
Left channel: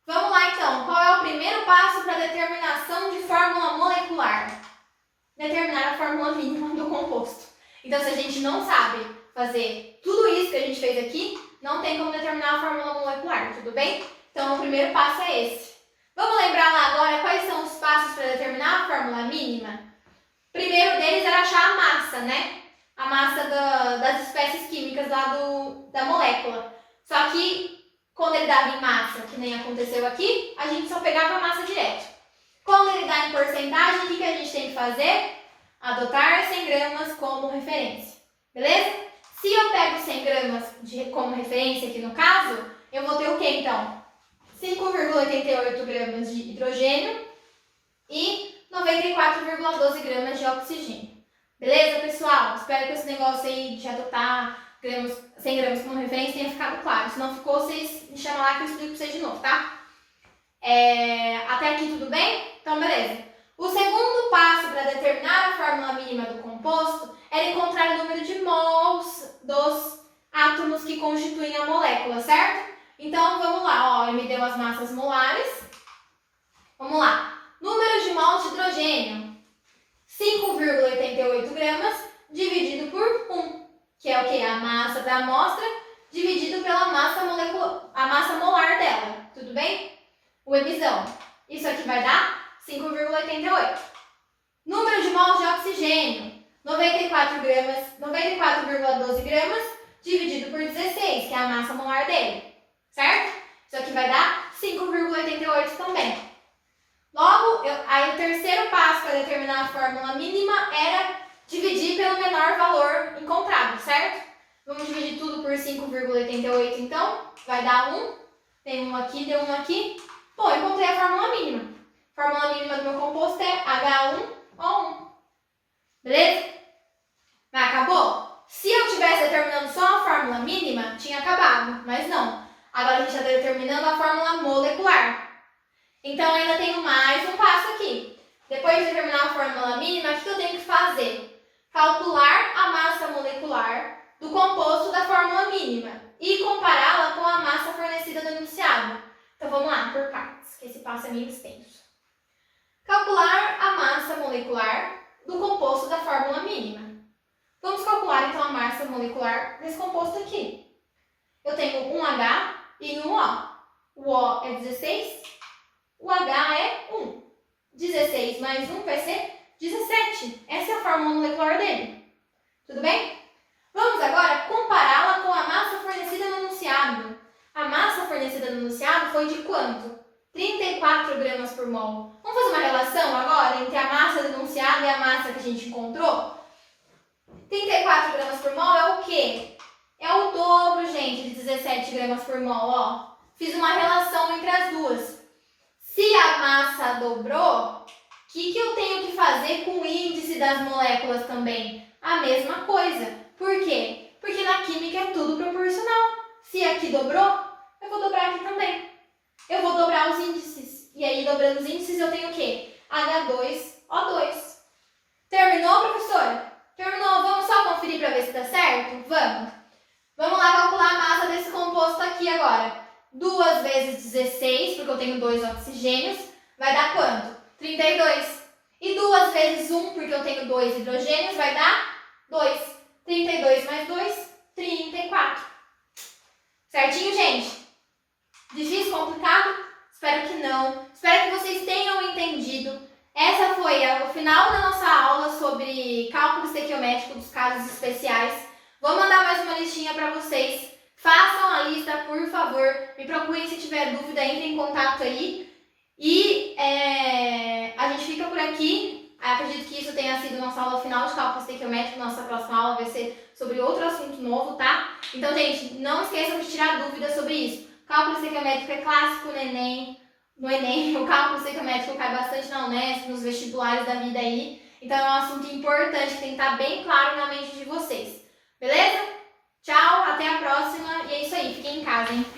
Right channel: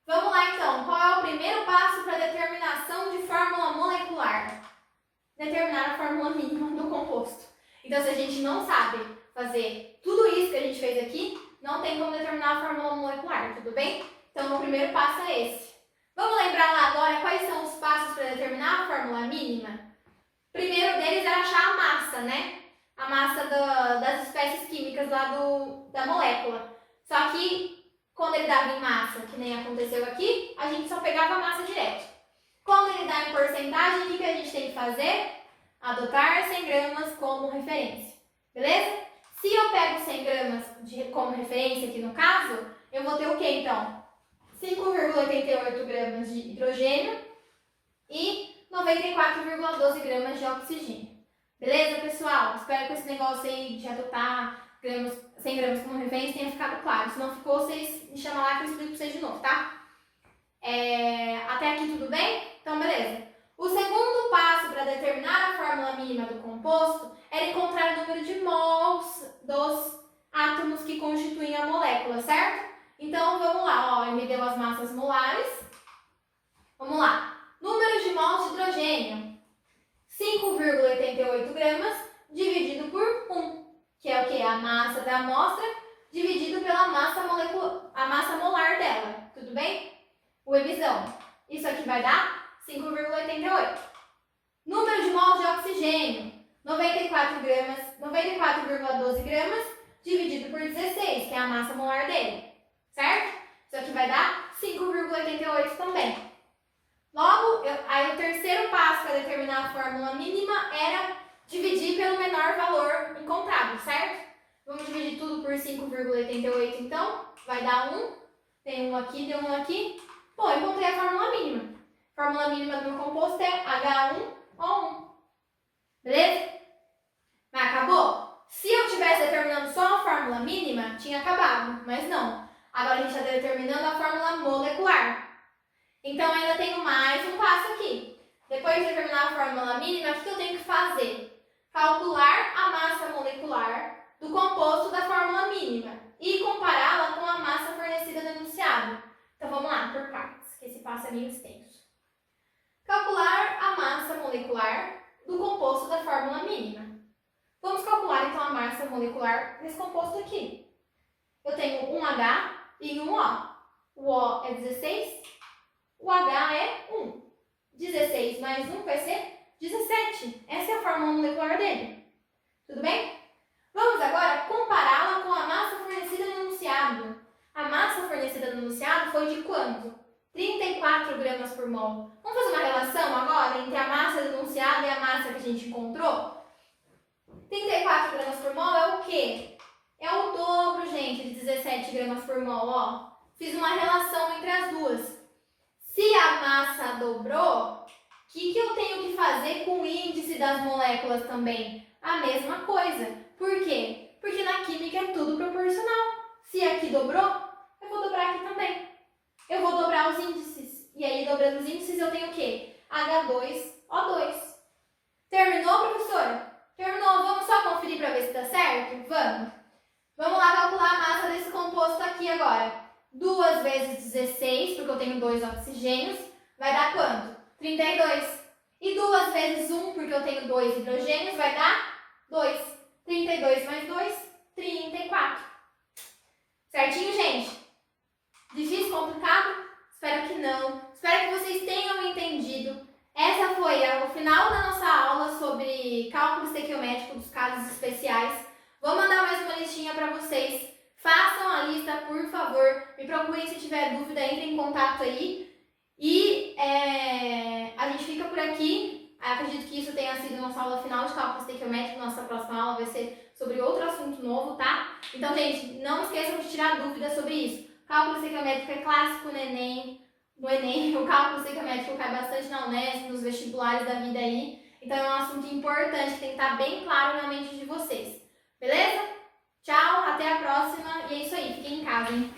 Vamos lá, então. Qual é o primeiro passo para a determinação de fórmula molecular? Determinar a fórmula mínima do composto. Então, se a gente não sabe fazer tudo isso que a gente fez aqui, não tem como determinar a fórmula molecular, tudo bem? Então, o primeiro passo é esse. Vamos lembrar lá agora quais são os passos para determinar a fórmula mínima? O primeiro deles era achar a massa, né? A massa das espécies químicas lá da molécula. Só que, quando ele dava em massa, que nem aconteceu aqui, a gente só pegava a massa direto. Quando ele dá em porcentagem, o que a gente tem que fazer? Adotar 100 gramas como referência. Beleza? Se eu pego 100 gramas como referência aqui no caso, eu vou ter o que então? 5,88 gramas de hidrogênio e 94,12 gramas de oxigênio. Beleza, pessoal? Espero que esse negócio aí de adotar 100 gramas como referência tenha ficado claro. Se não ficou, vocês me chamam lá que eu explico para vocês de novo, tá? Até aqui tudo bem? Então, beleza. O segundo passo para determinar a fórmula mínima do composto é encontrar o número de mols dos átomos que constituem a molécula, certo? Então, vamos lá. Ó, ele me deu as massas molares. Vamos lá. Número de mols de hidrogênio. 5,88 gramas dividido por 1. que é o quê? A massa da amostra dividido pela massa a massa molar dela, tudo bem? O ebizão. Isso aqui vai dar 5,88. Número de mols de oxigênio, 94,12 gramas dividido por 16, que é a massa molar dele, certo? Isso aqui vai dar 5,88 também. Logo, aí o terceiro passo para determinar a fórmula mínima era dividir pelo menor valor encontrado, certo? Vamos dividir tudo por 5,88 então, vai dar 1, tem um aqui, deu um aqui. Bom, eu encontrei a fórmula mínima. A fórmula mínima do meu composto é H1O1. Beleza? Mas acabou? Se eu estivesse determinando só a fórmula mínima, tinha acabado, mas não. Agora a gente está determinando a fórmula molecular. Então ainda tenho mais um passo aqui. Depois de determinar a fórmula mínima, o que eu tenho que fazer? Calcular a massa molecular do composto da fórmula mínima e compará-la com a massa fornecida no enunciado. Então vamos lá, por partes, que esse passo é meio extenso. Calcular a massa molecular do composto da fórmula mínima. Vamos calcular então a massa molecular desse composto aqui. Eu tenho um H e um O. O O é 16, o H é 1. 16 mais 1 vai ser 17. Essa é a fórmula molecular dele. Tudo bem? Vamos agora compará-la com a massa fornecida no enunciado. A massa fornecida no enunciado foi de quanto? 34 gramas por mol. Vamos fazer uma relação agora entre a massa do enunciado e a massa que a gente encontrou? 34 gramas por mol é o quê? É o dobro, gente, de 17 gramas por mol, ó. Fiz uma relação entre as duas. Se a massa dobrou, o que eu tenho que fazer com o índice das moléculas também? A mesma coisa. Por quê? Porque na química é tudo proporcional. Se aqui dobrou, eu vou dobrar aqui também. Eu vou dobrar os índices. E aí, dobrando os índices, eu tenho o quê? H2O2. Terminou, professora? Terminou. Vamos só conferir para ver se está certo? Vamos. Vamos lá calcular a massa desse composto aqui agora. 2 vezes 16, porque eu tenho 2 oxigênios, vai dar quanto? 32. E 2 vezes 1, porque eu tenho 2 hidrogênios, vai dar 2. 32 mais 2, 34. Certinho, gente? Difícil, complicado? Espero que não. Espero que vocês tenham entendido. Essa foi o final da nossa aula sobre cálculo estequiométrico dos casos especiais. Vou mandar mais uma listinha para vocês. Façam a lista, por favor. Me procurem se tiver dúvida, entrem em contato aí. E a gente fica por aqui. Acredito que isso tenha sido nossa aula final de cálculo estequiométrico. Nossa próxima aula vai ser sobre outro assunto novo, tá? Então, gente, não esqueçam de tirar dúvidas sobre isso. Cálculo estequiométrico é clássico no Enem. O cálculo estequiométrico cai bastante na Unesp, nos vestibulares da vida aí. Então, é um assunto importante que tem que estar bem claro na mente de vocês. Beleza? Tchau, até a próxima. E é isso aí, fiquem em casa, hein?